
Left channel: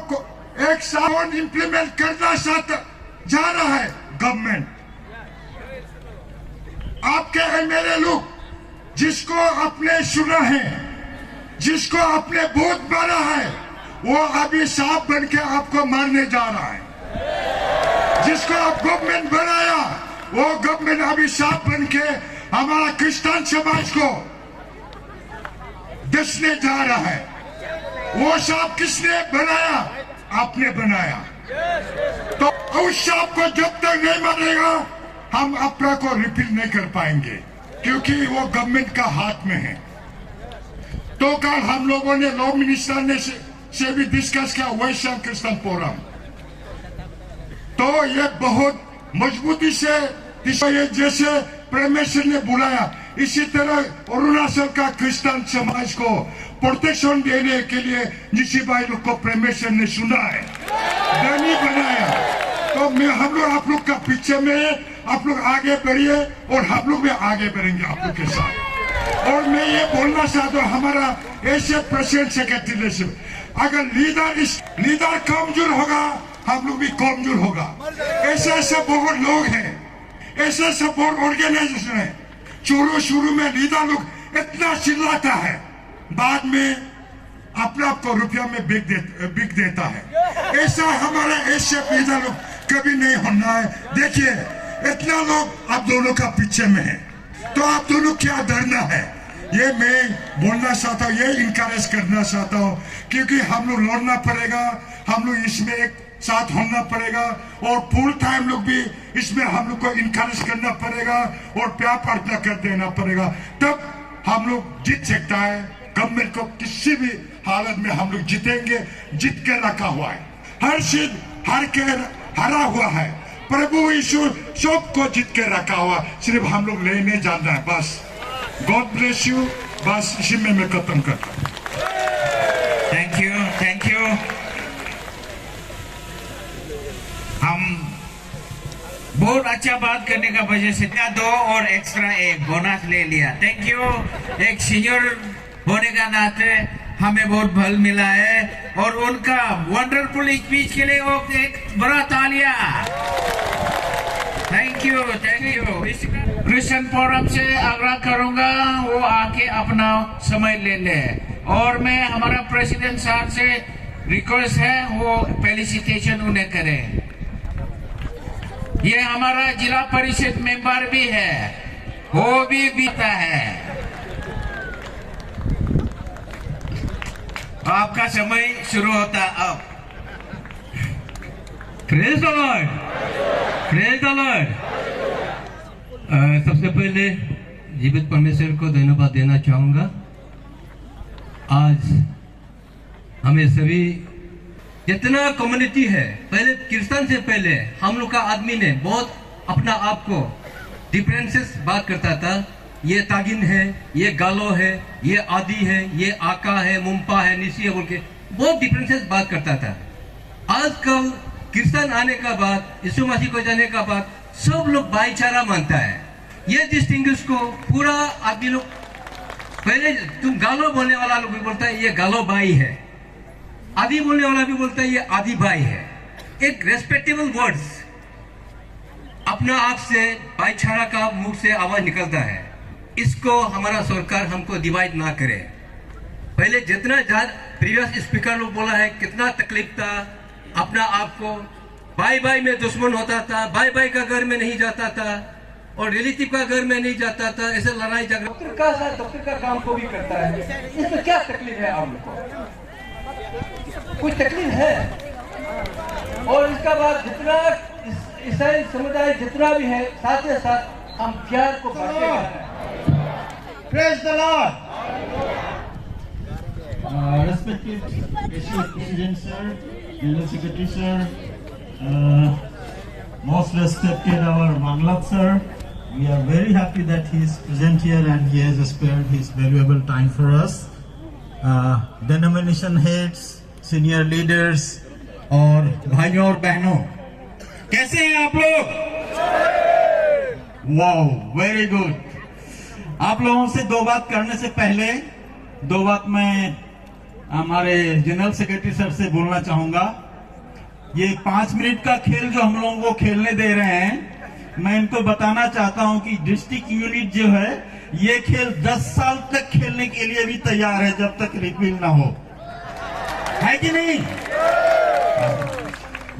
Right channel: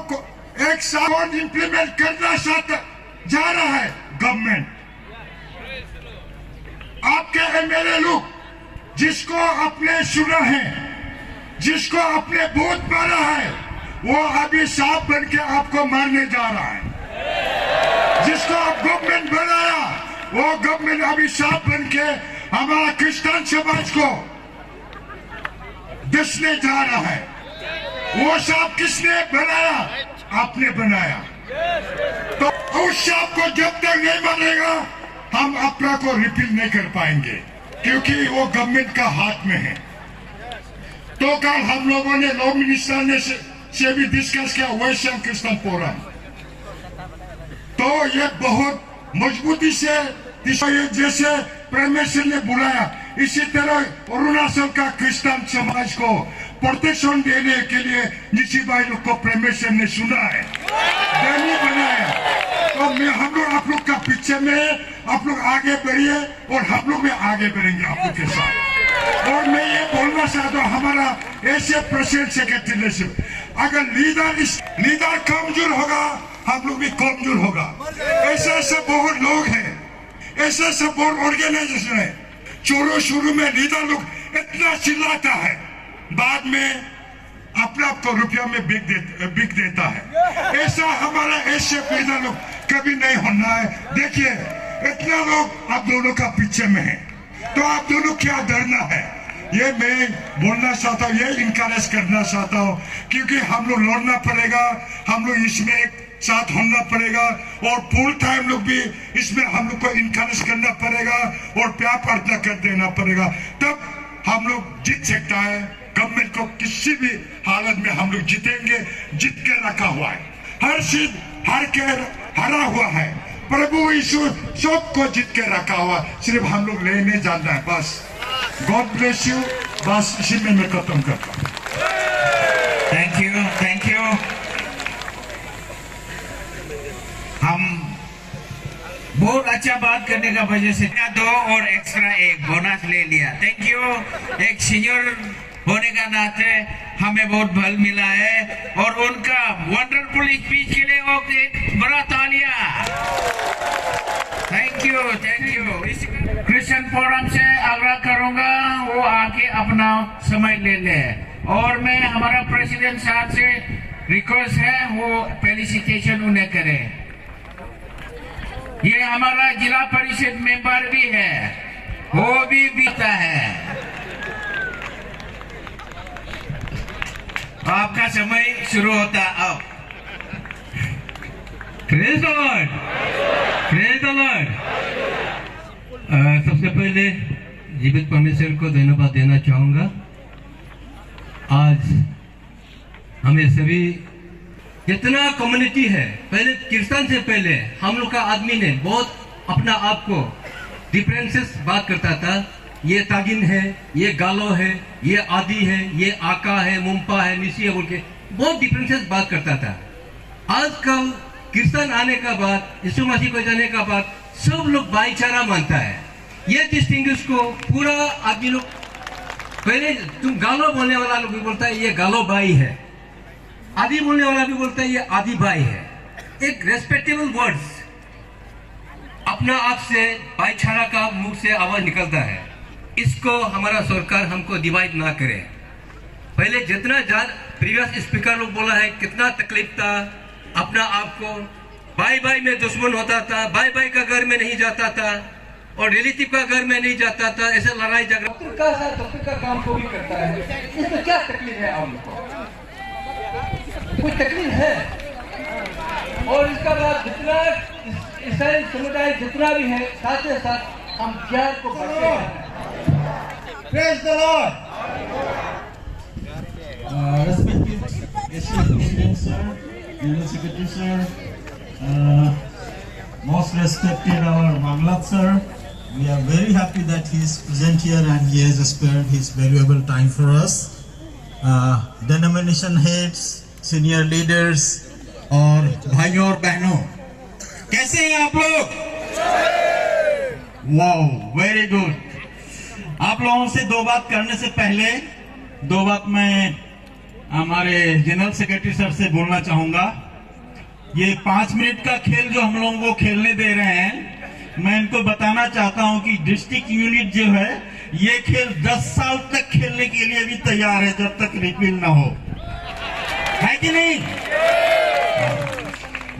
एक सावन इंप्लीमेंट करना जा रहा है गवर्नमेंट। आपके एमएलए लोग जिसको आपने सुना है, जिसको आपने भूत मारा है, वो अभी सांप बन के आपको मारने जा रहा है। जिसको आप गवर्नमेंट बनाया, वो गवर्नमेंट अभी सांप बन के हमारा क्रिश्चियन समाज को डसने जा रहा है। वो सांप किसने बनाया? आपने बनाया। तो उस सांप को जब तक नहीं मारेगा, हम अपना को रिपील नहीं कर पाएंगे, क्योंकि वो गवर्नमेंट का हाथ में है। तो कल हम लोगों ने लॉ मिनिस्टर ने से भी डिस्कस किया वेस्टर्न क्रिश्चियन फोरम। तो ये बहुत मजबूती से ये जैसे परमेश्वर ने बुलाया, इसी तरह अरुणाचल का क्रिश्चियन समाज को प्रोटेक्शन देने के लिए जिसी भाई लोग को परमेश्वर ने सुना है, डेमो बनाया। तो मैं हम लोग आप लोग का पीछे में, आप लोग आगे बढ़िए और हम लोग भी आगे बढ़ेंगे आप लोग के साथ। और मैं ये बोलना चाहता हूँ, हमारा ऐसे प्रेसिडेंट सेक्रेटरी अगर लीडर कमजोर होगा, हम लोग भी कमजोर होगा। ऐसे ऐसे बहुत लोग हैं, ऐसे ऐसे बहुत ऑर्गेनाइजेशन है। शुरू में लीडर लोग इतना चिल्लाता है, बाद में अपना आप को रुपया में बिक देता है। ऐसा हमारे ऐसे लीडर लोग कभी नहीं होना है। देखिए इतना लोग आप दोनों का पीछे में है, तो आप दोनों क्या डरना है? ये मैं बोलना चाहता हूँ, ये इनकरेज करना चाहता हूँ, क्योंकि हम लोग लड़ना पड़ेगा, हम लोग इसमें एक साथ होना पड़ेगा और फुल टाइम लोग भी इसमें हम लोग को इनकरेज करना पड़ेगा और प्यार प्रार्थना कर देना पड़ेगा। तब हम लोग जीत सकता है। गवर्नमेंट को किसी भी हालत में हम लोग जीतेंगे, जीत कर रखा हुआ है, हर चीज हार कर हरा हुआ है। प्रभु यीशु सबको जीत कर रखा हुआ, सिर्फ हम लोग लेने जाना है बस। God bless you. बस इसी में मैं खत्म करता हूँ। Thank you, thank you. हम बहुत अच्छा बात करने का वजह से 2 और एक्स्ट्रा 1 बोनस ले लिया। Thank you. एक सीनियर होने का नाते हमें बहुत बल मिला है और उनका वंडरफुल स्पीच के लिए एक बड़ा तालियां। Thank you, thank you. Christian forum से आग्रह करूंगा वो आके अपना समय ले ले, और मैं हमारा प्रेसिडेंट साहब से रिक्वेस्ट है वो फेलिसिटेशन उन्हें करें। ये हमारा जिला परिषद मेंबर भी है, वो भी बीता है। आपका समय शुरू होता अब। Praise the Lord, praise the Lord. सबसे पहले जीवित परमेश्वर को धन्यवाद देना चाहूंगा। आज हमें सभी जितना कम्युनिटी है, पहले कीर्तन से पहले हम लोग का आदमी ने बहुत अपना आप को डिफरेंसेस बात करता था। ये तागिन है, ये गालो है, ये आदि है, ये आका है, मुंपा है, निसी है बोल के बहुत डिफरेंसेस बात करता था। आजकल कीर्तन आने का बाद, यीशु मसीह को जाने का बाद सब लोग भाईचारा मानता है। ये डिस्टिंग्विश को पूरा आदमी लोग, पहले तुम गालो बोलने वाला लोग भी बोलता है ये गालो भाई है, आदि बोलने वाला भी बोलता है ये आदि भाई है। एक रेस्पेक्टेबल वर्ड्स अपना आप से भाईचारा का मुंह से आवाज निकलता है। इसको हमारा सरकार हमको डिवाइड ना करे। पहले जितना प्रीवियस स्पीकर लोग बोला है कितना तकलीफ था, अपना आप को भाई भाई में दुश्मन होता था, भाई भाई का घर में नहीं जाता था और रिलेटिव का घर में नहीं जाता था, ऐसे लड़ाई झगड़ा। डॉक्टर का काम को भी करता है, इसमें क्या तकलीफ है? आपको कोई तकलीफ है? और इसका बाद जितना ईसाई समुदाय जितना भी है, साथ ही साथ हम प्यार को बढ़ते हैं। Praise the Lord. Respected President sir, Union Secretary sir, most respected our Manglat sir, we are very happy that he is present here and he has spared his valuable time for us. Denomination heads, senior leaders और भाइयों और बहनों, कैसे हैं आप लोग? Wow, very good. आप लोगों से 2 बात करने से पहले 2 बात मैं हमारे जनरल सेक्रेटरी सर से बोलना चाहूंगा। ये 5 मिनट का खेल जो हम लोगों को खेलने दे रहे हैं, मैं इनको बताना चाहता हूं कि डिस्ट्रिक्ट यूनिट जो है ये खेल 10 साल तक खेलने के लिए भी तैयार है, जब तक रिपील ना हो, है कि नहीं?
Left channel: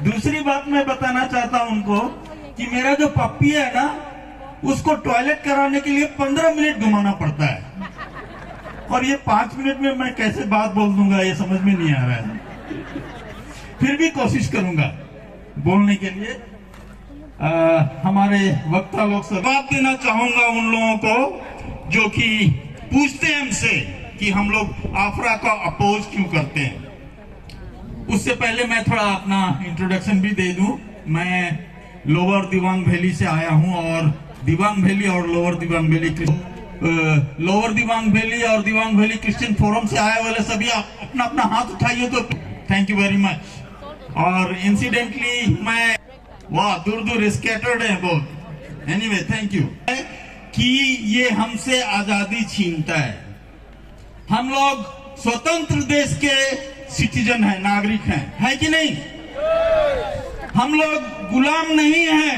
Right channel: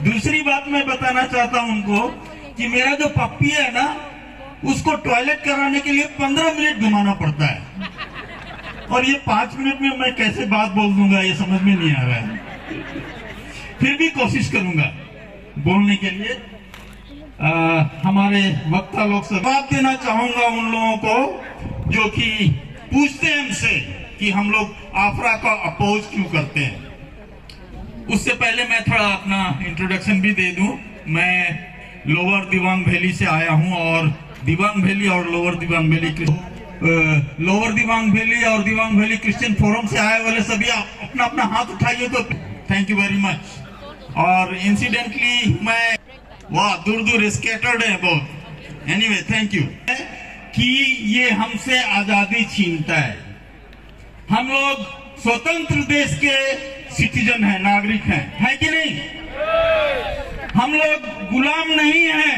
दूसरी बात मैं बताना चाहता हूं उनको कि मेरा जो पप्पी है ना, उसको टॉयलेट कराने के लिए 15 मिनट घुमाना पड़ता है, और ये 5 मिनट में मैं कैसे बात बोल दूंगा ये समझ में नहीं आ रहा है। फिर भी कोशिश करूंगा बोलने के लिए। हमारे वक्ता लोग से बात देना चाहूंगा उन लोगों को जो कि पूछते हैं हमसे कि हम लोग आफरा का अपोज क्यों करते हैं। उससे पहले मैं थोड़ा अपना इंट्रोडक्शन भी दे दूं। मैं लोअर दिवांग वैली से आया हूं, और दिवांग वैली और lower Dibang valley Christian forum से आए वाले सभी अपना अपना हाथ उठाइए तो थैंक यू वेरी मच। और इंसिडेंटली मैं वाह दूर दूर स्कैटर्ड है बहुत। Anyway thank you. कि ये हमसे आजादी छीनता है। हम लोग स्वतंत्र देश के सिटीजन हैं, नागरिक हैं, है कि नहीं? हम लोग गुलाम नहीं हैं,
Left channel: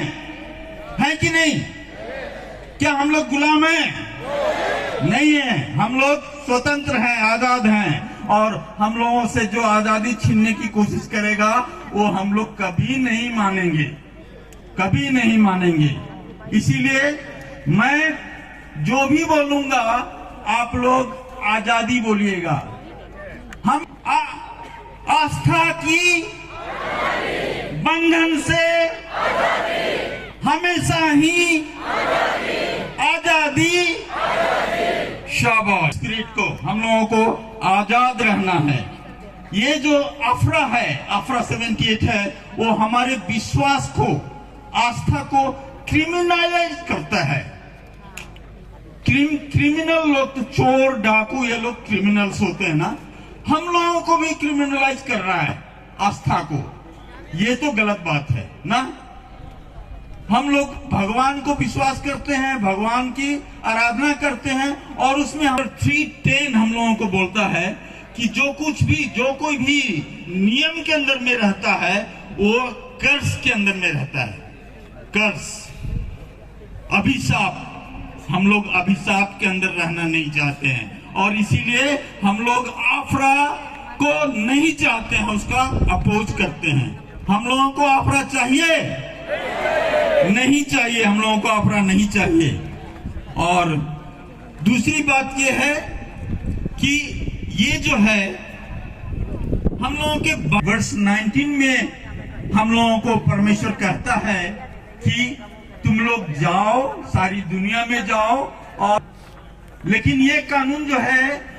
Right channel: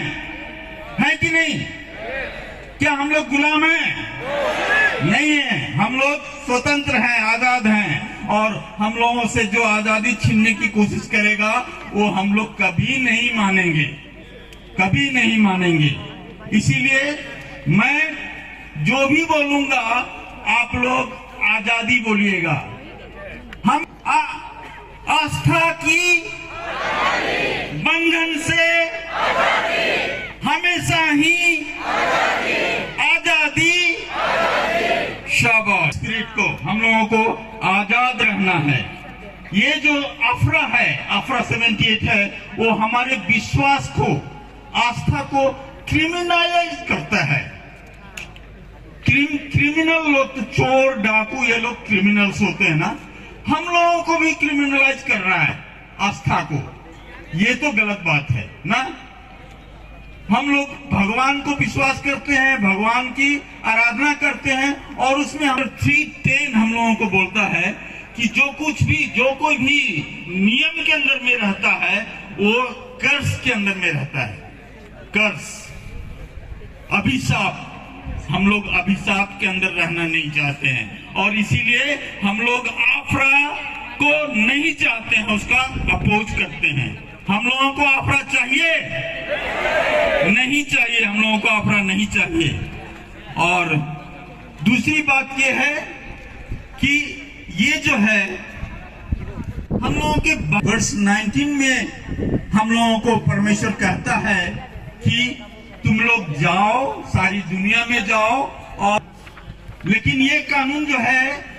है कि नहीं? क्या हम लोग गुलाम हैं? नहीं है। हम लोग स्वतंत्र हैं, आजाद हैं, और हम लोगों से जो आजादी छीनने की कोशिश करेगा वो हम लोग कभी नहीं मानेंगे, कभी नहीं मानेंगे। इसीलिए मैं जो भी बोलूंगा आप लोग आजादी बोलिएगा। हम आस्था की बंधन से हमेशा ही आजादी। शाबाश। लोगों को आजाद रहना है। ये जो अफरा है, अफरा 78 है, वो हमारे विश्वास को, आस्था को क्रिमिनलाइज करता है। क्रिमिनल लोग तो चोर डाकू ये लोग क्रिमिनल्स होते हैं ना, हम लोगों को भी क्रिमिनलाइज कर रहा है आस्था को। ये तो गलत बात है ना। हम लोग भगवान को विश्वास करते हैं, भगवान की आराधना करते हैं, और उसमें 3:10 हम लोगों को बोलता है कि जो कोई भी नियम के अंदर में रहता है वो कर्ज के अंदर में रहता है। कर्ज, अभिशाप, हम लोग अभिशाप के अंदर रहना नहीं चाहते हैं, और इसीलिए हम लोग आफरा को नहीं चाहते हैं, उसका अपोज करते हैं। हम लोगों को आफरा चाहिए नहीं चाहिए, हम लोगों को आफरा नहीं चाहिए। और दूसरी बात यह है कि ये जो है हम लोगों के वर्ष 19 में हम लोगों को परमेश्वर कहता है कि तुम लोग जाओ, सारी दुनिया में जाओ, और लेकिन ये कानून जो है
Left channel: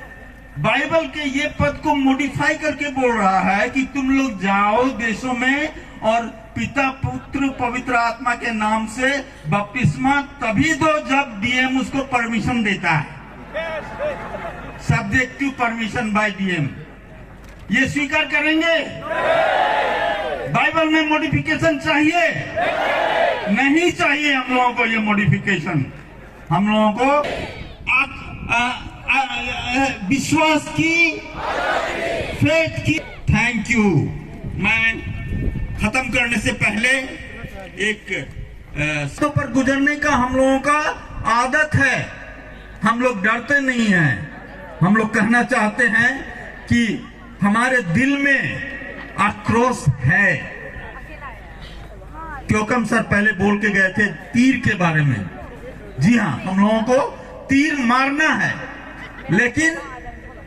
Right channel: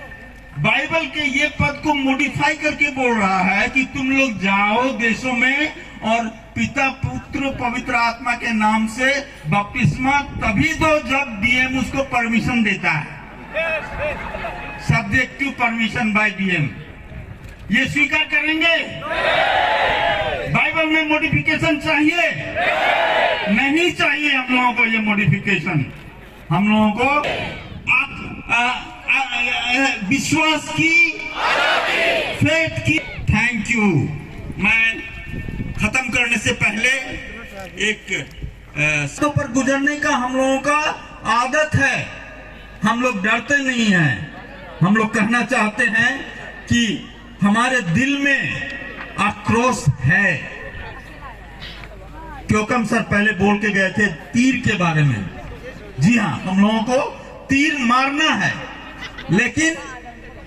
बाइबल के ये पद को मॉडिफाई करके बोल रहा है कि तुम लोग जाओ देशों में और पिता पुत्र पवित्र आत्मा के नाम से बपतिस्मा तभी दो जब डीएम उसको परमिशन देता है, subject to permission by DM. ये स्वीकार करेंगे? बाइबल में मॉडिफिकेशन चाहिए नहीं चाहिए? हम लोगों को ये मॉडिफिकेशन, हम लोगों को विश्वास की, फेथ की। Thank you. मैं खत्म करने से पहले एक पर गुजरने का हम लोगों का आदत है। हम लोग डरते नहीं हैं। हम लोग कहना चाहते हैं कि हमारे दिल में आक्रोश है। क्योंकम सर पहले बोल के गए थे तीर के बारे में। जी हाँ, हम लोगों को तीर मारना है, लेकिन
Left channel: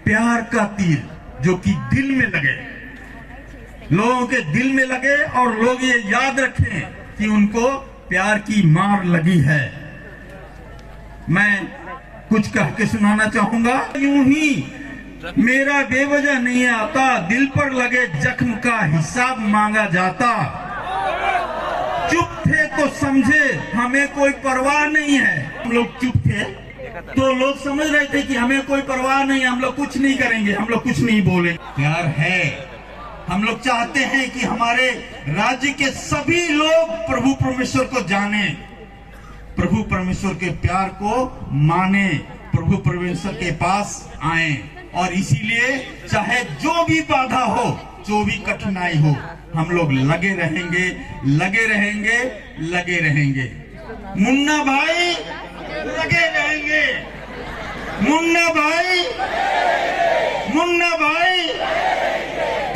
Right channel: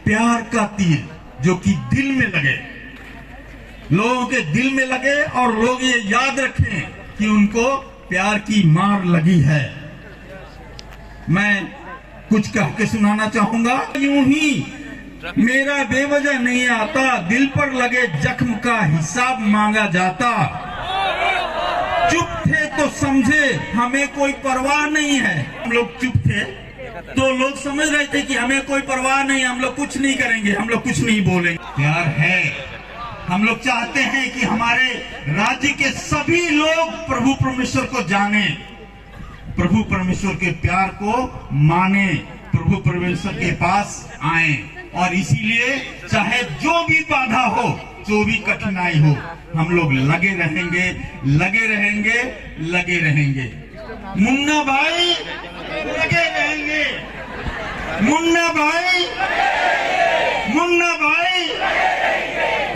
प्यार का तीर जो कि दिल में लगे, लोगों के दिल में लगे, और लोग ये याद रखें कि उनको प्यार की मार लगी है। मैं कुछ कह के सुनाना चाहूंगा। यूं ही मेरा बेवजह नहीं आता, दिल पर लगे जख्म का हिसाब मांगा जाता। चुप थे तो समझे हमें कोई परवाह नहीं है। हम लोग चुप थे तो लोग समझ रहे थे कि हमें कोई परवाह नहीं, हम लोग कुछ नहीं करेंगे, हम लोग कुछ नहीं बोलेंगे। प्यार है। हम लोग चाहते हैं कि हमारे राज्य के सभी लोग प्रभु परमेश्वर को जाने, प्रभु परमेश्वर के प्यार को माने, प्रभु परमेश्वर के पास आए। और इसीलिए चाहे जो भी बाधा हो, जो भी कठिनाई हो, हम लोग लगे रहेंगे, लगे रहेंगे, लगे रहेंगे। मुन्ना भाई लगे रहेंगे, मुन्ना भाई, मुन्ना भाई।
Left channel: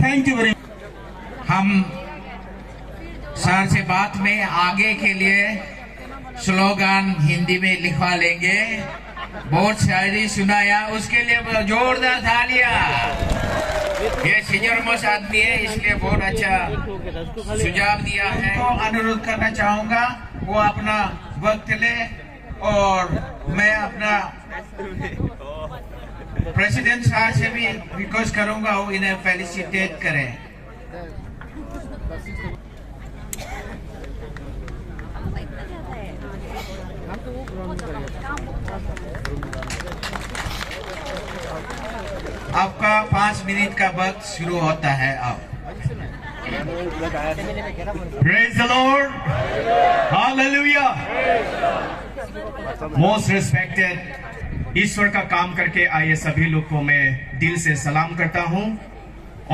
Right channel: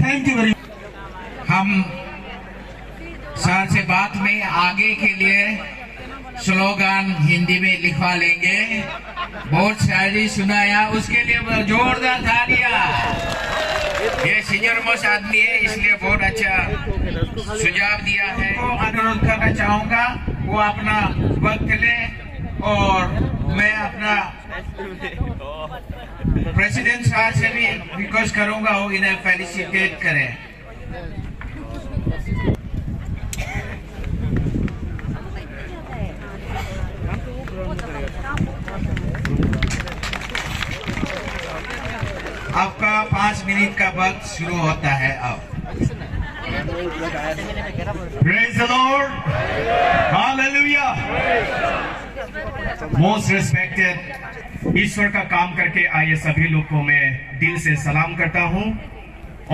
Thank you very much. हम सर से बात में आगे के लिए स्लोगन हिंदी में लिखवा लेंगे। बहुत शायरी सुनाया, उसके लिए जोरदार तालियां। ये सीनियर मोस्ट आदमी है, इसलिए बहुत अच्छा सुझाव दिया है। तो अनुरोध करना चाहूंगा वो अपना वक्त ले, और मैं अपना प्रेसिडेंट साहब से भी रिक्वेस्ट करूंगा वो इन्हें फेलिसिटेट करें। आपका 5 मिनट का वक्त शुरू होता है अब। Praise the Lord. Hallelujah. Most respected, ईश्वर का काम करके आए सभी लोग को मैं दिल से सलाम करता हूं।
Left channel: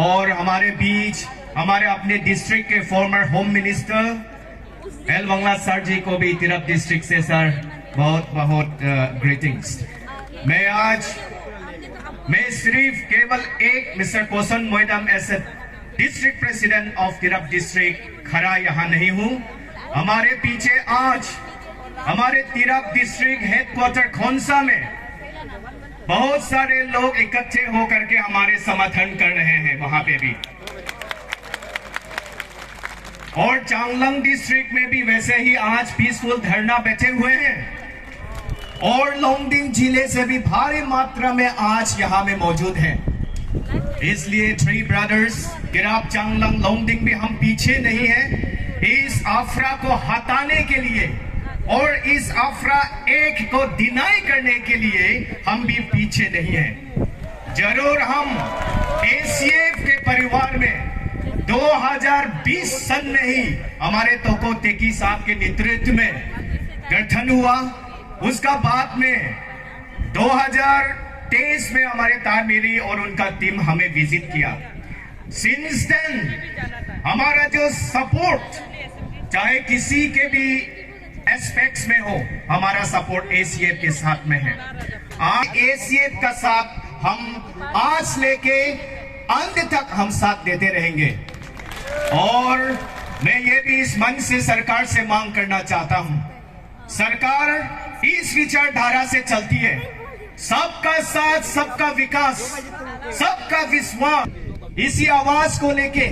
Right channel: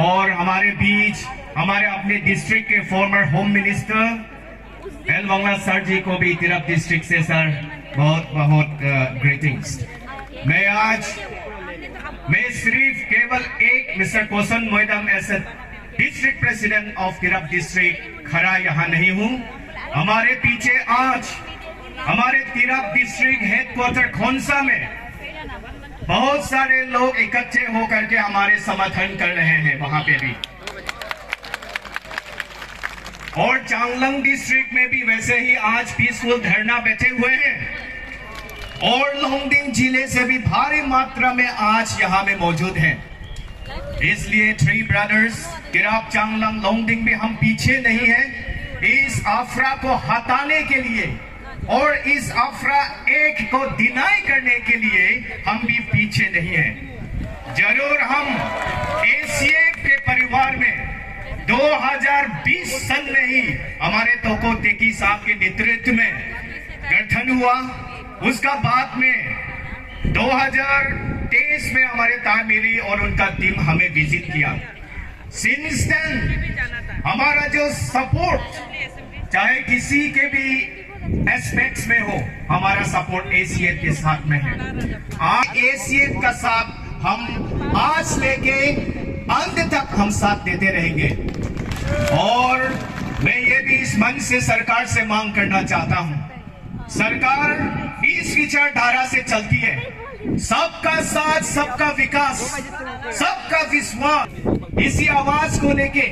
और हमारे बीच हमारे अपने डिस्ट्रिक्ट के former home minister L Wangla sir ji को भी तिरप डिस्ट्रिक्ट से सर बहुत बहुत ग्रीटिंग्स। मैं सिर्फ केवल एक mister Kosan Moidam as district president of Tirap district खड़ा यहाँ नहीं हूँ। हमारे पीछे आज हमारे तिरप डिस्ट्रिक्ट हेडक्वार्टर खोंसा में बहुत सारे लोग इकट्ठे होकर के हमारे समर्थन कर रहे हैं वहां पे भी, और चांगलांग डिस्ट्रिक्ट में भी वैसे ही आज पीसफुल धरना बैठे हुए हैं। और लोंगडिंग जिले से भी भारी मात्रा में आज यहाँ में मौजूद हैं। इसलिए थ्री ब्रदर्स किराप चांगलांग लोंगडिंग भी हम पीछे नहीं हैं। इस आफरा को हटाने के लिए और इस आफरा एक को डिनाई करने के लिए हम भी पीछे नहीं हैं। जरूर हम एसीएफ के परिवार में 2020 सन में ही हमारे तोको तेकी साहब के नेतृत्व में गठन हुआ। उसका बाद में 2023 में हमारे तारमेरी और उनका टीम हमें विजिट किया। सिंस देन हमारा जो सपोर्ट चाहे किसी के भी एस्पेक्ट्स में हो, हमारा सपोर्ट एसीएफ के साथ में है। आज एसीएफ का साथ हम आज लेके अंत तक हम साथ देते रहेंगे। और मैं ये भी इस मंच से सरकार से मांग करना चाहता हूं, सरकार इस विचारधारा से चलती है, सबका साथ सबका विकास सबका विश्वास। इसी आवाज को लेके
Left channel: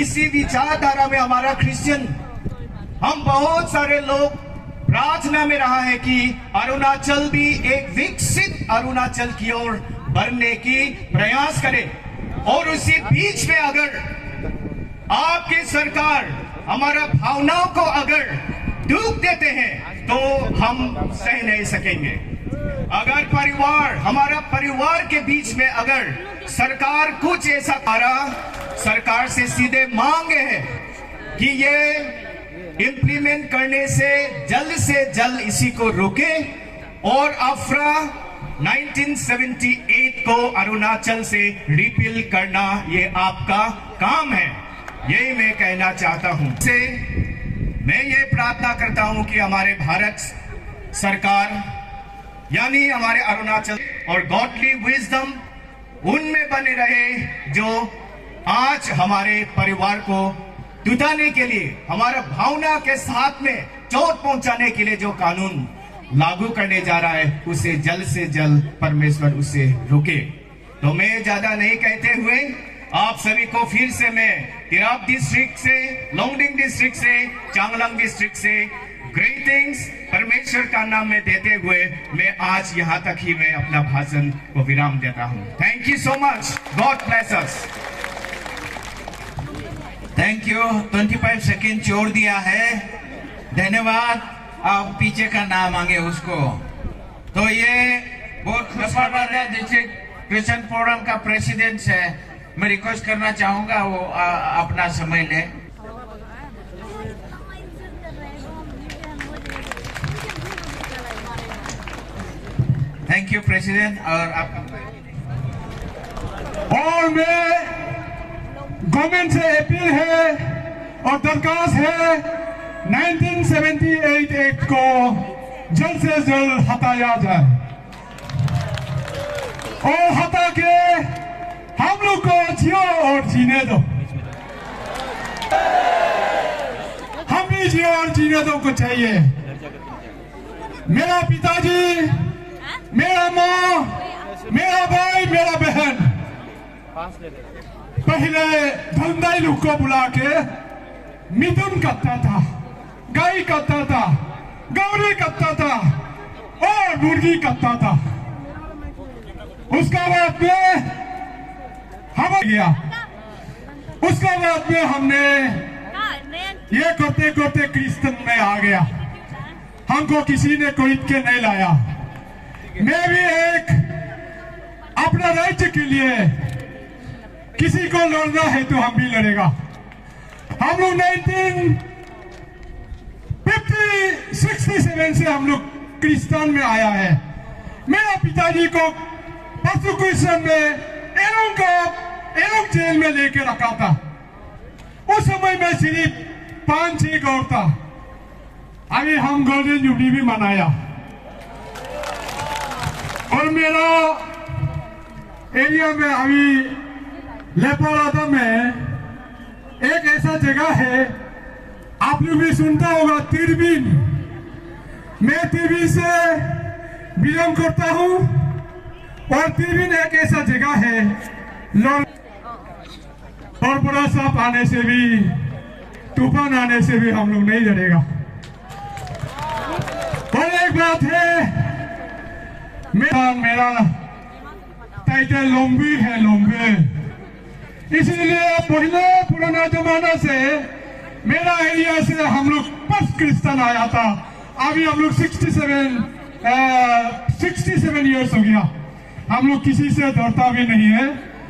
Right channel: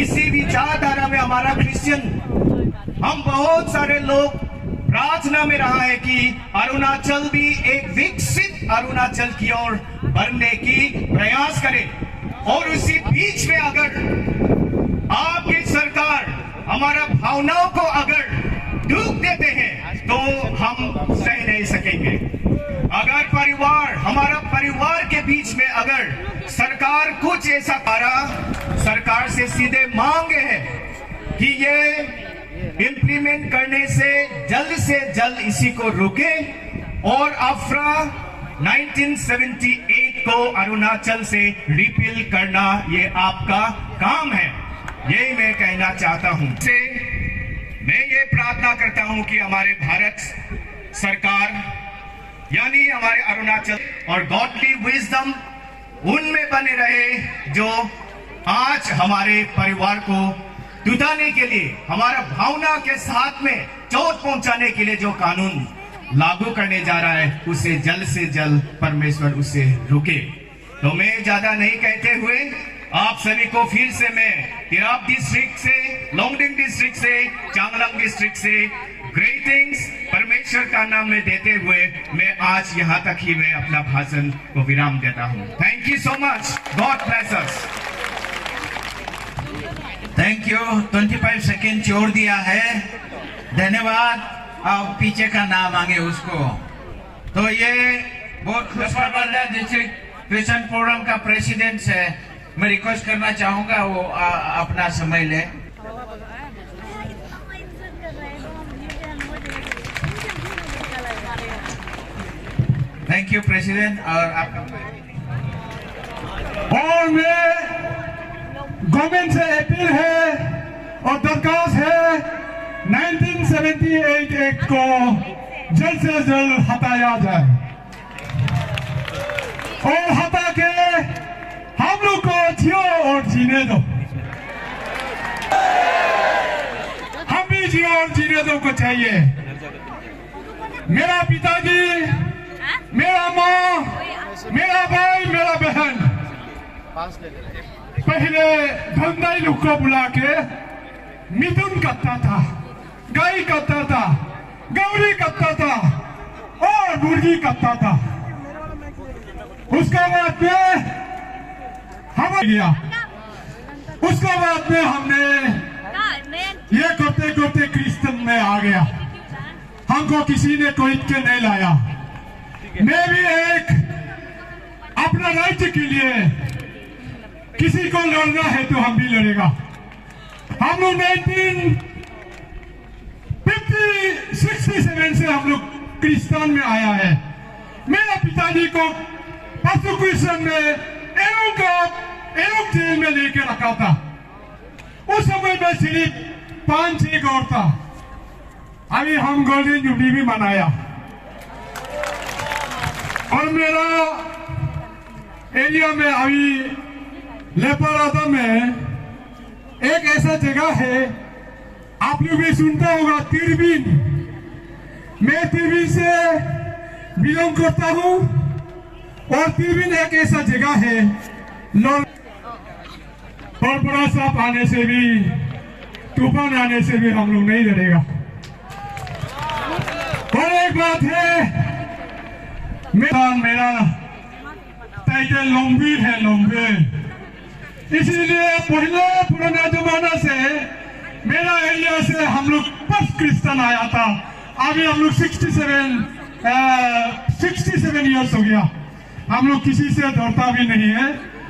इसी विचारधारा में हमारा क्रिश्चियन हम बहुत सारे लोग प्रार्थना में रहा है कि अरुणाचल भी एक विकसित अरुणाचल की ओर बढ़ने की प्रयास करे। और उसी बीच में अगर आपकी सरकार हमारा भावनाओं को अगर दुख देते हैं तो हम सह नहीं सकेंगे। अगर परिवार हमारा परिवार के बीच में अगर सरकार कुछ ऐसा करा, सरकार से सीधे मांगे है कि ये इम्प्लीमेंट करने से जल्द इसी को रोके और अफरा 1978 को अरुणाचल से रिपील करना ये आपका काम है, ये मैं कहना चाहता हूं। से मैं ये प्रार्थना करता हूं कि हमारे भारत सरकार यानी हमारे अरुणाचल और गॉडली विजडम उनमें बने रहे, जो आज हमारे परिवार को टूटाने के लिए हमारा भावना के साथ में चोट पहुंचाने के लिए जो कानून लागू करने जा रहा है उसे जल्द से जल्द परमेश्वर उसे रोके। तो मैं ज्यादा नहीं कहते हुए आप सभी को फिर से मैं तिराप डिस्ट्रिक्ट से, लोंगडिंग डिस्ट्रिक्ट से, चांगलांग डिस्ट्रिक्ट से ग्रीटिंग्स परमेश्वर का नाम में देते हुए मैं आज यहाँ तक ही मैं अपना भाषण को विराम देता हूँ। Thank you so much, God bless us. Thank you. 25 second छोड़ दिया है, धन्यवाद। आप पीछे का नाम मांगे उसको। तो ये बहुत खुशखबर है, जैसे क्रिश्चियन फोरम का प्रेसिडेंट है, मैं रिक्वेस्ट करना चाहूंगा वो अपना समय ले। Thank you president. और मैं गवर्नमेंट से अपील है और दरखास्त है 1978 एक्ट को जल्द से जल्द हटाया जाए और हटा के हम लोग को जियो और जीने दो। हम भी जियो और जीने दो को चाहिए। मेरा पिताजी, मेरा माँ, मेरा भाई, मेरा बहन पहले धंधाई लोग को बुला के मिथुन करता था, गाय करता था, गौरी करता था और मुर्गी करता था। उसका बाद में हम गया, उसका बाद में हमने ये करते करते क्रिश्चियन में आ गया। हमको किसी ने कोई के नहीं लाया। मैं भी एक अपना राज्य के लिए किसी को लड़ना है तो हम भी लड़ेगा। हम लोग 1967 से हम लोग क्रिश्चियन में आया है। मेरा पिताजी को परसिक्यूशन में एलोक जेल में लेके रखा था। उस समय में सिर्फ 5-6 गौर था। अभी हम गोल्डन जुबली भी मनाया और मेरा एरिया में अभी लेपारादा में एक ऐसा जगह है, आप लोग भी सुनता होगा, तिरबिन। मैं तिरबिन से बिलोंग करता हूँ और तिरबिन एक ऐसा जगह है और बड़ा सांप आने से भी, तूफान आने से भी हम लोग नहीं डरेगा। और एक बात है, मेरा टाइटल लोम्बी है, लोम्बे। इसीलिए पहले पुराना जमाना से मेरा एरिया से हम लोग फर्स्ट क्रिश्चियन आया था। अभी हम लोग 67 इयर्स हो गया। हम लोग किसी से डरता भी नहीं है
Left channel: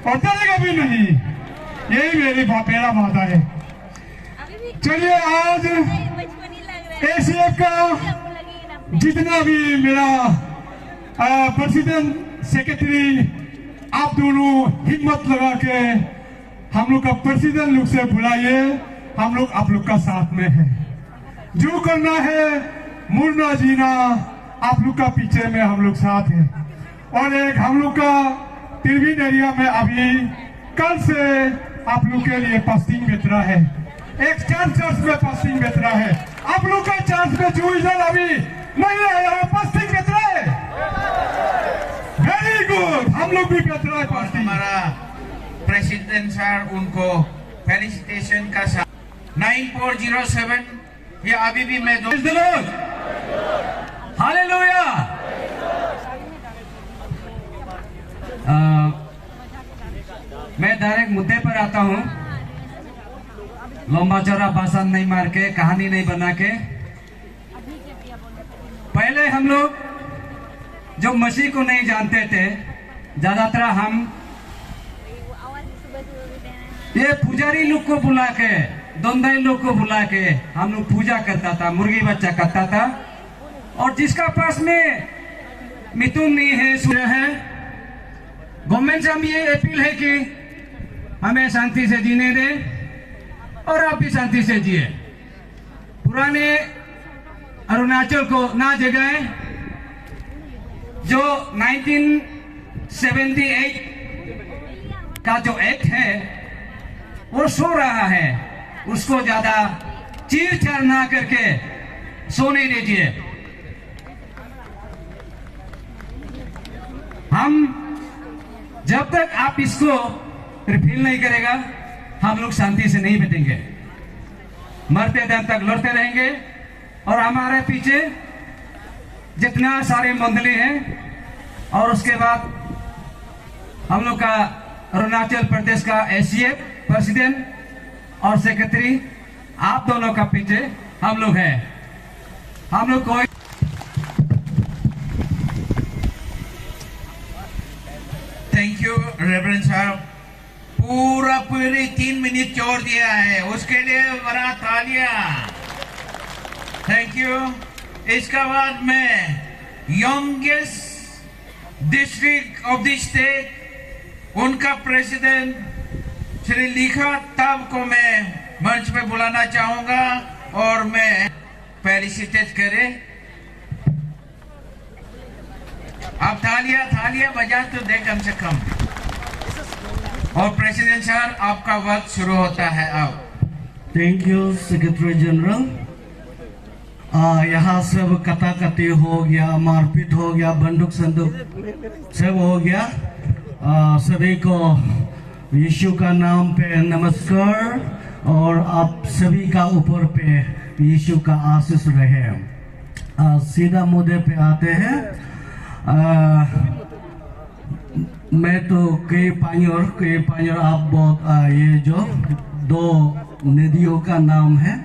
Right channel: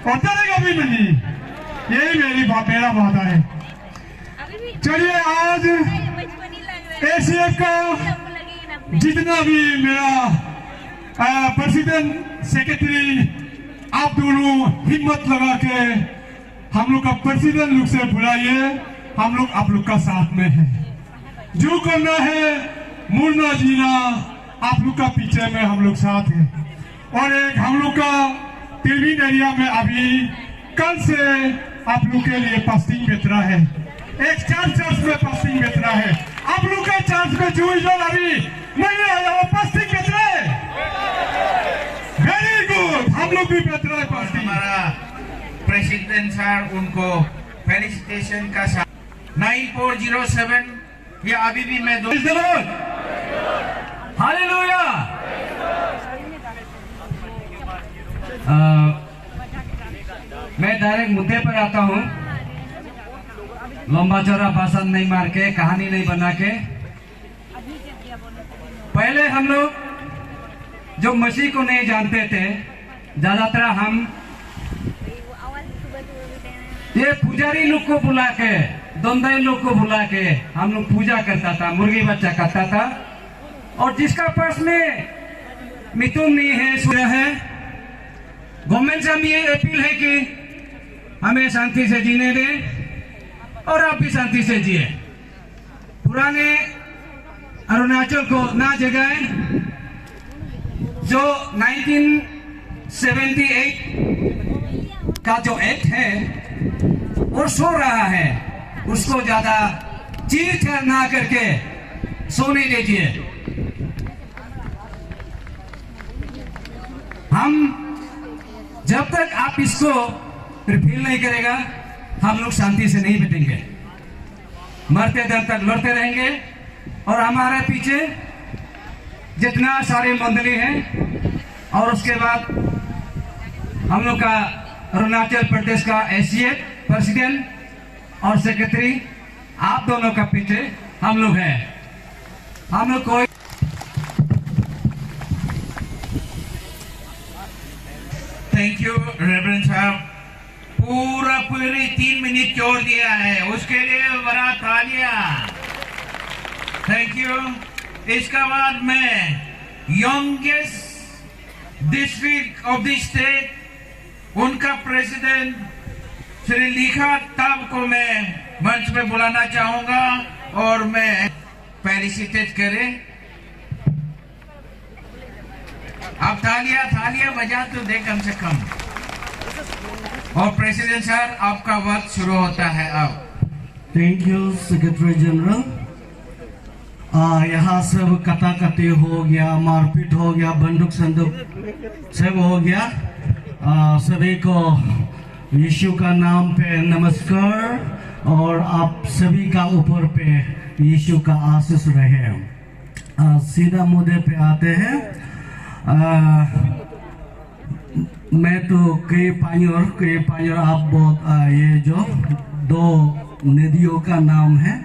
और डरेगा भी नहीं। यही मेरा वादा है। चलिए आज एसीएफ का जितना भी मेरा प्रेसिडेंट सेक्रेटरी, आप दोनों हिम्मत लगा के हम लोग का प्रेसिडेंट लोग से बुलाइए। हम लोग आप लोग का साथ में है। जो करना है मुड़ना जीना, आप लोग का पीछे में हम लोग साथ है। और एक हम लोग का तिरविन एरिया में अभी कल से आप लोग के लिए फास्टिंग बेच रहा है। एक चर्च में फास्टिंग बेच रहा है। आप लोग का चर्च में जो अभी नहीं आया वो फास्टिंग बेच रहा है। वेरी गुड, हम लोग भी बेच रहा है फास्टिंग। हमारा प्रेसिडेंट सर उनको फेलिसिटेशन का 9407 ये अभी भी मैं हालेलुया। मैं डायरेक्ट मुद्दे पर आता हूं, लंबा चौड़ा भाषण नहीं मार के, कहानी नहीं बना के। पहले हम लोग जो मसीह को नहीं जानते थे, ज्यादातर हम ये पुजारी लोग को बुला के, दंदाई लोग को बुला के हम लोग पूजा करता था, मुर्गी बच्चा करता था। और जिसका पास में मिथुन नहीं है, सुना है, गवर्नमेंट से हम ये अपील है कि हमें शांति से जीने दें और आप भी शांति से जिए। पुराने अरुणाचल को ना जगाएं। जो 1978 का जो एक्ट है वो सो रहा है, उसको ज्यादा चीर चढ़ ना करके सोने दीजिए। हम जब तक आप इसको रिफिल नहीं करेगा, हम लोग शांति से नहीं बैठेंगे। मरते दम तक लड़ते रहेंगे। और हमारे पीछे जितना सारे मंडली हैं, और उसके बाद हम लोग का अरुणाचल प्रदेश का एसीएफ प्रेसिडेंट और सेक्रेटरी, आप दोनों का पीछे हम लोग हैं। हम लोग कोई थैंक यू रेवरेंड साहब, पूरी 3 मिनट छोड़ दिया है, उसके लिए बड़ा तालियां। Thank you. इसके बाद में youngest district of the state, उनका प्रेसिडेंट श्री लिखा तब को मैं मंच पे बुलाना चाहूंगा और मैं फेलिसिटेट करें। आप थालियां बजा तो दे कम से कम। और प्रेसिडेंट सर, आपका वक्त शुरू होता है अब। Thank you secretary general. यहाँ सब कटाकटी हो गया, मारपीट हो गया, बंदूक संदूक सब हो गया। सभी को यीशु का नाम पे नमस्कार, और आप सभी का ऊपर पे यीशु का आशीष रहे। सीधा मुद्दे पे आते हैं। मैं तो कई पानियों आप बहुत ये जो 2 नदियों का नाम है,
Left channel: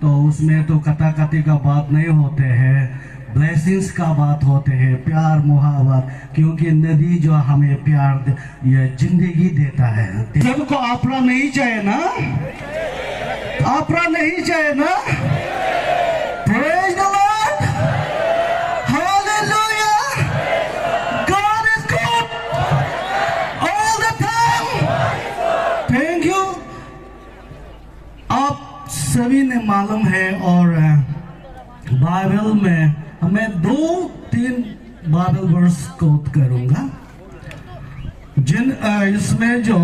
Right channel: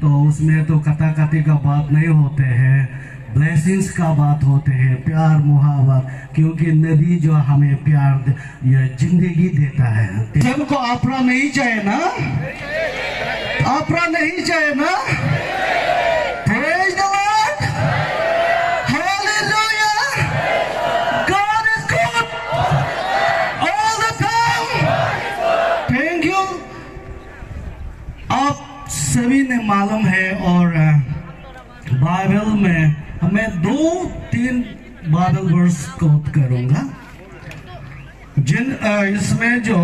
तो उसमें तो कटाकटी का बात नहीं होते हैं, ब्लेसिंग्स का बात होते हैं, प्यार मुहावत। क्योंकि नदी जो हमें प्यार ये जिंदगी देता है। सबको आपरा नहीं चाहिए ना, आपरा नहीं चाहिए ना। Praise the Lord. Hallelujah. God is good all the time. Thank you. आप सभी ने मालूम है, और बाइबल में हमें 2-3 बाइबल वर्स कोट करूंगा, जिन इसमें जो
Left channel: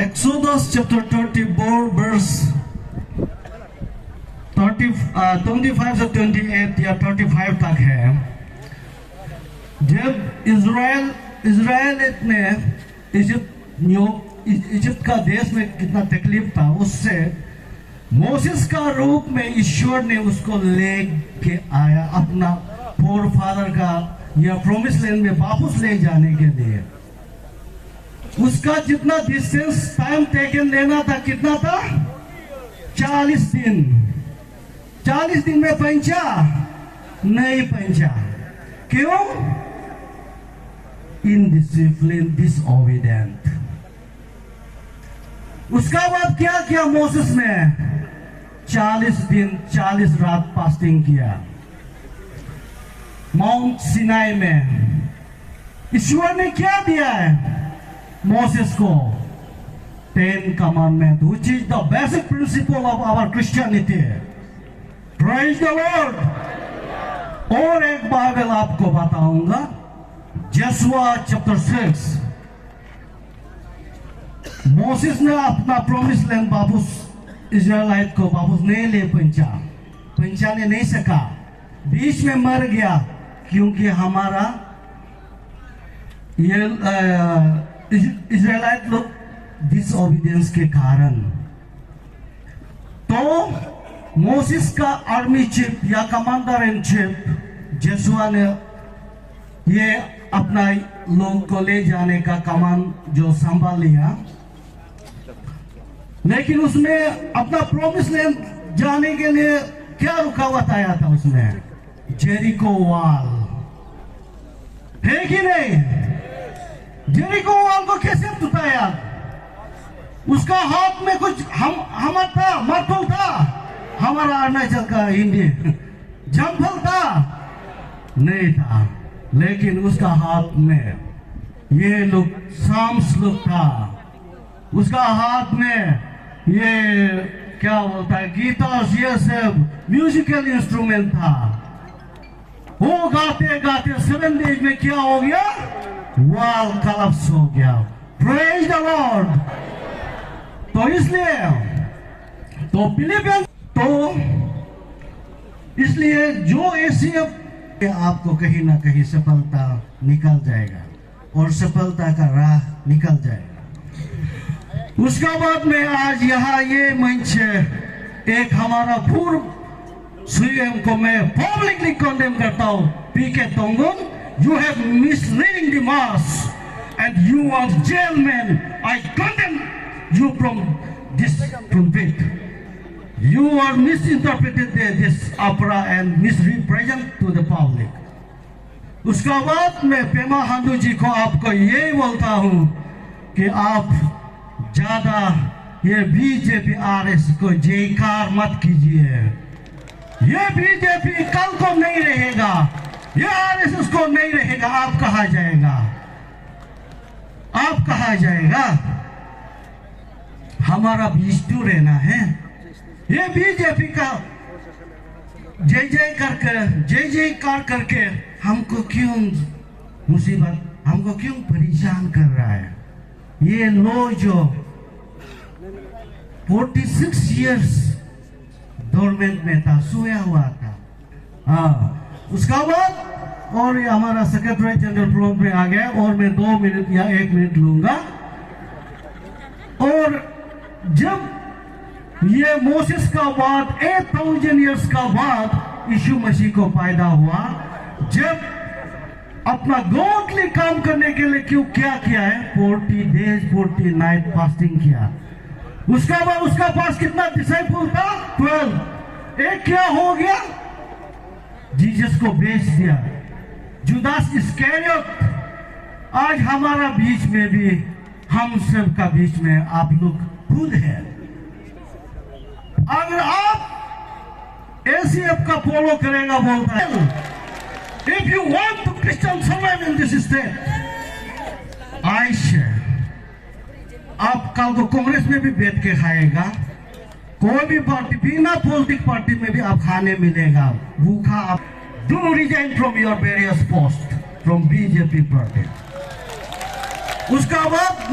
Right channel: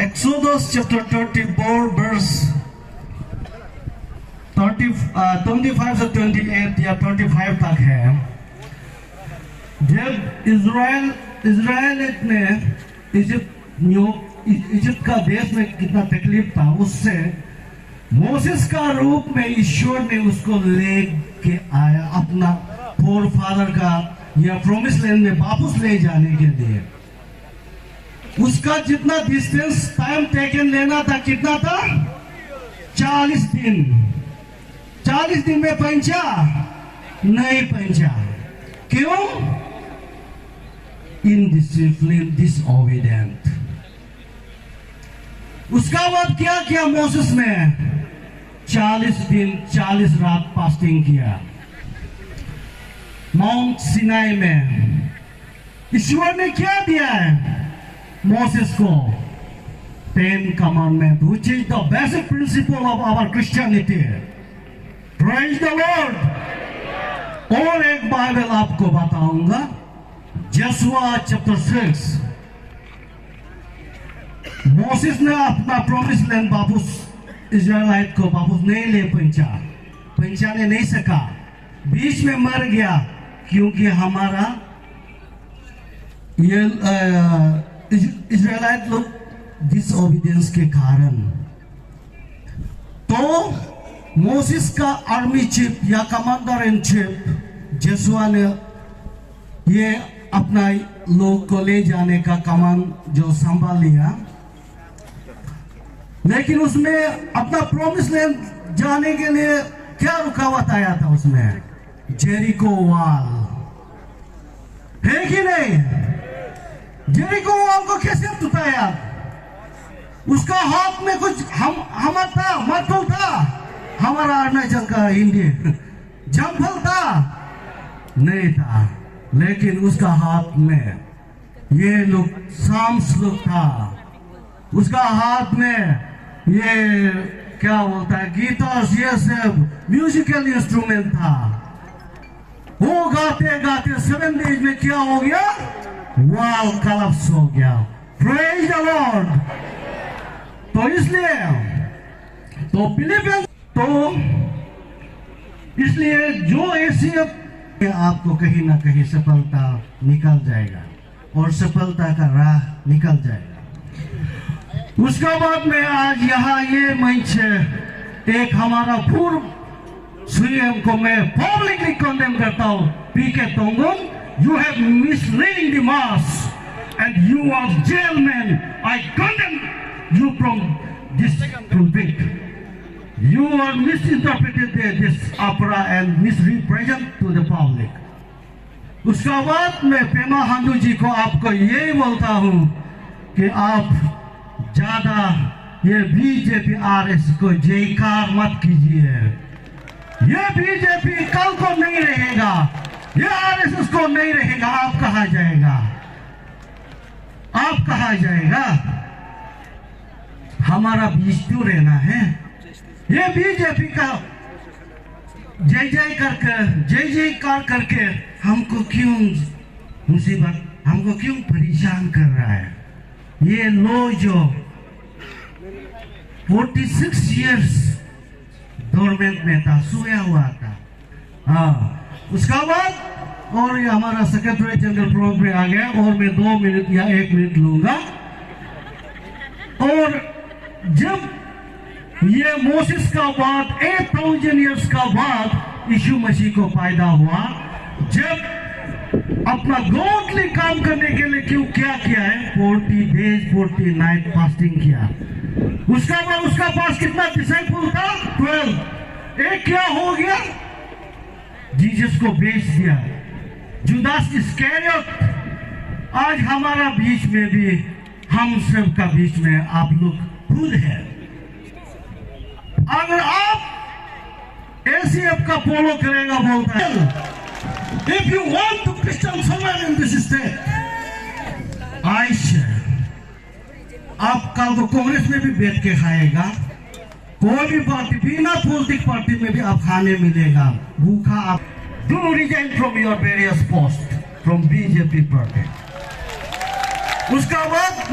एक्सोडस चैप्टर 34 वर्स 25 से 28 या 35 तक है। जब इजराइल ने इजिप्ट का देश में कितना तकलीफ था, उससे मोसेस का रूप में ईश्वर ने उसको ले के आया, अपना फोर फादर का या प्रोमिस लैंड में वापस ले जाने के लिए। उसका जितना डिस्टेंस टाइम टेकन लेना था कितना था? 40 दिन। 40 दिन में पहुंचा? नहीं पहुंचा। क्यों? इनडिसिप्लिन, डिसओबीडिएंट। उसका बाद क्या किया मोसेस ने? 40 दिन 40 रात फास्टिंग किया माउंट सिनाई में। ईश्वर ने क्या दिया है मोसेस को? 10 commandment, which is the basic principle of our Christianity. Praise the Lord. और एक बाइबल आपको बताऊंगा, जोशुआ चैप्टर 6। मोसेस ने अपना प्रॉमिस लैंड वापस इजराइलाइट को वापस नहीं ले पहुंचाने नहीं सका, बीच में मर गया, क्योंकि हमारा ये इजराइलाइट लोग डिसओबीडियंस के कारण। तो मोसेस का आर्मी चीफ या कमांडर इन चीफ जोशुआ ने ये अपना लोग को ले जाने का कमान जो संभाल लिया, लेकिन उसमें अपना प्रॉमिस लैंड जाने के लिए क्या रुकावट आया था? उसमें जेरिको वॉल है कि नहीं? जेरिको वॉल को कैसे टूटाया? उसका हाथ में कुछ हमर था, मटल था, हमारा अरुणाचल का इंडिया जंफल था नहीं था, लेकिन उसका हाथ में ये लोग साम्स लोग था, उसका हाथ में ये क्या बोलता है गिटार, ये सब म्यूजिकल इंस्ट्रूमेंट था। वो गाते गाते 7 डेज में क्या हो गया? वॉल कोलैप्स हो गया। Praise the Lord. तो इसलिए तो फिलिपियंस तो इसलिए जो ऐसे आपको कहीं ना कहीं सफलता निकल जाएगा और सफलता का राह निकल जाएगा। उसका बाद में आज यहाँ ये मंच एक हमारा पूर्व सीएम को मैं पब्लिकली कंडेम करता हूँ, PK Tongun, you have misleading the mass and you are jail man. I condemn you from this pulpit. You are misinterpreted this opera and misrepresent to the public. उसका बाद मैं पेमा खांडू जी को आपको यही बोलता हूँ कि आप ज्यादा ये बीजेपी आरएस को जयकार मत कीजिए। ये बीजेपी कल को नहीं रहेगा, ये आरएसएस को नहीं रहेगा। आप कहाँ जाएगा? आप कहाँ जाएगा? हमारा बीच तो रहना है। ये बीजेपी का जय जयकार करके हमको क्यों मुसीबत, हमको क्यों परेशान कर रहा है? ये लोग जो 46 इयर्स गवर्नमेंट में था, सोया हुआ था। उसका बाद और ये हमारा सेक्रेटरी जनरल प्रोग्राम में आ गया और मैं 2 मिनट या 1 मिनट लूंगा। और जब ये मोसेस का बाद 8000 इयर्स का बाद यीशु मसीह को पैदा हुआ, जब अपना गॉडली काम करने के लिए क्यों क्या किया है? 40 डेज 40 नाइट फास्टिंग किया। उसका बाद उसका पास कितना डिसाइपल था? 12। एक क्या हो गया? जीसस को बेच दिया, जुदास इस्करियोट। आज हमारा बीच में भी, हम सब का बीच में आप लोग खुद है। अगर आप एसीएफ का फॉलो करेगा बोलता है, if you want to Christian survive in this state, Ayesha आप कल को कांग्रेस में भी बैठ के खाएगा, कोई भी पार्टी, बिना पॉलिटिक पार्टी में भी आप खाने मिलेगा भूखा। आप do resign from your various post from BJP party. उसका बाद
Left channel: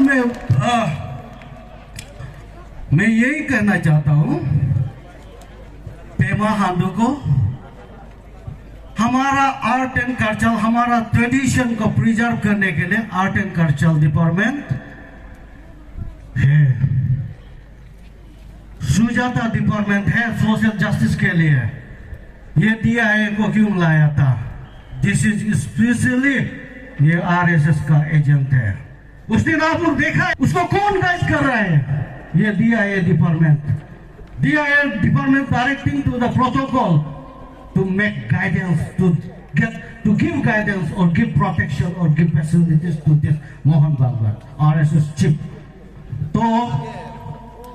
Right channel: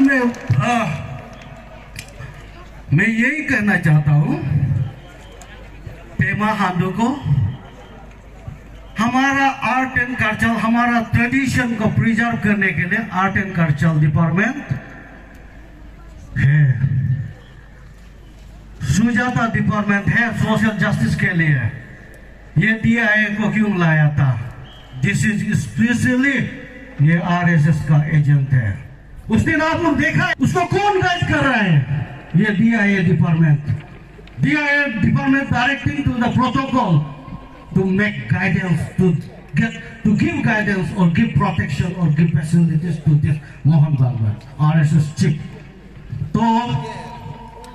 मैं यही कहना चाहता हूं पेमा खांडू को, हमारा आर्ट एंड कल्चर, हमारा ट्रेडिशन को प्रिजर्व करने के लिए आर्ट एंड कल्चर डिपार्टमेंट है, सुजाता डिपार्टमेंट है सोशल जस्टिस के लिए। ये DIA को क्यों लाया था? दिस इज स्पेशली ये आरएसएस का एजेंट है। उस दिन आप लोग देखा है उसको कौन गाइड कर रहा है? ये DIA department directing to the protocol to make guidance, to give guidance or give protection or give facilities to this Mohan Bhagwat RSS chief। तो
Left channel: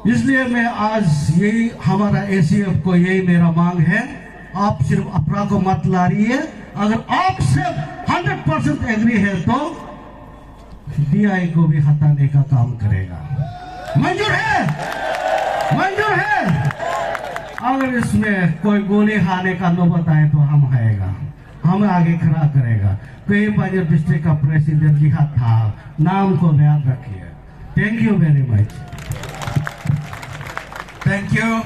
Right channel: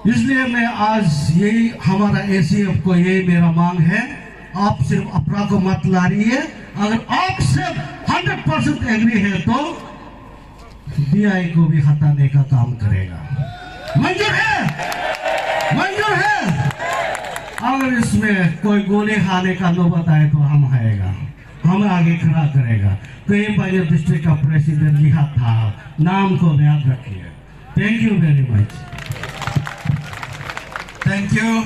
इसलिए मैं आज यही हमारा ACF को यही मेरा मांग है, आप सिर्फ अपना को मत लाइए, अगर आप सिर्फ 100% एग्री है तो DI को भी हटाने का काम करेगा। मंजूर है? मंजूर है? अगर इसमें कोई गोली खाने का नौबत आए तो हम आएगा, हम आगे खड़ा करेगा। कई बार डिस्ट्रिक्ट का प्रेसिडेंट लिखा था, नाम को याद रखिए। Thank you very much. Thank you.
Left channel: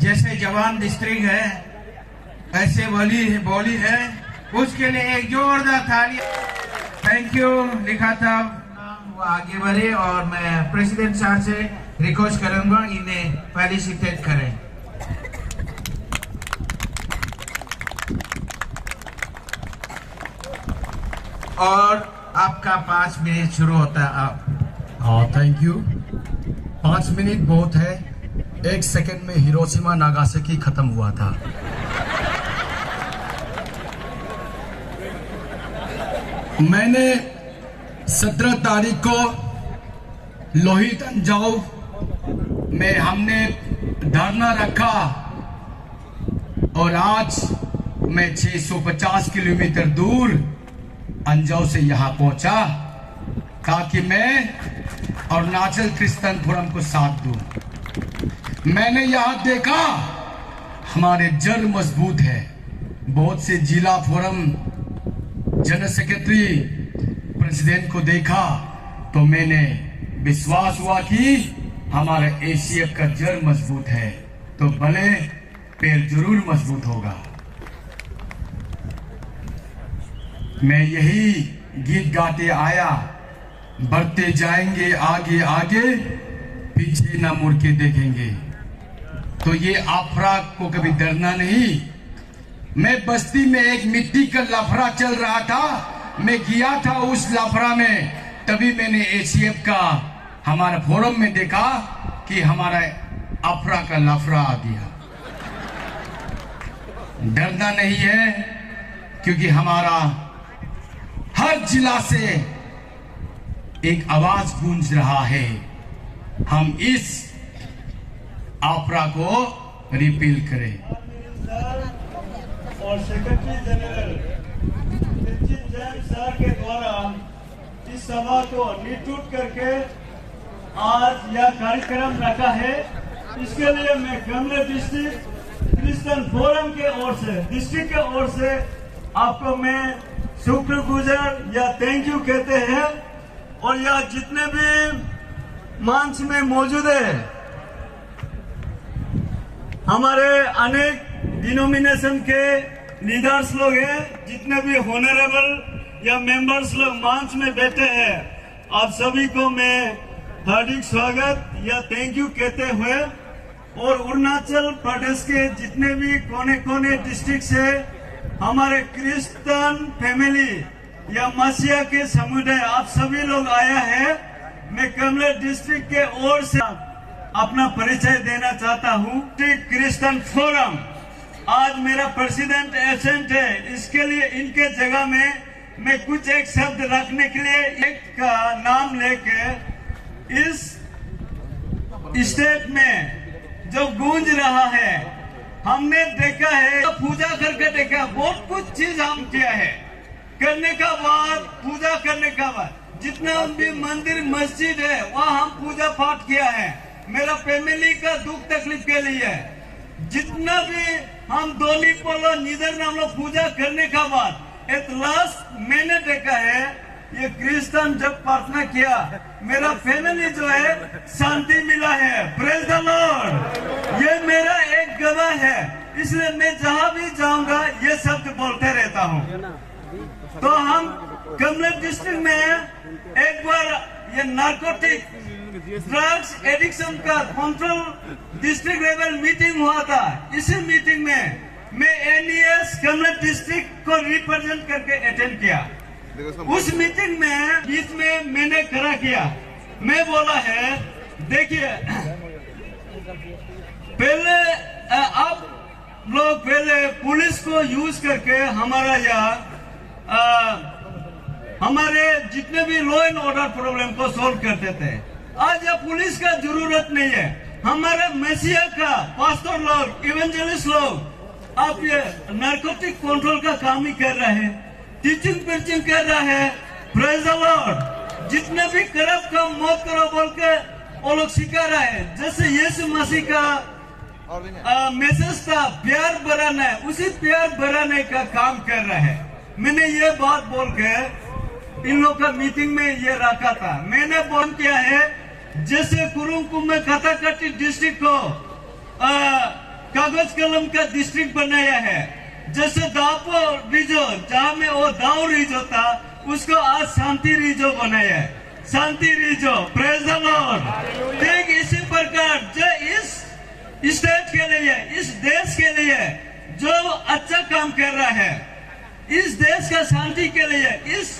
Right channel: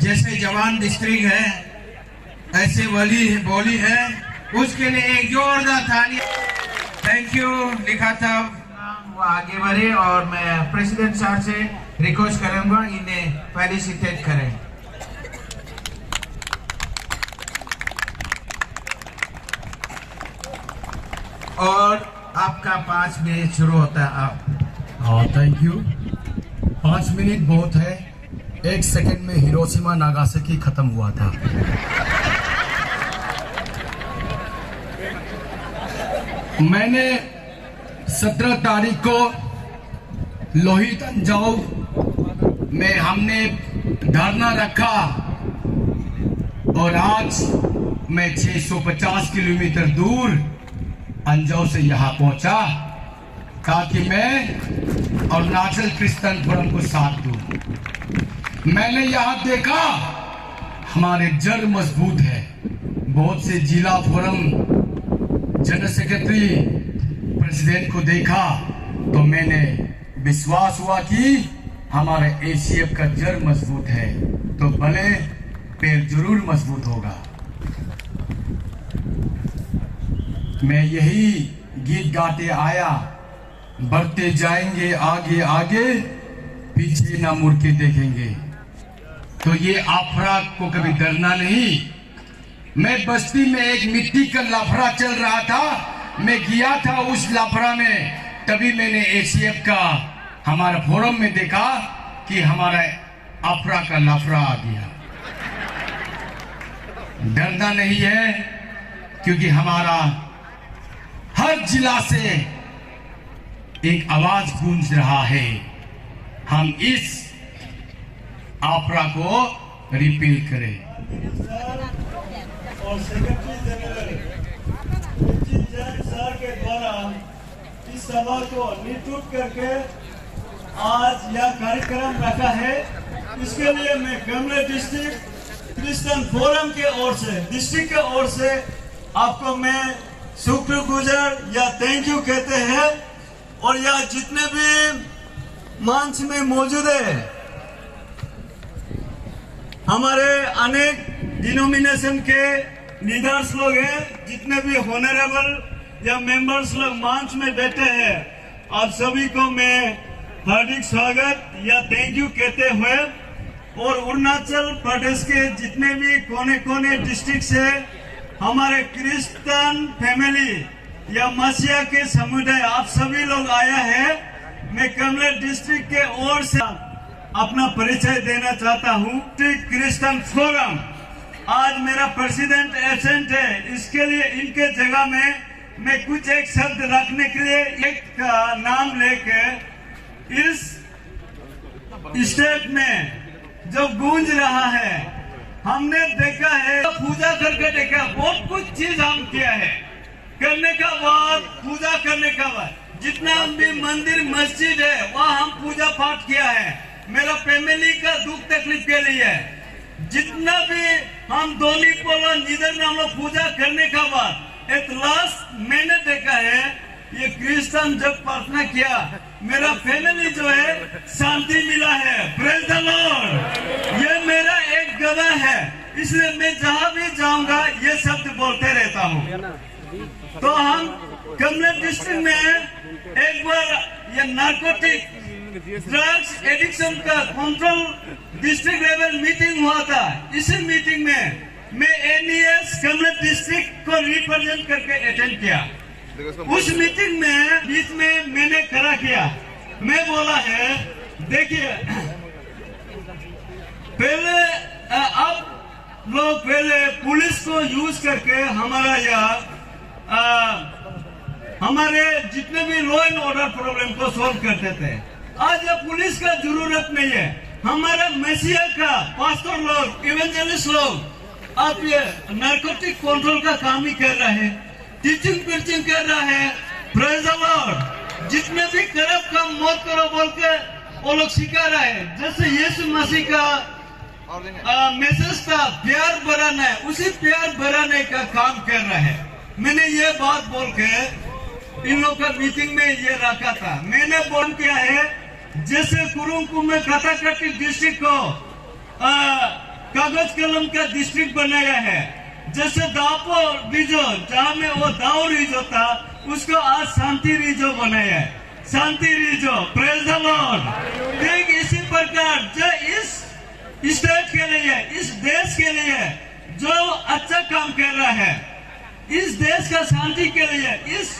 जैसे जवान डिस्ट्रिक्ट है ऐसे बोली है, उसके लिए एक जोरदार ताली। Thank you. लिखा था वो आगे बढ़े और मैं प्रेसिडेंट सर से रिक्वेस्ट करूंगा इन्हें फेलिसिटेट करें। और आपका 5 मिनट शुरू होता है। आप हाँ थैंक यू। 5 मिनट बहुत है। 1 सेकंड में हिरोशिमा नागासाकी खत्म हुआ था। मैंने 17 तारीख को लोहित अंजाव में हमने धरना रखा और आज मैं 650 किलोमीटर दूर अंजाव से यहाँ पहुंचा ताकि मैं अरुणाचल क्रिश्चियन फोरम को साथ दूं। मैंने यहाँ देखा हमारे जड़ मजबूत है। बहुत से जिला फोरम जनरल सेक्रेटरी प्रेसिडेंट को देखा तो मैंने विश्वास हुआ कि हमारे ACF का जड़ मजबूत है तो भले पैर जरूर मजबूत होगा। मैं यही गीत गाते आया, बढ़ते जाएंगे आगे आगे, पीछे ना मुड़ के देखेंगे। तो ये आफरा को कभी डरना नहीं। मैं बस्ती में एक मिट्टी का लाफड़ा चल रहा था, मैं गया था उस लाफड़ा में, तभी मैंने ACF का हमारा फोरम में देखा कि हमारा आफरा का लाफड़ा आ गया। डरना नहीं है क्योंकि हमारा हर जिला से एक आवाज गूंज रहा है, हम इस आफरा को रिपील करें। और सेक्रेटरी जनरल जैन सर के द्वारा इस सभा को निटूट करके आज यह कार्यक्रम रखा है, इसके लिए मैं कमला डिस्ट्रिक्ट क्रिश्चियन फोरम के ओर से, डिस्ट्रिक्ट के ओर से आपको मैं शुक्रगुजार या थैंक यू कहते हैं। और यह जितने भी मंच में मौजूद है, हमारे अनेक डिनोमिनेशन के लीडर्स लोग हैं, जितने भी होनरेबल या मेंबर्स लोग मंच में बैठे हैं, आप सभी को मैं हार्दिक स्वागत या थैंक यू कहते हुए, और अरुणाचल प्रदेश के जितने भी कोने कोने डिस्ट्रिक्ट से हमारे क्रिश्चियन फैमिली या मसीहा के समुदाय आप सभी लोग आया है, मैं कमला डिस्ट्रिक्ट के ओर से अपना परिचय देना चाहता हूँ। क्रिश्चियन फोरम आज मेरा प्रेसिडेंट एब्सेंट है, इसके लिए इनके जगह में मैं कुछ एक शब्द रखने के लिए एक नाम लेके इस स्टेट में जो गूंज रहा है, हमने देखा है, पूजा करके देखा, बहुत कुछ चीज हम किया है, करने का बाद पूजा करने का बाद जितना भी मंदिर मस्जिद है वहाँ हम पूजा पाठ किया है, मेरा फैमिली का दुख तकलीफ के लिए जितना भी हम दोनी बोलो निधर हम लोग पूजा करने का बाद एट लास्ट मैंने देखा है ये क्रिश्चियन जब प्रार्थना किया मेरा फैमिली जो है शांति मिला है। Praise the Lord. ये मेरा एक गवाह है, इसलिए मैं जहाँ भी जाऊंगा ये शब्द बोलते रहता हूँ। तो हम कमला डिस्ट्रिक्ट में एक बार ये नार्कोटिक ड्रग्स एडिक्शन का कंट्रोल डिस्ट्रिक्ट लेवल मीटिंग हुआ था। इसी मीटिंग में मैं NES कमल डिस्ट्रिक्ट को रिप्रेजेंट करके अटेंड किया। उस मीटिंग में बीच में मैंने खड़ा किया, मैं बोला है देखिए पहले आप लोग पहले पुलिस को यूज करके हमारा हमारे जितने भी लॉ एंड ऑर्डर प्रॉब्लम को सॉल्व करते थे। आज यह पुलिस का जरूरत नहीं है। हमारे मसीहा का पास्टर लोग, इवेंजलिस्ट लोग आप ये नारकोटिक कंट्रोल का काम ही कर रहे हैं, टीचिंग प्रीचिंग कर रहे हैं। Praise the Lord. जितने भी करप्ट काम मौत करो बोल के वो लोग सिखा रहे हैं। जैसे यीशु मसीह का मैसेज था प्यार बढ़ाना है, उसी प्यार बढ़ाने का काम कर रहा है। मैंने ये बात बोल के इन लोग का मीटिंग में ये रखा था। मैंने बोल किया है जैसे कुरुंकुम में कथाकटी डिस्ट्रिक्ट को कागज कलम का डिस्ट्रिक्ट बनाया है, जैसे दापो रिजो जहाँ में वो दाव रिजो था उसको आज शांति रिजो बनाया है, शांति रिजो। Praise the lord. ठीक इसी प्रकार जो इस स्टेट के लिए, इस देश के लिए जो अच्छा काम कर रहा है, इस देश का शांति के लिए, इस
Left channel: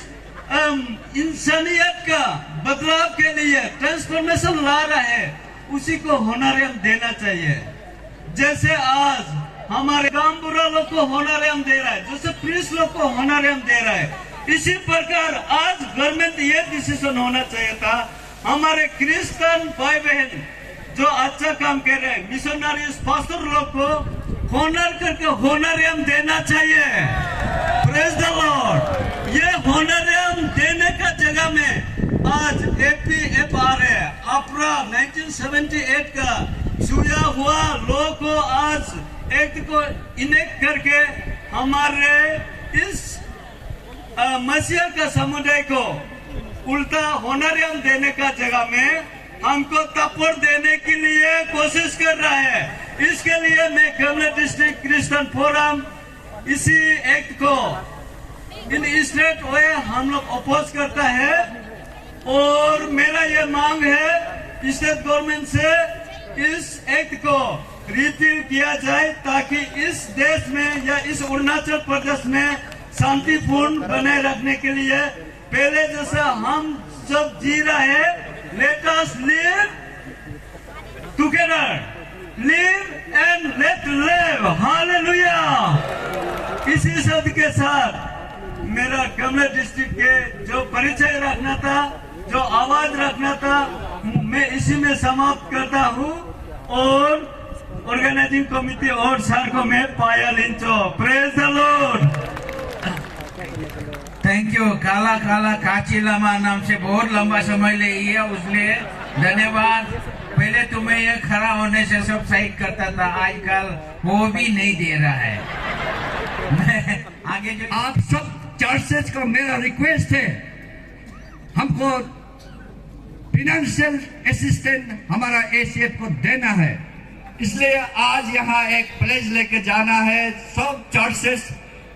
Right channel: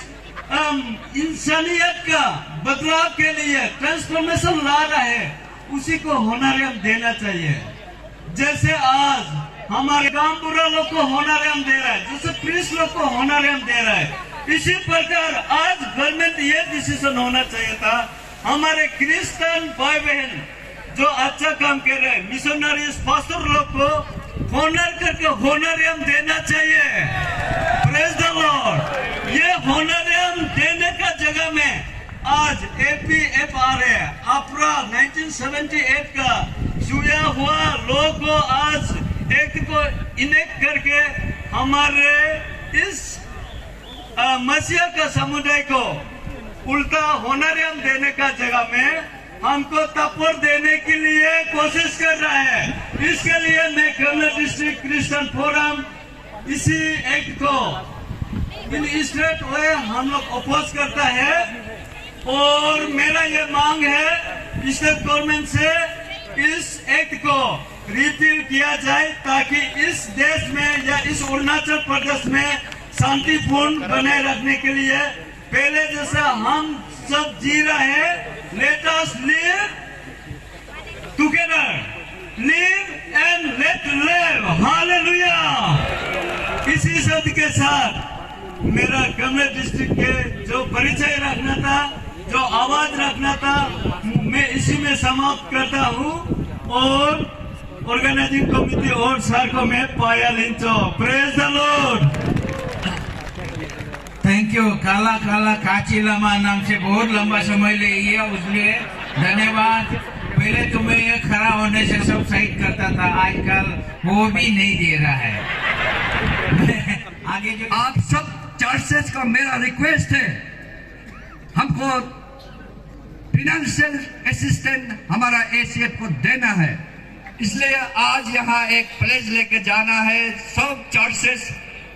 इंसानियत का बदलाव के लिए ट्रांसफॉर्मेशन ला रहा है, उसी को होनरियम देना चाहिए। जैसे आज हमारे गामबुरा लोग को होनरियम दे रहा है, जैसे प्रीस्ट लोग को होनरियम दे रहा है, इसी प्रकार आज गवर्नमेंट ये डिसीजन होना चाहिए था हमारे क्रिश्चियन भाई बहन जो अच्छा काम कर रहे हैं, मिशनरीज पास्टर लोग को होनर करके होनरियम देना चाहिए। Praise the Lord. ये होनरियम देने का जगह में आज APFR है, AFRA 1978 का छुआ हुआ लोग को आज एक्ट को इनेक्ट करके हमारे इस मसीहा का समुदाय को उल्टा होनरियम देने का जगह में हमको तपोर देने के लिए कोशिश कर रहा है। इसके लिए मैं कमल डिस्ट्रिक्ट क्रिश्चियन फोरम इसी एक्ट को इन स्टेट वे हम लोग अपोज करता है और मेरा ये मांग है स्टेट गवर्नमेंट से इस एक्ट को रिपील किया जाए ताकि इस देश में या इस अरुणाचल प्रदेश में शांतिपूर्ण बनाए रखने के लिए पहले जैसा हम सब जी रहे हैं। Let us live together, live and let live, Hallelujah। इसी शब्द के साथ मेरा कमल डिस्ट्रिक्ट के जो परिचय रखना था, जो आवाज रखना था, मैं इसी में समाप्त करता हूँ और ऑर्गेनाइजिंग कमिटी और सर को मैं पाया लिंचो। Praise the Lord. Thank you. काला काला काची लमा नाम से बहुत लंबा समय ले लिया, उसलिए धन्यवाद। पहले तुम्हें ये खड़ा होने से सब साइड करता था, आजकल वो भी नहीं दे रहा है। आगे जो आप सब चर्चेस का मेरा रिक्वेस्ट है, हमको फाइनेंशियल असिस्टेंट हमारा ACF को देना है, इसलिए आज यहाँ एक प्लेज लेके जाना है। सब चर्चेस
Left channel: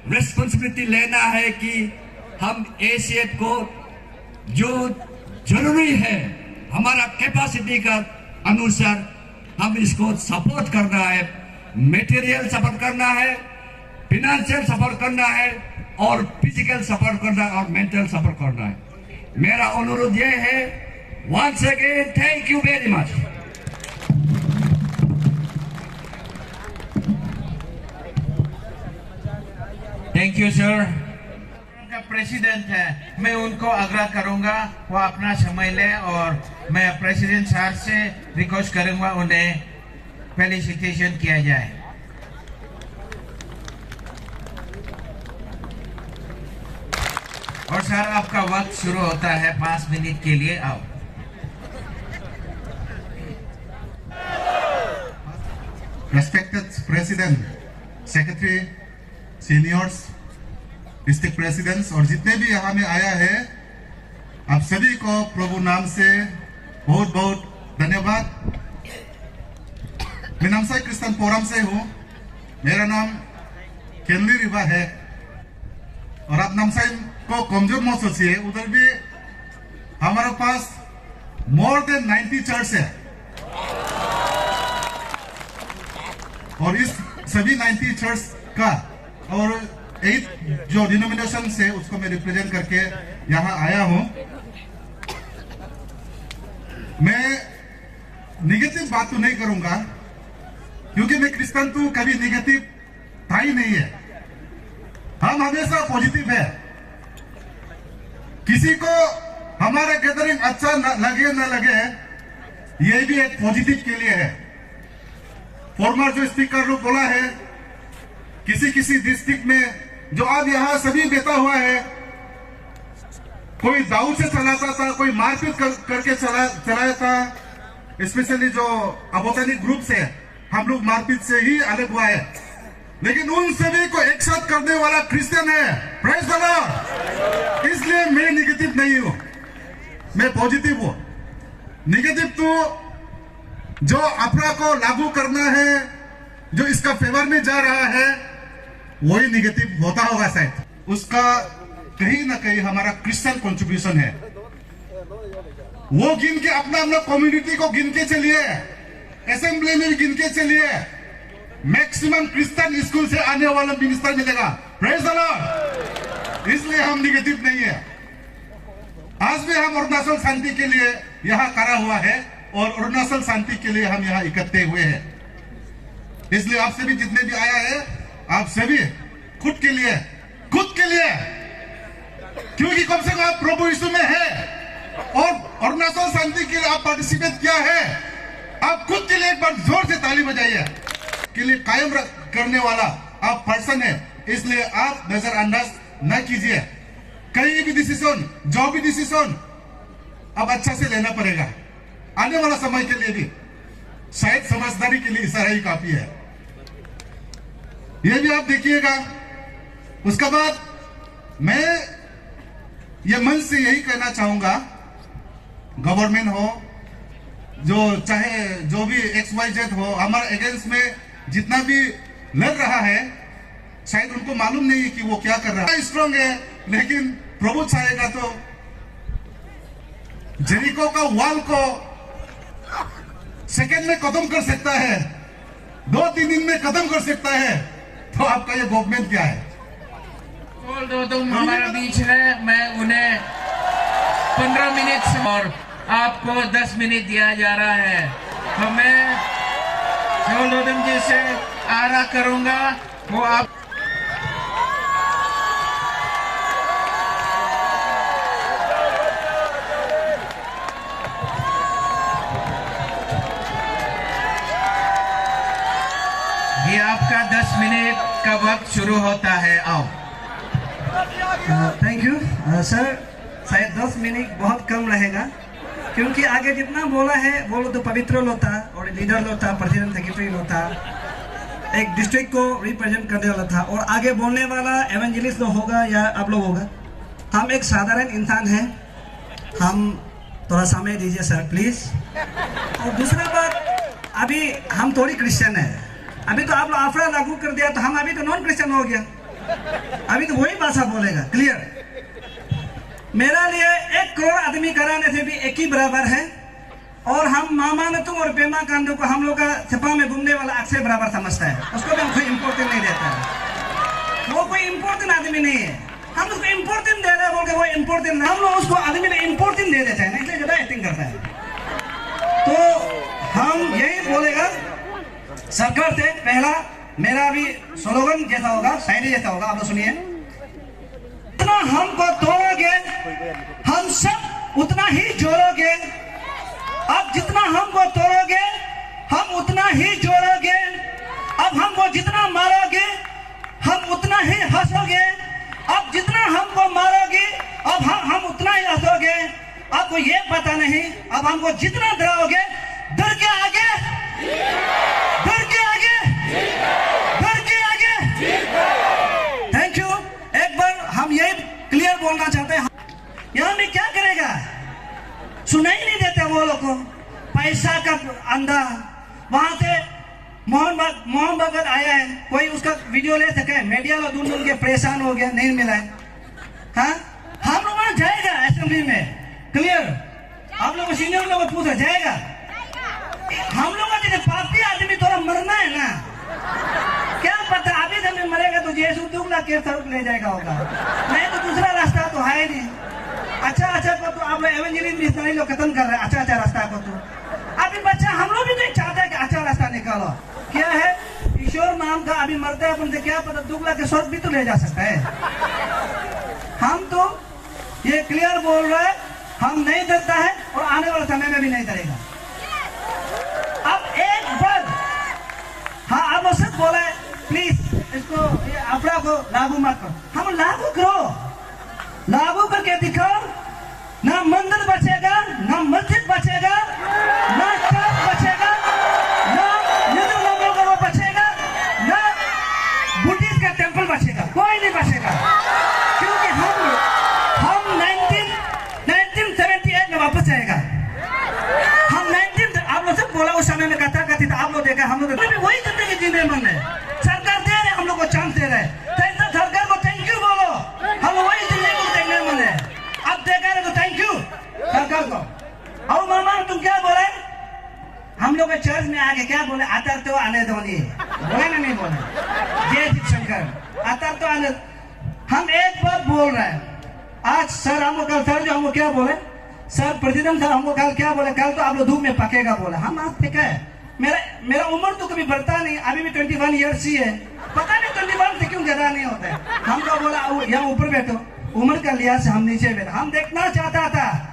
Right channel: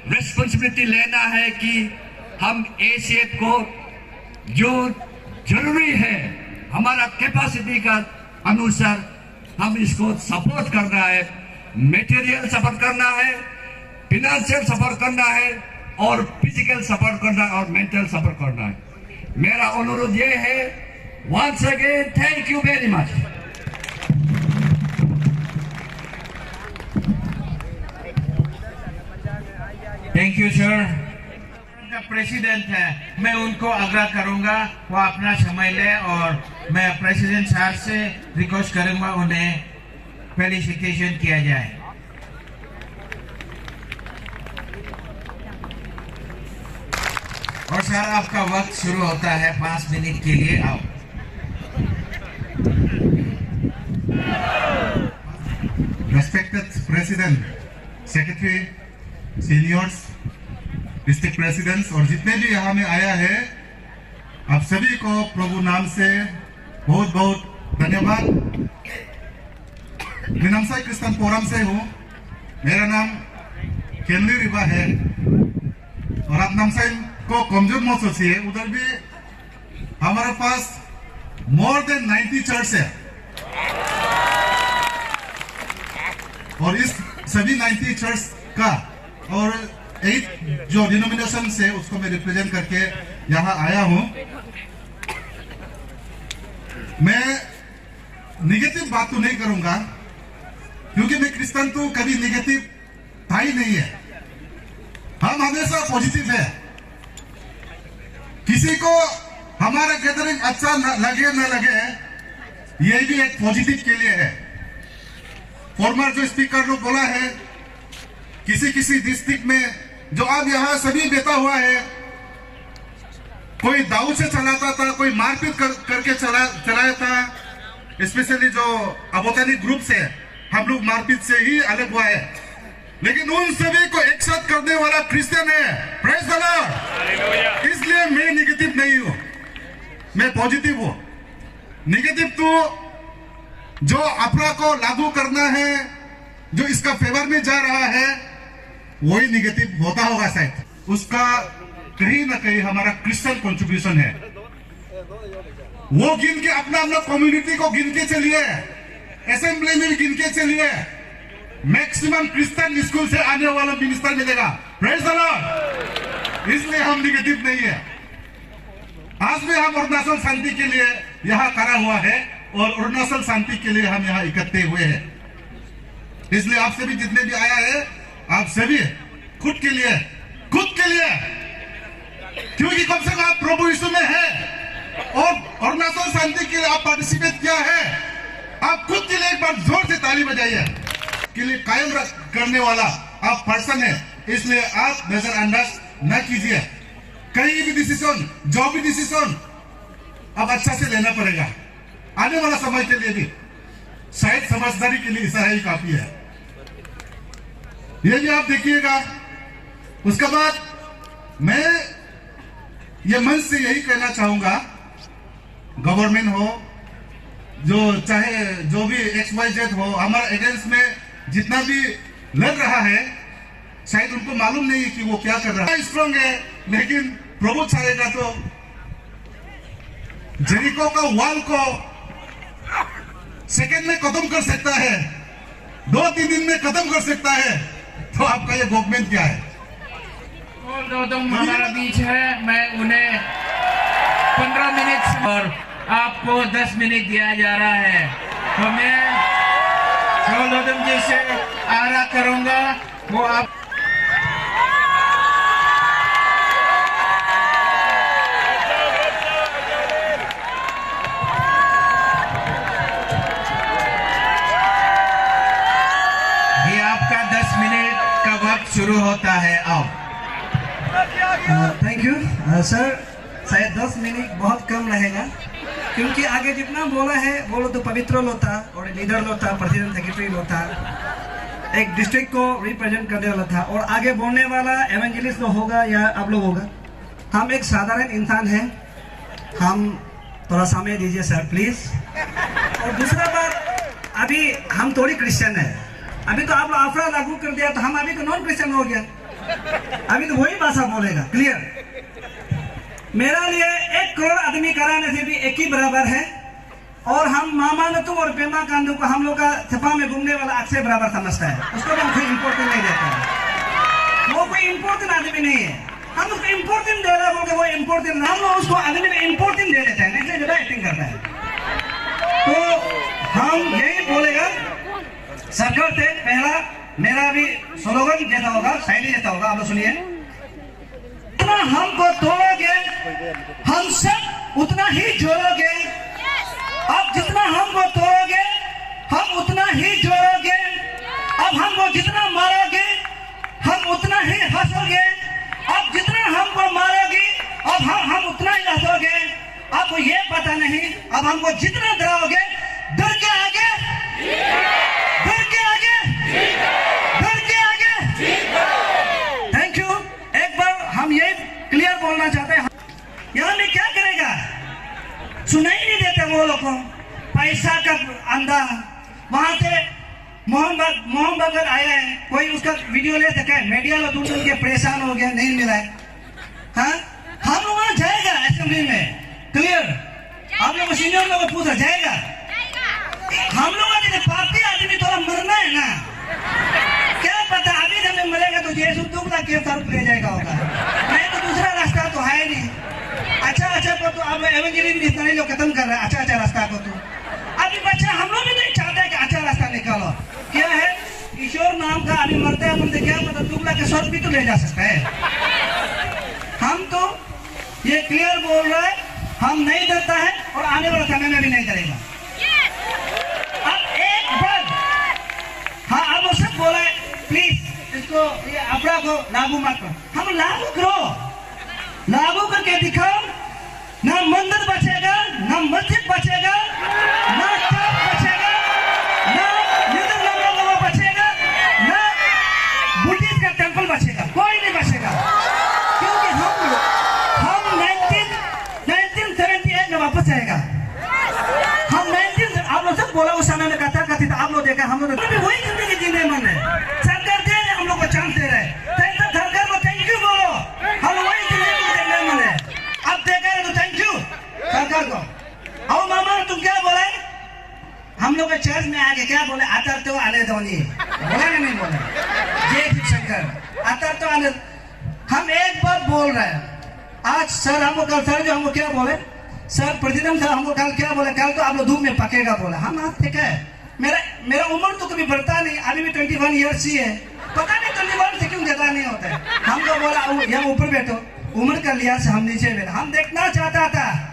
रिस्पॉन्सिबिलिटी लेना है कि हम ACF को जो जरूरी है हमारा कैपेसिटी का अनुसार हम इसको सपोर्ट करना है, मटेरियल सपोर्ट करना है, फाइनेंशियल सपोर्ट करना है और फिजिकल सपोर्ट करना है और मेंटल सपोर्ट करना है। मेरा अनुरोध ये है, once again thank you very much. Thank you sir. President है, मैं उनको आग्रह करूंगा वो अपना समय ले और मैं प्रेसिडेंट सर से रिक्वेस्ट करूंगा उन्हें फेलिसिटेशन किया जाए। और सर आपका वक्त शुरू होता है 5 मिनट के लिए। आप Respected President, Secretary, Seniors, district presidents और जितने भी यहाँ में आया है, आप सभी को प्रभु नाम से बहुत बहुत धन्यवाद। मैं नामसाई क्रिश्चियन फोरम से हूँ, मेरा नाम केनली रिवा है और आप नामसाई को कमजोर मत सोचिए, उधर भी हमारे पास मोर देन 90 चर्च है और इस सभी 90 चर्च का और 8 जो डिनोमिनेशन है उसको मैं रिप्रेजेंट करके यहाँ आया हूँ। मैं निगेटिव बात तो नहीं करूंगा क्योंकि मैं क्रिश्चियन तो कभी निगेटिव था ही नहीं है। हम हमेशा पॉजिटिव है। किसी को हमारा गैदरिंग अच्छा लगे ना लगे, ये भी एक पॉजिटिव के लिए है। फॉर्मर जो स्पीकर ने बोला है, किसी डिस्ट्रिक्ट में जो अब यहाँ सभी बेटा हुआ है, कोई दाऊ से चलाता था, कोई मारपीट करके चलाया था। स्पेशली जो अबोतानिक ग्रुप से हम लोग मारपीट से ही अलग हुआ है, लेकिन उन सभी को एक साथ करने वाला क्रिश्चियन है। Praise the Lord. इसलिए मैं निगेटिव नहीं हूं, मैं पॉजिटिव हूं। निगेटिव तो जो अफरा को लागू करना है, जो इसका फेवर में जा रहा है, वही निगेटिव होता होगा शायद। उसका कहीं ना कहीं हमारा क्रिश्चियन कंट्रीब्यूशन है। वो गिन के अपना कम्युनिटी को गिन के चलिए, असेंबली में गिन के चलिए, मैक्सिमम क्रिश्चियन स्कूल से आने वाला मिनिस्टर मिलेगा। Praise the Lord. इसलिए हम निगेटिव नहीं है। आज भी हम अरुणाचल शांति के लिए यहाँ खड़ा हुआ है और अरुणाचल शांति के लिए हम यहाँ इकट्ठे हुए हैं। इसलिए आप सभी जितने भी आया है, आप सभी खुद के लिए, क्योंकि कम से कम आप प्रभु यीशु में है और अरुणाचल शांति के लिए आप पार्टिसिपेट किया है। आप खुद के लिए एक बार जोर से ताली बजाइए। के लिए कायम करने वाला आप पर्सन है, इसलिए आप नजरअंदाज न कीजिए। कहीं भी डिसीजन, जो भी डिसीजन अब अच्छा से लेना पड़ेगा। आने वाला समय के लिए भी शायद समझदारी के लिए ऐसा ही काफी है। ये भी आप देखिएगा। उसके बाद मैं ये मन से यही कहना चाहूंगा, गवर्नमेंट हो, जो चाहे जो भी XYZ हो, हमारे अगेंस्ट में जितना भी लड़ रहा है, शायद उनको मालूम नहीं है कि वो क्या कर रहा है। स्ट्रांग है, लेकिन प्रभु चाहेगा तो जेरिको का वॉल को सेकेंड में खत्म कर सकता है, 2-3 दिन में खत्म कर सकता है। तो आपका ये गवर्नमेंट क्या है? हमारा बीच है। मैं उन्हें 15 मिनट और आपको 10 मिनट दिया जा रहा है। तो मैं सौलदम जी से आरा करूंगा, वो आप ये आपका 10 मिनट का वक्त शुरू होता है। आओ। Thank you sir. शायद 10 मिनट बहुत कम रहेगा, क्योंकि आगे जितना बोला है वो लोग तो पवित्र लोग था और लीडर लोग था, प्रेसिडेंट सेक्रेटरी लोग था, एक डिस्ट्रिक्ट को रिप्रेजेंट करने वाला था, और आगे बोलने वाला एवेंजलिस्ट लोग होगा या आप लोग होगा। हम एक साधारण इंसान हैं, हम थोड़ा समय दीजिए सर प्लीज। और दूसरा बात, अभी हम थोड़ी क्रिश्चियन है। अभी तो आप लोग आफरा लागू कर दिया, तो हम अभी तो नॉन क्रिश्चियन हो गया। अभी तो वही भाषा बोलेगा क्लियर। मेरा लिए 1 करोड़ आदमी कराने से भी एक ही बराबर है, और हम मामा नतुम और पेमा कांडू को हम लोग का सपा में घूमने वाला अक्सर बराबर समझता है। उसको तो कोई इम्पोर्टेंट नहीं देता है। वो कोई इम्पोर्टेंट आदमी नहीं है। हम उसको इम्पोर्टेंट दे रहे हैं, बोल के वो इम्पोर्टेंट, हम लोग उसको आदमी में इम्पोर्टेंट दे देते हैं, नहीं ज्यादा एक्टिंग करता है। तो हम यही बोलेगा सरकार से, पहला मेरा भी स्लोगन जैसा होगा, शायरी जैसा होगा, आप लोग सुनिए। जितना हमको तोड़ोगे हम सब उतना ही जोड़ोगे। अब जितना हमको तोड़ोगे हम उतना ही जोड़ोगे। अब हमको जितना मारोगे हम उतना ही हंसोगे। अब जितना हमको मारोगे अब हम उतना ही हंसोगे। आपको ये पता नहीं, अब हमको जितना डराओगे, डर के आगे, डर के आगे, डर के आगे। Thank you. एक बार हम यही क्लियर बोलना चाहते हैं, यहाँ में क्या करेगा, सुनाई नहीं देते वो लोग को, पैसा का अंधा। वहां से मोहम्मद अगर आया है, कोई उसका वीडियो ले सका है, मीडिया लोग ढूंढ के परेशान हो गया, नहीं मिला। हाँ, हम लोग वहां जाएगा असेंबली में, क्लियर। आप लोग सीनियर लोगों को पूछा जाएगा। हम लोग पार्टी आदमी थोड़ा मरना है ना, क्या पता अभी तक मरेगा। यीशु दुगला के तरफ ले जाएगा होगा, नहीं तो दूसरा रास्ता तो है नहीं। अच्छा को तो अब एवेंजलिस्ट इतना लोग खत्म कर रहे हैं अच्छा रास्ता को। तो अभी बच्चा हम लोग भी नहीं चाहते कि अच्छा रास्ता निकालो। क्या है ईश्वर नाम का अभी मरते हैं बंदे, क्या पता दुगला के स्वर्ग भी तो ले जा सकता है। हम तो ये क्लियर बोल रहे हैं, हम नहीं डरता है और आने वाले समय में भी नहीं डरेगा। अब एक बार हाँ आप लोग सब बोले प्लीज इसको ये अपना को लागू मत करो, हम लागू करो, लागू करके दिखाओ। ना मंदिर बचेगा, ना मस्जिद बचेगा, ना चर्च बचेगा, ना हिंदू लोगों का बचेगा, ना बुद्धिस्ट का टेंपल बचेगा, कोई नहीं बचेगा। क्योंकि हम 1978 में वापस जाएगा। हम 19 आप लोग सब बोला उस समय में कथा कथी था, आप लोग देखा, हम लोग भी वही जिंदगी जीने मन है। सरकार दे रहे हम लोग को चांस दे रहे, सरकार को थैंक यू बोलो, हम वही जिंदगी को देखने मन है। अब देखा रहे तो थैंक यू सरकार को। और मामा तुम क्या बोले, हम लोग चर्च में आके क्या बोले, आतर तो आने दो, बोले ना नहीं बोले, जय शंकर आतर तो आने। हम एक बार बोल रहे हैं, आज सर हमको कल सर जो हमको क्या बोले, सर प्रेसिडेंट साहब हमको कल क्या बोले, कल तो आप लोग धूप में पकेगा बोला। हम आज ठीक है, मेरा उम्र तो कभी बढ़ता नहीं, अभी भी 21 ईयर्स ही है, पता नहीं 21 से क्यों ज्यादा नहीं होता है। हमको बोला यहाँ ऊपर बैठो, उम्र का लिहाज से हम नीचे बैठा, हम देखना चाहता था।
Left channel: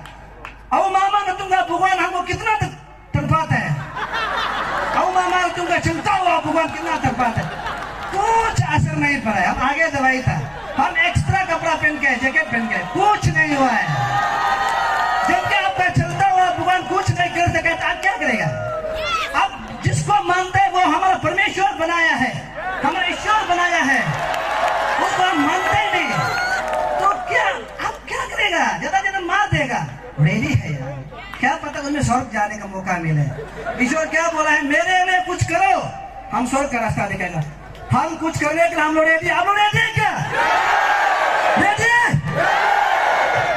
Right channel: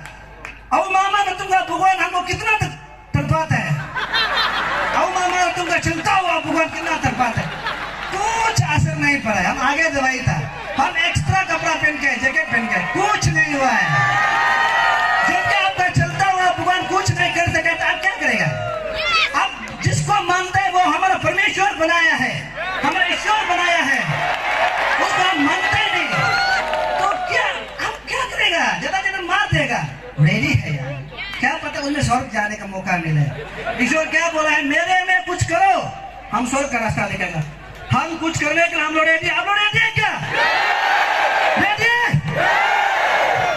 अब मामा में तुमका भगवान हमको कितना तड़पाता है, अब मामा में तुमका चलता हुआ भगवान कितना तड़पाता है, कुछ असर नहीं पड़ा है। हम आगे दवाई था, हम एक्स्ट्रा कपड़ा पहन के जैकेट पहन के, कुछ नहीं हुआ है। जबकि आपका चलता हुआ भगवान कुछ नहीं कर सके तो आप क्या करेगा। अब जिसको मानते हैं वो हमारा परमेश्वर बनाया है, हमारा ईश्वर बनाया है, उसको हम मानते नहीं तो क्या हम क्या करेगा, ज्यादा मार देगा, मेरी है क्या पता उन्हें स्वर्ग जाने का मौका मिले। ईश्वर क्या बोला है, मेरे में कुछ करो हम स्वर्ग का रास्ता दिखाएगा। हम कुछ करने के लिए हम लोग रेडी, आप लोग रेडी है क्या, रेडी है।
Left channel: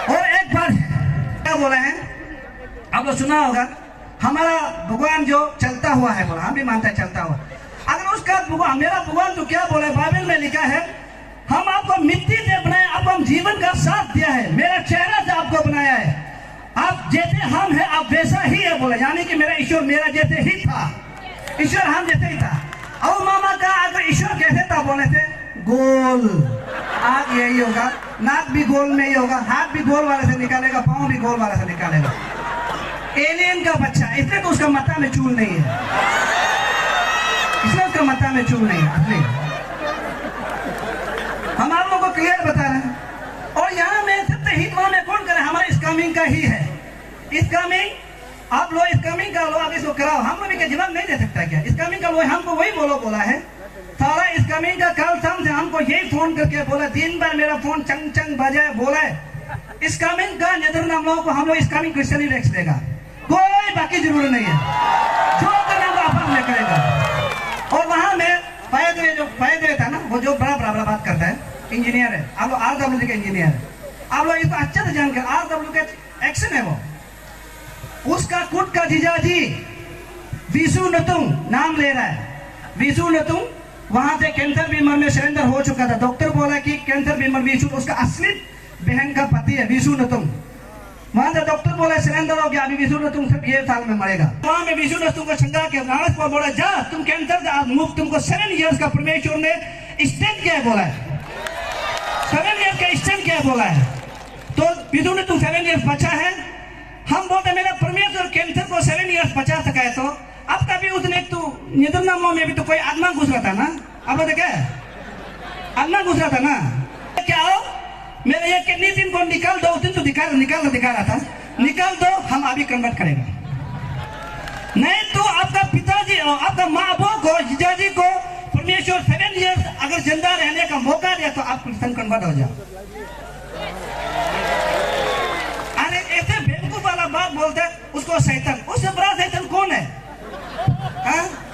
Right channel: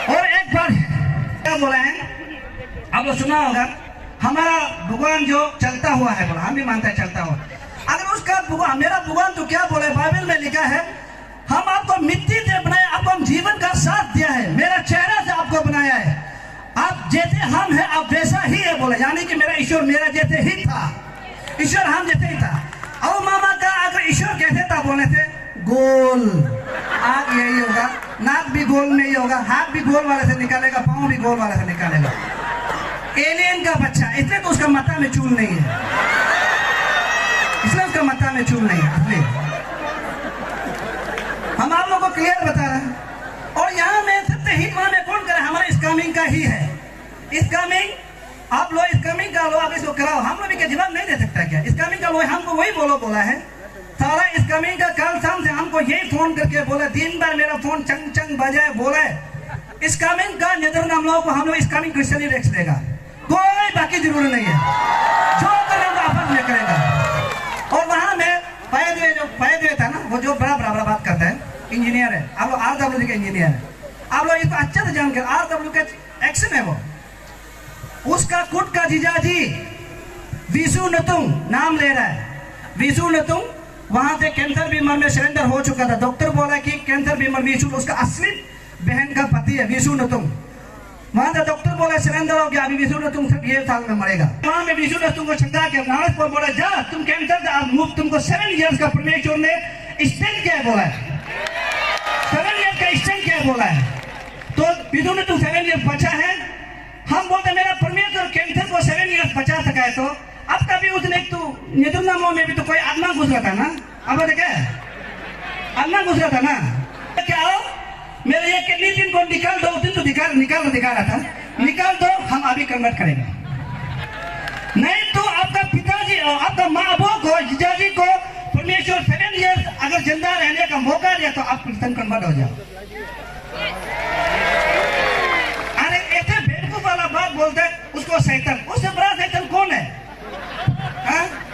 और एक बार क्या बोला है आप लोग सुना होगा, हमारा भगवान जो चलता हुआ है बोला, हम भी मानते हैं चलता हुआ। अगर उसका भगवान, मेरा भगवान तो क्या बोला है, बाइबल में लिखा है, हम आपको मिट्टी से बनाए, आपको हम जीवन का साथ दिया है, मेरा चेहरा से आपको बनाया है, आप जैसे हम हैं आप वैसा ही है बोला। यानी कि मेरा ईश्वर मेरा जैसे ही था, ईश्वर हम जैसे ही था। और मामा का अगर ईश्वर कैसे था बोले थे, गोल, आग यही होगा, नाक भी गोल में ही होगा, हाथ भी गोल वाले से निकालेगा, पाँव भी गोल वाले से निकालेगा। एलियन का बच्चा, इसलिए तो उसका माथा में चूल नहीं है, इसलिए उसका माथा में चूल नहीं है। हम आप लोग को क्लियर बता रहे हैं। और यहाँ में सबसे हिट वहां में कौन करे, हमारा इस्कामिंग का ही है। इस्कामिंग आप लोग इस्कामिंग का लो, आप इसको कराओ, हम लोग क्या जवाब नहीं दे सकता क्या। इस्कामिंग का लोग हमको वही बोला है, सारा इस्कामिंग का कल शाम से हमको यही फोन करके बोला, दिन भर मेरा फोन चंग चंग बजाए, बोले इस्कामिंग का निधन हम लोगों को, हम लोग इस्कामिंग क्रिश्चियन ही रख देगा, कोई बाकी जरूरत नहीं है, जो करने को आपस में करेगा। और वहां में फायदे था ना, वो जो बड़ा बात करता है, इंजीनियर है, आप लोग RWD के इंजीनियर है, आप लोग इसको अच्छे से जानकर, RWD का एक्शन है वो, उसका खुद का जीजाजी विशु नतुंग नाम ले रहा है। विशु नतुंग वहां से कैंसर बीमार में सरेंडर हो चुका था, डॉक्टर बोला कि कैंसर बीमार विशु, उसका असली बहन का पति है विशु नतुंग। वहां से डॉक्टर बोला सरेंडर हो गया, अभी विशु नतुंग सिर्फ 1 साल में मरेगा। वहां में विशु नतुंग को छंगा के वहां को बोला, जा तुम कैंसर से मुक्त, तुमको 7 ईयर्स का परमेश्वर ने स्टेंट किया बोला है, 7 ईयर्स का स्टेंट किया बोला है। तो विशु नतुंग 7 ईयर्स बचा है। हम बोलते मेरा परमेश्वर कैंसर को 7 ईयर्स बचा सका है, तो अब कभी उसने तो निधन में भी तो कोई आत्मा घुस रहा था ना, अब क्या आत्मा घुस रहा था ना, क्या हो मेरे ये किडनी दिन को निकाल दो, उस दिन तो दिखा रहा था, निकाल दो, हम अभी कन्वर्ट करेंगे। नहीं तो आपका पिताजी और आपका माँ बाप को, जीजाजी को परमेश्वर 7 ईयर्स अगर जिंदा रहने का मौका दिया तो आप क्रिश्चियन कन्वर्ट हो जाओ। अरे ऐसे बेवकूफ वाला बात बोलते हैं उसको शैतान, उससे बड़ा शैतान कौन है?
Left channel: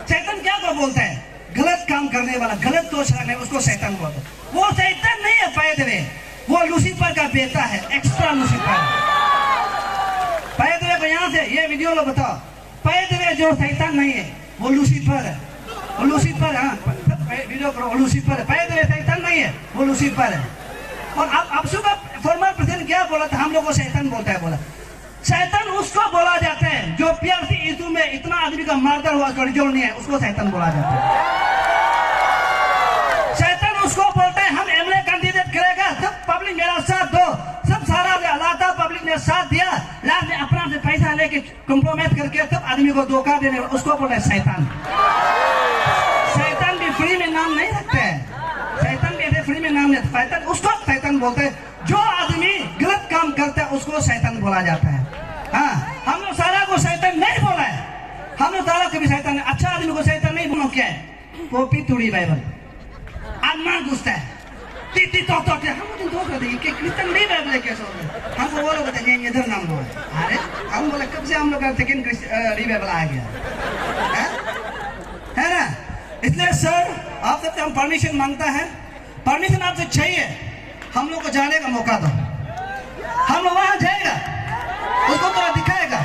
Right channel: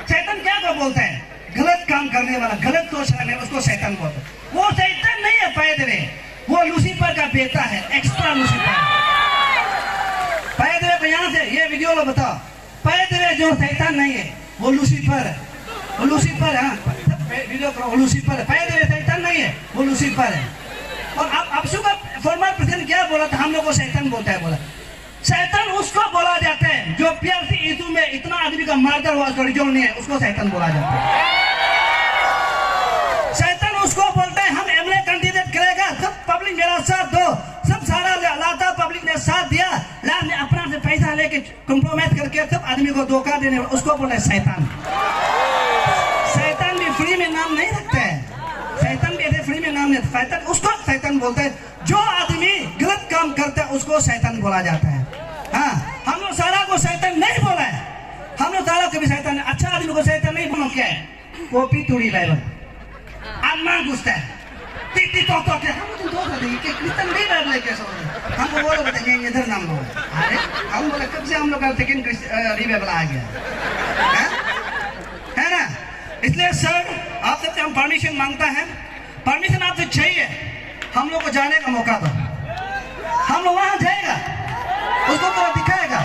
शैतान क्या को बोलता है? गलत काम करने वाला, गलत सोच रहा है, उसको शैतान बोलते हैं। वो शैतान नहीं है पैदरे, वो लूसीफर का बेटा है, एक्स्ट्रा लूसीफर। पैदरे को यहाँ से ये वीडियो लो, बताओ पैदरे जो शैतान नहीं है वो लूसीफर है, वो लूसीफर है। वीडियो करो, वो लूसीफर है, पहले शैतान नहीं है, वो लूसीफर है। और अब का फॉर्मर प्रेसिडेंट क्या बोला था, हम लोग को शैतान बोलता है, बोला शैतान उसको बोला जाता है जो प्यार ईदू में इतना आदमी का मारकर हुआ जो नहीं है, उसको शैतान बोला जाता है। शैतान उसको बोलते हैं हम एमएलए कैंडिडेट करेगा, सब पब्लिक मेरा साथ दो, सब सारा लाता पब्लिक ने साथ दिया, लास्ट में अपना से पैसा लेके कॉम्प्रोमाइज करके सब आदमी को धोखा देने, उसको बोलते हैं शैतान। शैतान भी फ्री में नाम नहीं रखते हैं, शैतान भी ऐसे फ्री में नाम नहीं, शैतान उसको शैतान बोलते हैं जो आदमी गलत काम करता है, उसको शैतान बोला जाता है। हाँ, हम लोग सारा को शैतान नहीं बोला है, हम लोग सारा कभी शैतान, अच्छा आदमी को शैतान नहीं बोलो। क्या है? कॉपी तोड़ी बाइबल अम्मान घुसता है, टीटी तो क्या हम तो देंगे कि कितना नहीं बाइबल कैसे होगा, हमको वो लोग बताएंगे इधर नाम लो है। अरे हम बोले कब से हम लोग का सेकंड बाइबल आ गया है ना। इसलिए सर आप सबसे हम परमिशन मांगता है, परमिशन आपसे चाहिए, हम लोग को जाने का मौका दो, हम लोग वहां जाएगा, उसको थोड़ा दिखाएगा,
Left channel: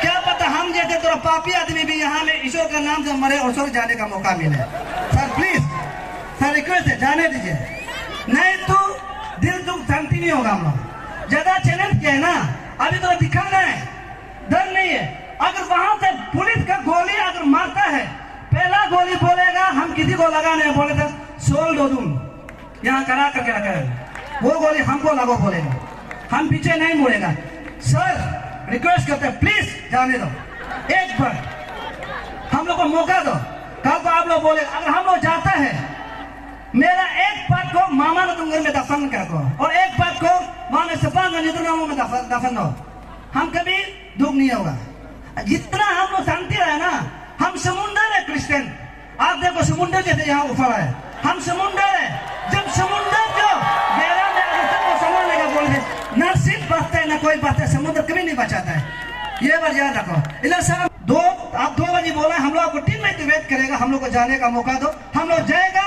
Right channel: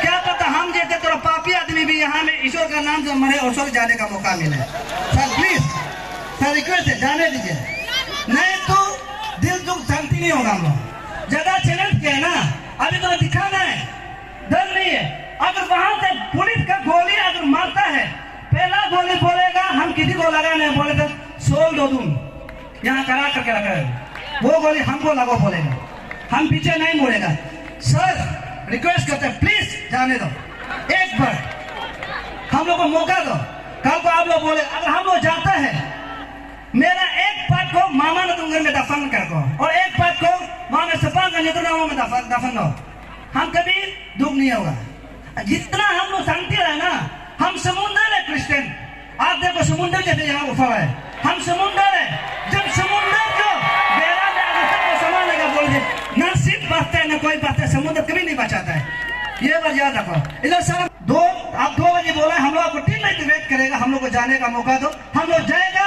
क्या पता हम जैसे थोड़ा पापी आदमी भी यहाँ में ईश्वर का नाम से मरे और स्वर्ग जाने का मौका मिले। सर प्लीज सर रिक्वेस्ट है, जाने दीजिए, नहीं तो दिल दुख शांति नहीं होगा। हम लोग ज्यादा चैलेंज किया है ना, अभी तो दिखाना है, डर नहीं है। अगर वहां से पुलिस का गोली अगर मारता है, पहला गोली बोलेगा हम किसी को लगा नहीं, बोले तो सोल दो तुम यहाँ करा करके रखा है, वो गोली हमको लगो बोलेगा, हम पीछे नहीं मुड़ेगा। सर रिक्वेस्ट करते हैं प्लीज जाने दो, एक बार हम लोग को मौका दो। कल को आप लोग बोले अगर हम लोग जाता है, मेरा एक पार्ट को मामा ने तुम घर में दफन कर दो और एक पार्ट को वहां में सपा में दफन हो, हम कभी दुख नहीं होगा। जितना हम लोग शांति रहे ना, हम समुंदर है क्रिश्चियन, आप देखो समुंदर जैसे यहाँ उफर है, हम समुंदर है, जब समुंदर को देवा में सबको संभालेगा बोल दे, ना सिर्फ बचता है ना कोई बचता है, समुद्र कभी नहीं बचाता है, ये बात याद रखो। इसलिए सर आप 2 बजे बोला, हम लोग को टीम में वेट करेगा, हम लोग को जाने का मौका दो, हम लोग जाएगा,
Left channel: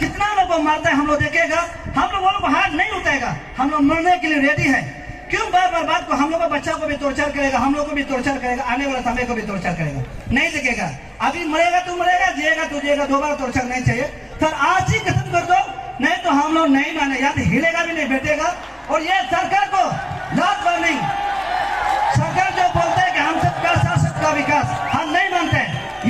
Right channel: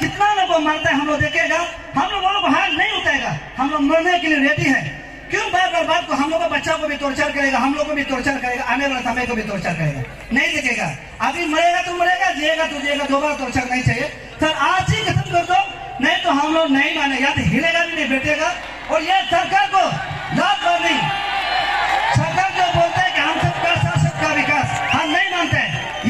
कितना लोग को मारता है हम लोग देखेगा, हम लोग वो लोग हाथ नहीं उठाएगा, हम लोग मरने के लिए रेडी है। क्यों बार बार बात को, हम लोग का बच्चा को भी टॉर्चर करेगा, हम लोग को भी टॉर्चर करेगा, आने वाला समय को भी टॉर्चर करेगा, नहीं देखेगा। अभी मरेगा तो मरेगा, जिएगा तो जिएगा, दोबारा टॉर्चर नहीं चाहिए। सर आज ही खत्म कर दो, नहीं तो हम लोग नहीं माने, या तो हिलेगा भी नहीं बैठेगा। और ये सरकार को लाभ वार्निंग, सरकार जो बोलते हैं कि हम सबका साथ सबका विकास, हम नहीं मानते।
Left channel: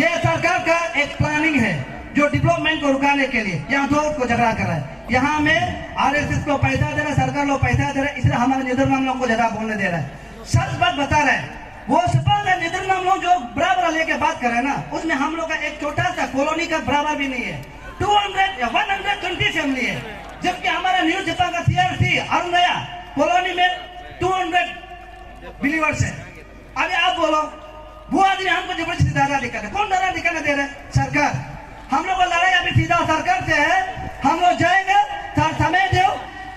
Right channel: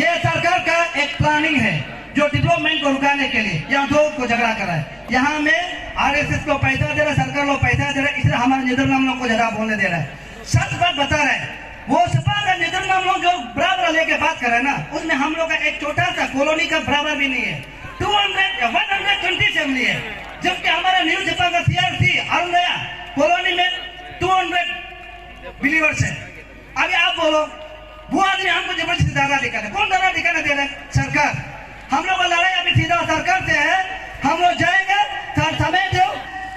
ये सरकार का एक प्लानिंग है जो डेवलपमेंट को रुकाने के लिए यहाँ दो को झगड़ा कर रहा है। यहाँ में आरएसएस को पैसा दे रहा है, सरकार लोग पैसा दे रहा है, इसलिए हमारे नेदरलैंड लोग को ज्यादा बोलने दे रहा है। सच बात बता रहे हैं, वो सपा का नेदरलैंड लोग जो बराबर लेके बात कर रहे हैं ना, उसमें हम लोग का एक छोटा सा कॉलोनी का बराबर भी नहीं है, 120 फैमिली है, जबकि हमारा न्यू सपा का सीआरसी अरुण गया कॉलोनी में 200 बिलीवर्स है। अभी आप बोलो, वो आदमी हमको जबरदस्ती दादा दिखाते, कौन दादा दिखाने दे रहे? सरकार। हम लोग को लड़ाई अभी सीधा सरकार से है, हम लोग जाएंगे, समय दो,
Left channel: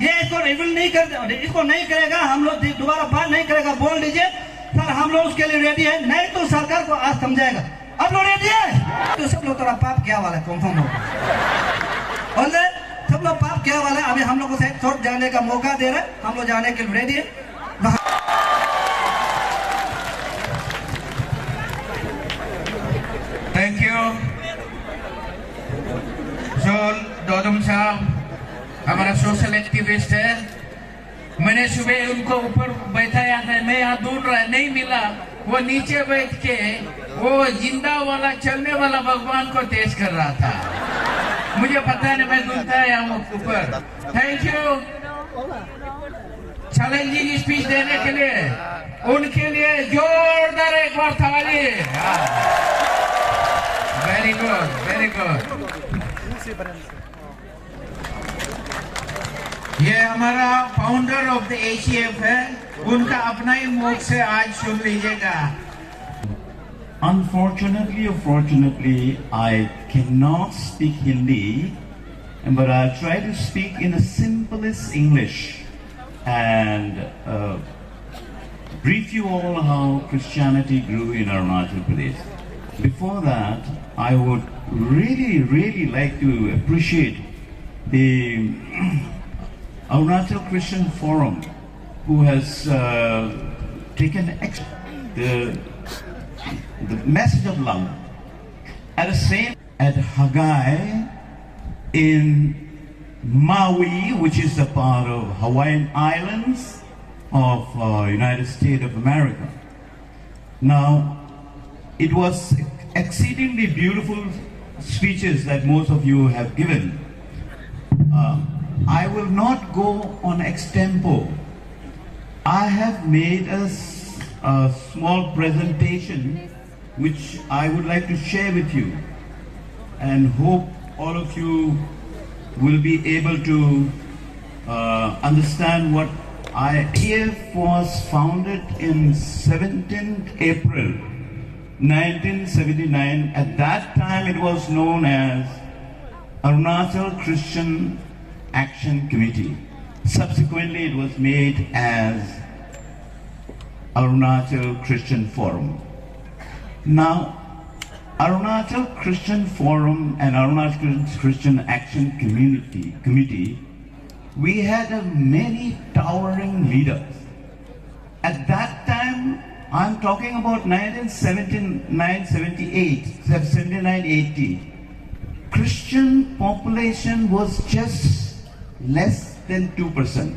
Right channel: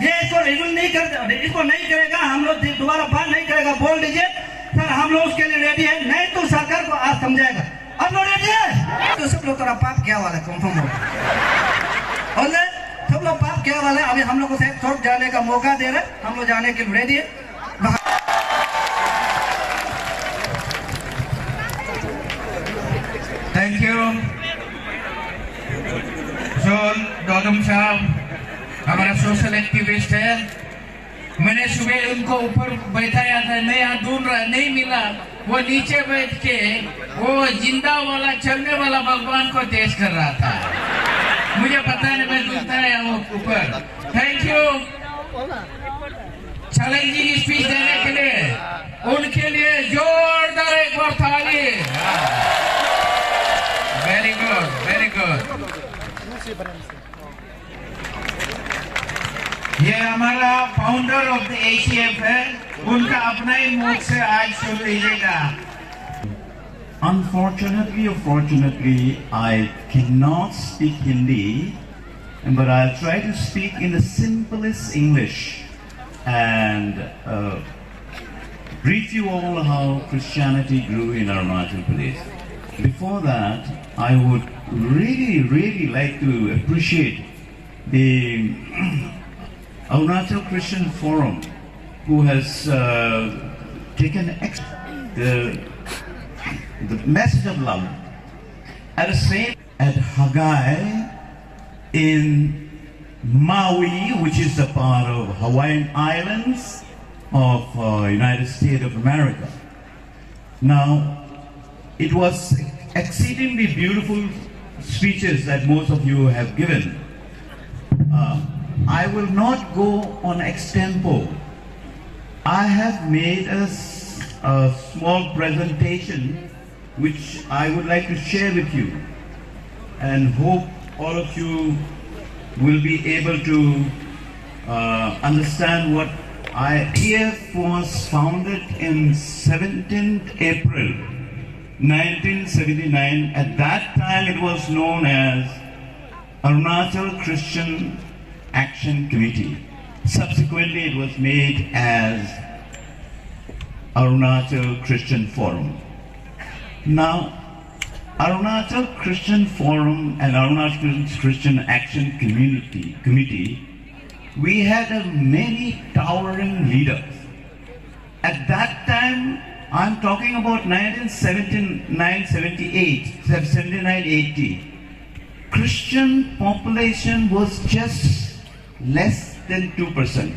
ये इसको रिव्यू नहीं कर, इसको नहीं करेगा, हम लोग दोबारा बात नहीं करेगा, बोल दीजिए सर, हम लोग उसके लिए रेडी है, नहीं तो सरकार को आज समझाएगा। अब लोग रेडी है तो सब लोग थोड़ा पाप क्या वाला कंफर्म होगा, और सब लोग पाप क्या वाला है। अभी हम लोग को छोड़ जाने का मौका दे रहे, हम लोग जाने के लिए रेडी है। थैंक यू जोल दौदम साहब, हमारा सोशल एक्टिविस्ट है। मैंने सुबह उनको ऊपर बैठाया था, मैं यहाँ ढूंढ रहा नहीं मिला, वो नीचे बैठ के वो जिंदा वाला चलने वाला भगवान को तेज कर रहा था, मुझे पता नहीं, मैं ढूंढता है यहाँ ऊपर। थैंक यू चैलेंजिंग स्पीच देने के लिए, उनके लिए जोरदार एक बार ताली। Very good, very good. ये हमारा फाउंडर ऑफ द एसीएफ है, उनका अपना ही मुख से आज सुन लीजिएगा। Unfortunately or fortunately, I cannot speak Hindi, but I'll try to speak in the simplest English and brief you all how Christianity grew in Arunachal Pradesh. Before that, I would really like to appreciate the Arunachal Christian Forum, who has taken the message of love at the same at Haggai in Maui, which is a part of Hawaiian Islands of United States of America. Now, it was exceedingly beautiful speeches that most of you have given. I will not go on extempo. I have made a small presentation which I would like to share with you, and hope all of you will be able to understand what IEF was founded in 17th April 1979. At that time it was known as Arunachal Christian Action Committee. Subsequently it was made as Arunachal Christian Forum. Now, Arunachal Christian Forum and Arunachal Christian Action Committee, we had many towering leaders. At that time, I'm talking about 79-80, Christian population was just less than 2%.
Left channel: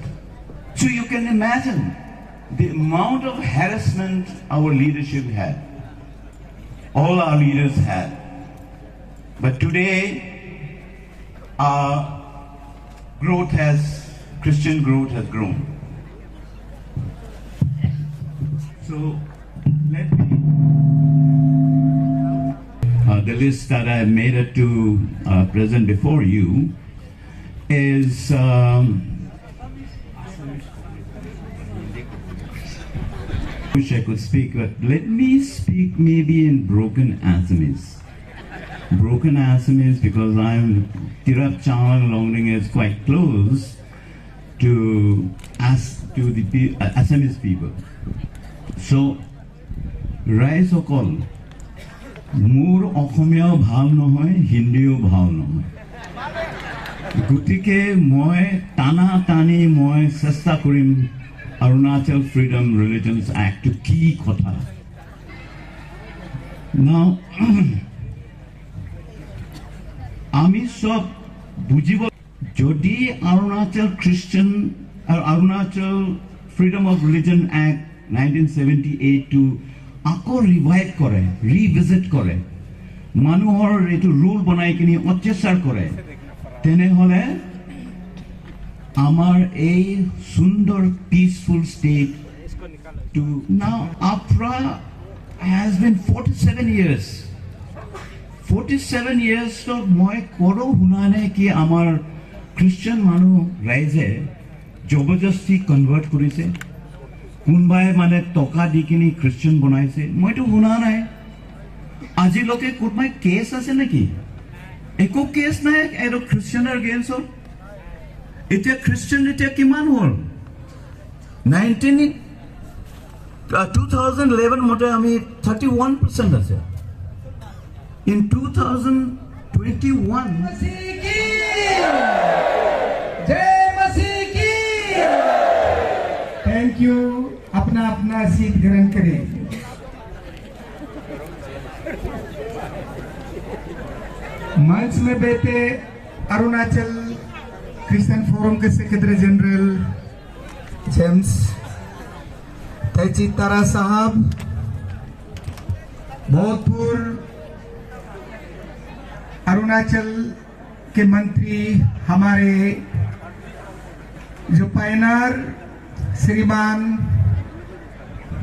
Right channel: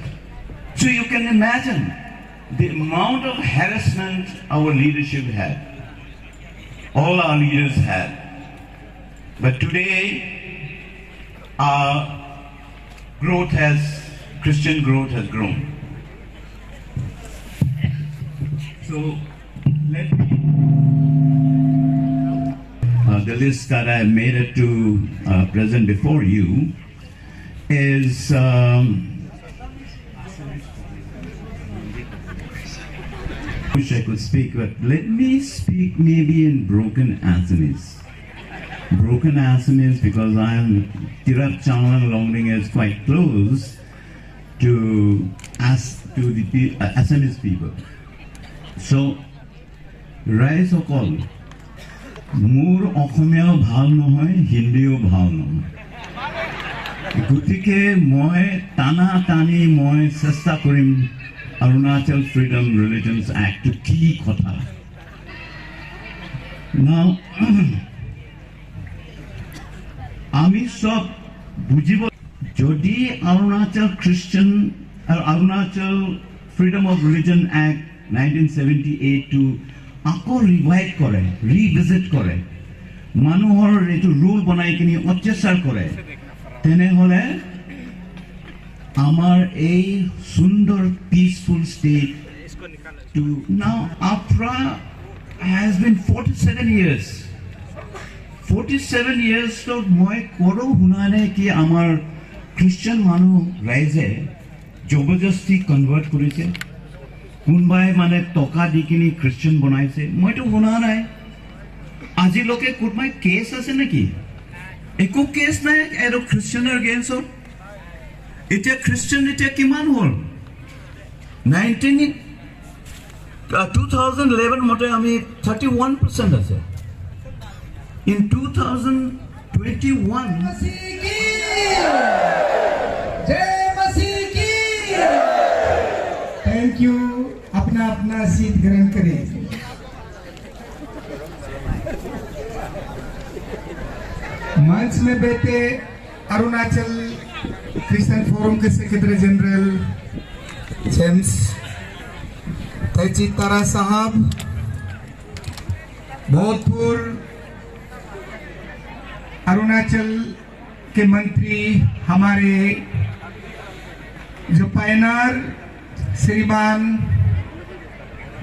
So you can imagine the amount of harassment our leadership had. All our leaders had. But today, our Christian growth has grown. So, let me, the list that I made it to present before you is I wish I could speak, but let me speak maybe in broken Assamese. Broken Assamese because Tirap Channel Longding is quite close to the Assamese people. So, Rai Sokol, Moor Okhomyao bhal nohoy, Hindiyo bhal nohoy. Gutike moi tana tani moi chesta korim Arunachal Freedom Religions Act to ki kotha. Now, ami sob bujibo jodi Arunachal Freedom of Religion Act 1978 to ako revive kore, revisit kore, manuhor etu rule banai kini অত্যাচার করে, তেনেহলে আমার এই সুন্দর peaceful state to now AFRA has been 47 years. 47 years to মই কৰো শুনা নাই কি আমাৰ খ্ৰীষ্টিয়ান মানুহ ৰাইজে জবৰদস্তি কনভাৰ্ট কৰিছে, কোনবাই মানে টকা দি কিনি খ্ৰীষ্টিয়ান বনাইছে, মইতো শুনা নাই। আজিলৈকে কোনোবাই কেছ আছে নেকি? একো কেছ নাই আৰু খ্ৰীষ্টিয়ানৰ এগেইনষ্টত। এতিয়া খ্ৰীষ্টিয়ান এতিয়া কিমান হ'ল? 2011 মতে আমি 31% আছে। In 2021 thank you. अपना अपना सीट ग्रहण करें। मंच में बैठे अरुणाचल क्रिश्चियन फोरम के सेक्रेटरी जनरल जेम्स तैचितारा साहब, भोजपुर अरुणाचल के मंत्री हमारे जो पायनर श्रीमान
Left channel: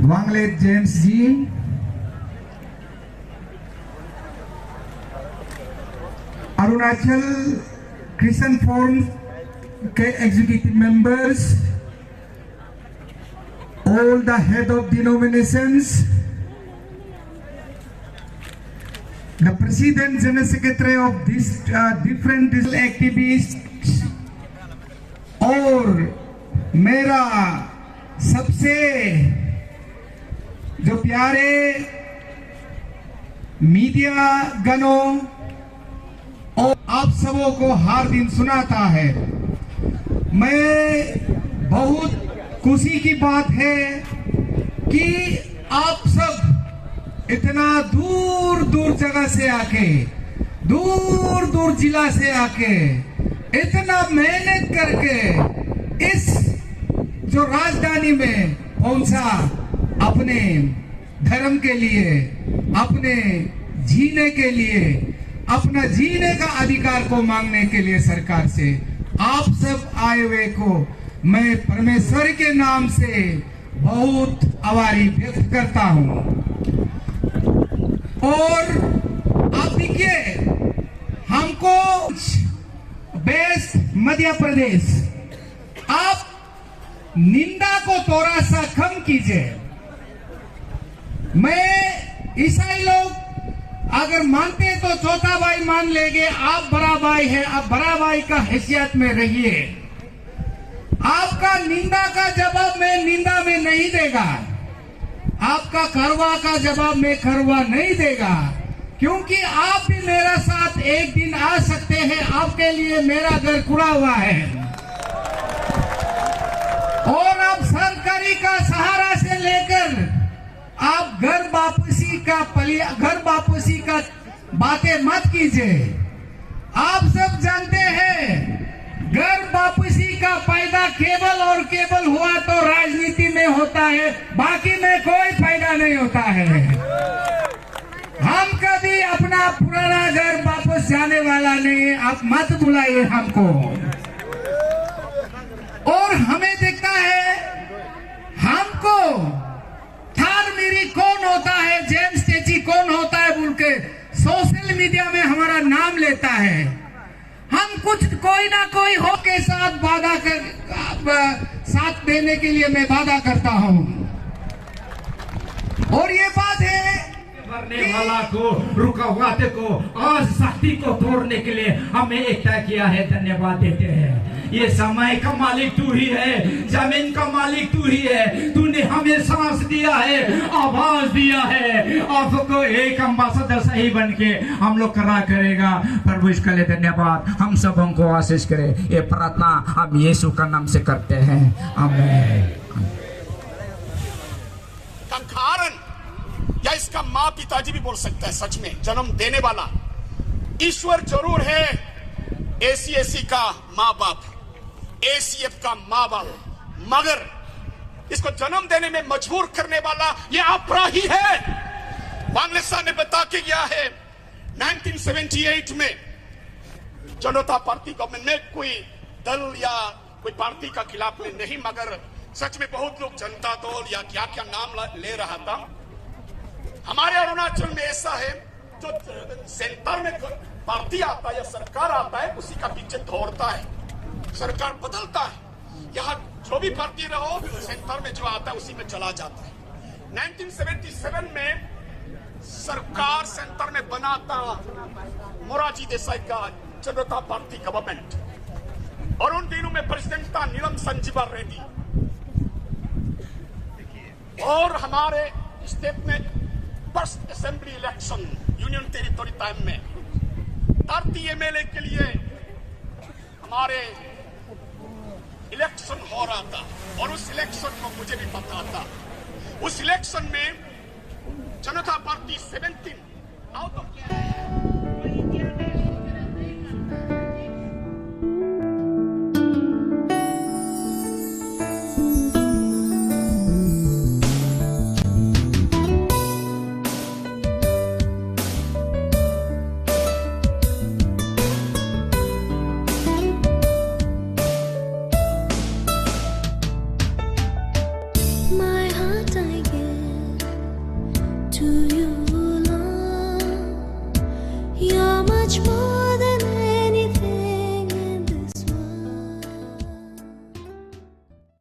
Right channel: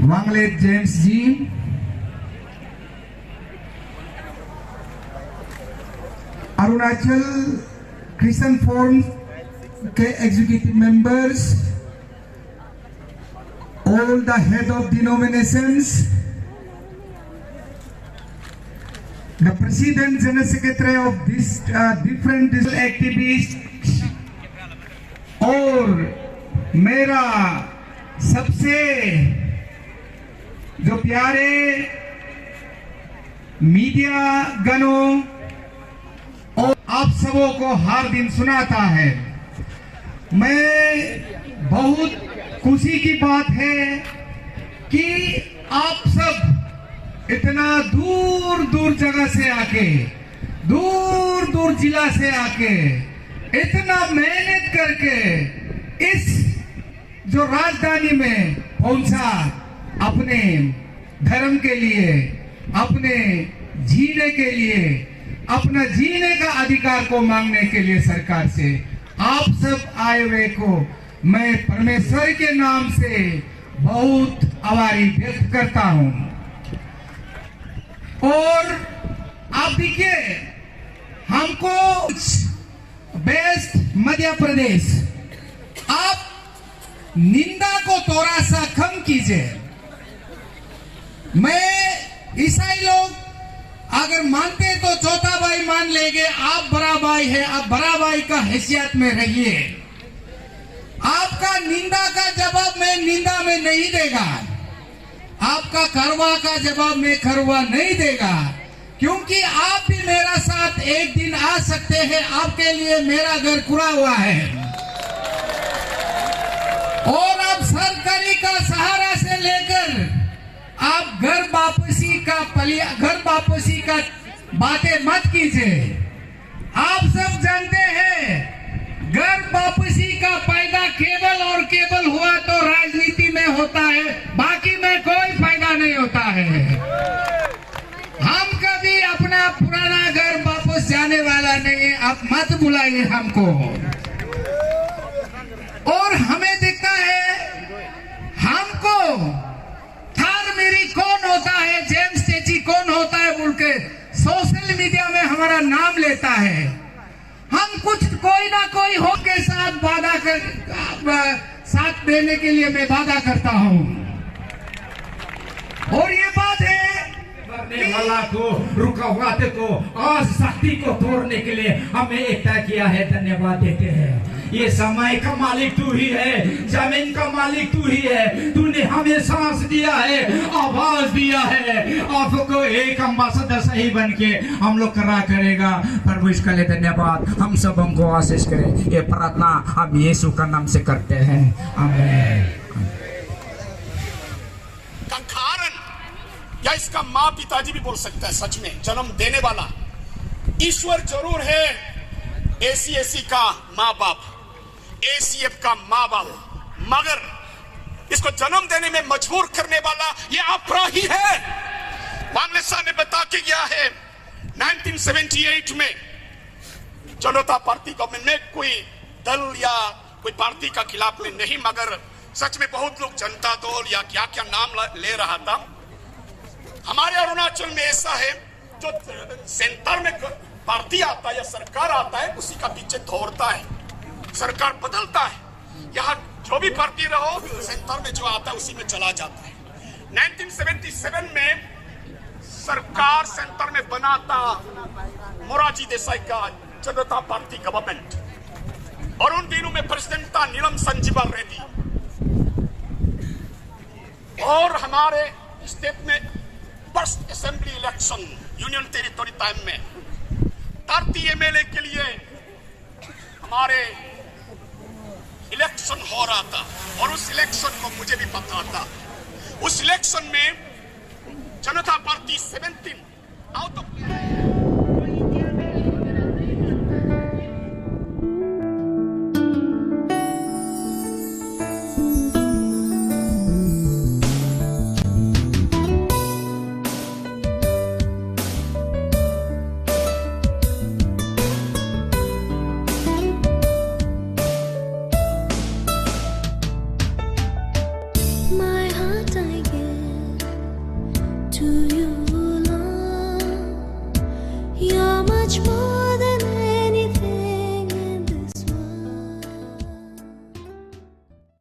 वांगले जेम्स जी, अरुणाचल क्रिश्चियन फोरम के executive members, all the head of denominations, the president general secretary of this different activists, और मेरा सबसे जो प्यारे मीडिया गणों और आप सबों को हर दिन सुनाता है। मैं बहुत खुशी की बात है कि आप सब इतना दूर दूर जगह से आके दूर दूर जिला से आके इतना मेहनत करके इस जो राजधानी में पहुंचा, अपने धर्म के लिए, अपने जीने के लिए, अपना जीने का अधिकार को मांगने के लिए सरकार से, आप सब आए हुए को मैं परमेश्वर के नाम से बहुत आभारी व्यक्त करता हूं। और आप देखिए, हमको बेस्ट मध्य प्रदेश, आप निंदा को थोड़ा सा कम कीजिए। मैं ईसाई लोग अगर मानते तो छोटा भाई मान लेंगे, आप बड़ा भाई है, आप बड़ा भाई का हैसियत में रहिए। आपका निंदा का जवाब मैं निंदा में नहीं देगा, आपका खरवा का जवाब मैं खरवा नहीं देगा, क्योंकि आप भी मेरा साथ एक दिन आ सकते हैं। आपके लिए मेरा घर खुला हुआ है और आप सरकारी का सहारा से लेकर आप घर वापसी का बातें मत कीजिए। आप सब जानते हैं घर वापसी का फायदा केवल और केवल हुआ तो राजनीति में होता है, बाकी में कोई फायदा नहीं होता है। हम कभी अपना पुराना घर वापस जाने वाला नहीं, आप मत बुलाइए हमको। और हमें दिखता है हमको थार मेरी कौन होता है, जेम्स चेची कौन होता है बोल के सोशल मीडिया में हमारा नाम लेता है। हम कुछ कोई ना कोई हो के साथ साथ देने के लिए मैं वादा करता हूं। और ये बात है मरने वाला को, रुकावट को, आज शक्ति को तोड़ने के लिए हमें एक तय किया है। धन्यवाद देते हैं। ये समय का मालिक तू ही है, जमीन का मालिक तू ही है। तूने हमें सांस दिया है, आवाज दिया है। आपको एक अम्बासडर सही बन के हम लोग करा करेगा। प्रभु इसके लिए धन्यवाद। हम सब हमको आशीष करे। ये प्रार्थना हम यीशु का नाम से करते हैं, आमीन। या इसका माँ पिताजी भी बोल सकता है, सच में जन्म देने वाला ईश्वर जरूर है। एसी का माँ बाप, ACF का माँ बाप, मगर इसको जन्म देने में मजबूर करने वाला ये अपरा ही है। बांग्लादेश ने बता के गया है 1978 में जनता पार्टी गवर्नमेंट में, कोई दल या कोई पार्टी का खिलाफ में नहीं, मगर सच में बहुत लोग जनता दल या क्या क्या नाम ले रहा था। हमारे अरुणाचल में ऐसा है, जो सेंटर में पार्टी आता है या सरकार आता है उसी का पीछे दौड़ता है, सरकार बदलता है। यहाँ जो भी पार्टी रहो, सेंटर में जो आता है उसी में चला जाता है। 1977 में सरकार सेंटर में बनाता मोरारजी देसाई का जनता पार्टी गवर्नमेंट, और उन दिनों में प्रेसिडेंट था नीलम संजीवा रेड्डी। और हमारे स्टेट में first assembly election union territory time में 30 MLA के लिए हमारे इलेक्शन हो रहा था, और उस इलेक्शन को मुझे भी पता था। उस इलेक्शन में जनता पार्टी 17 आउट ऑफ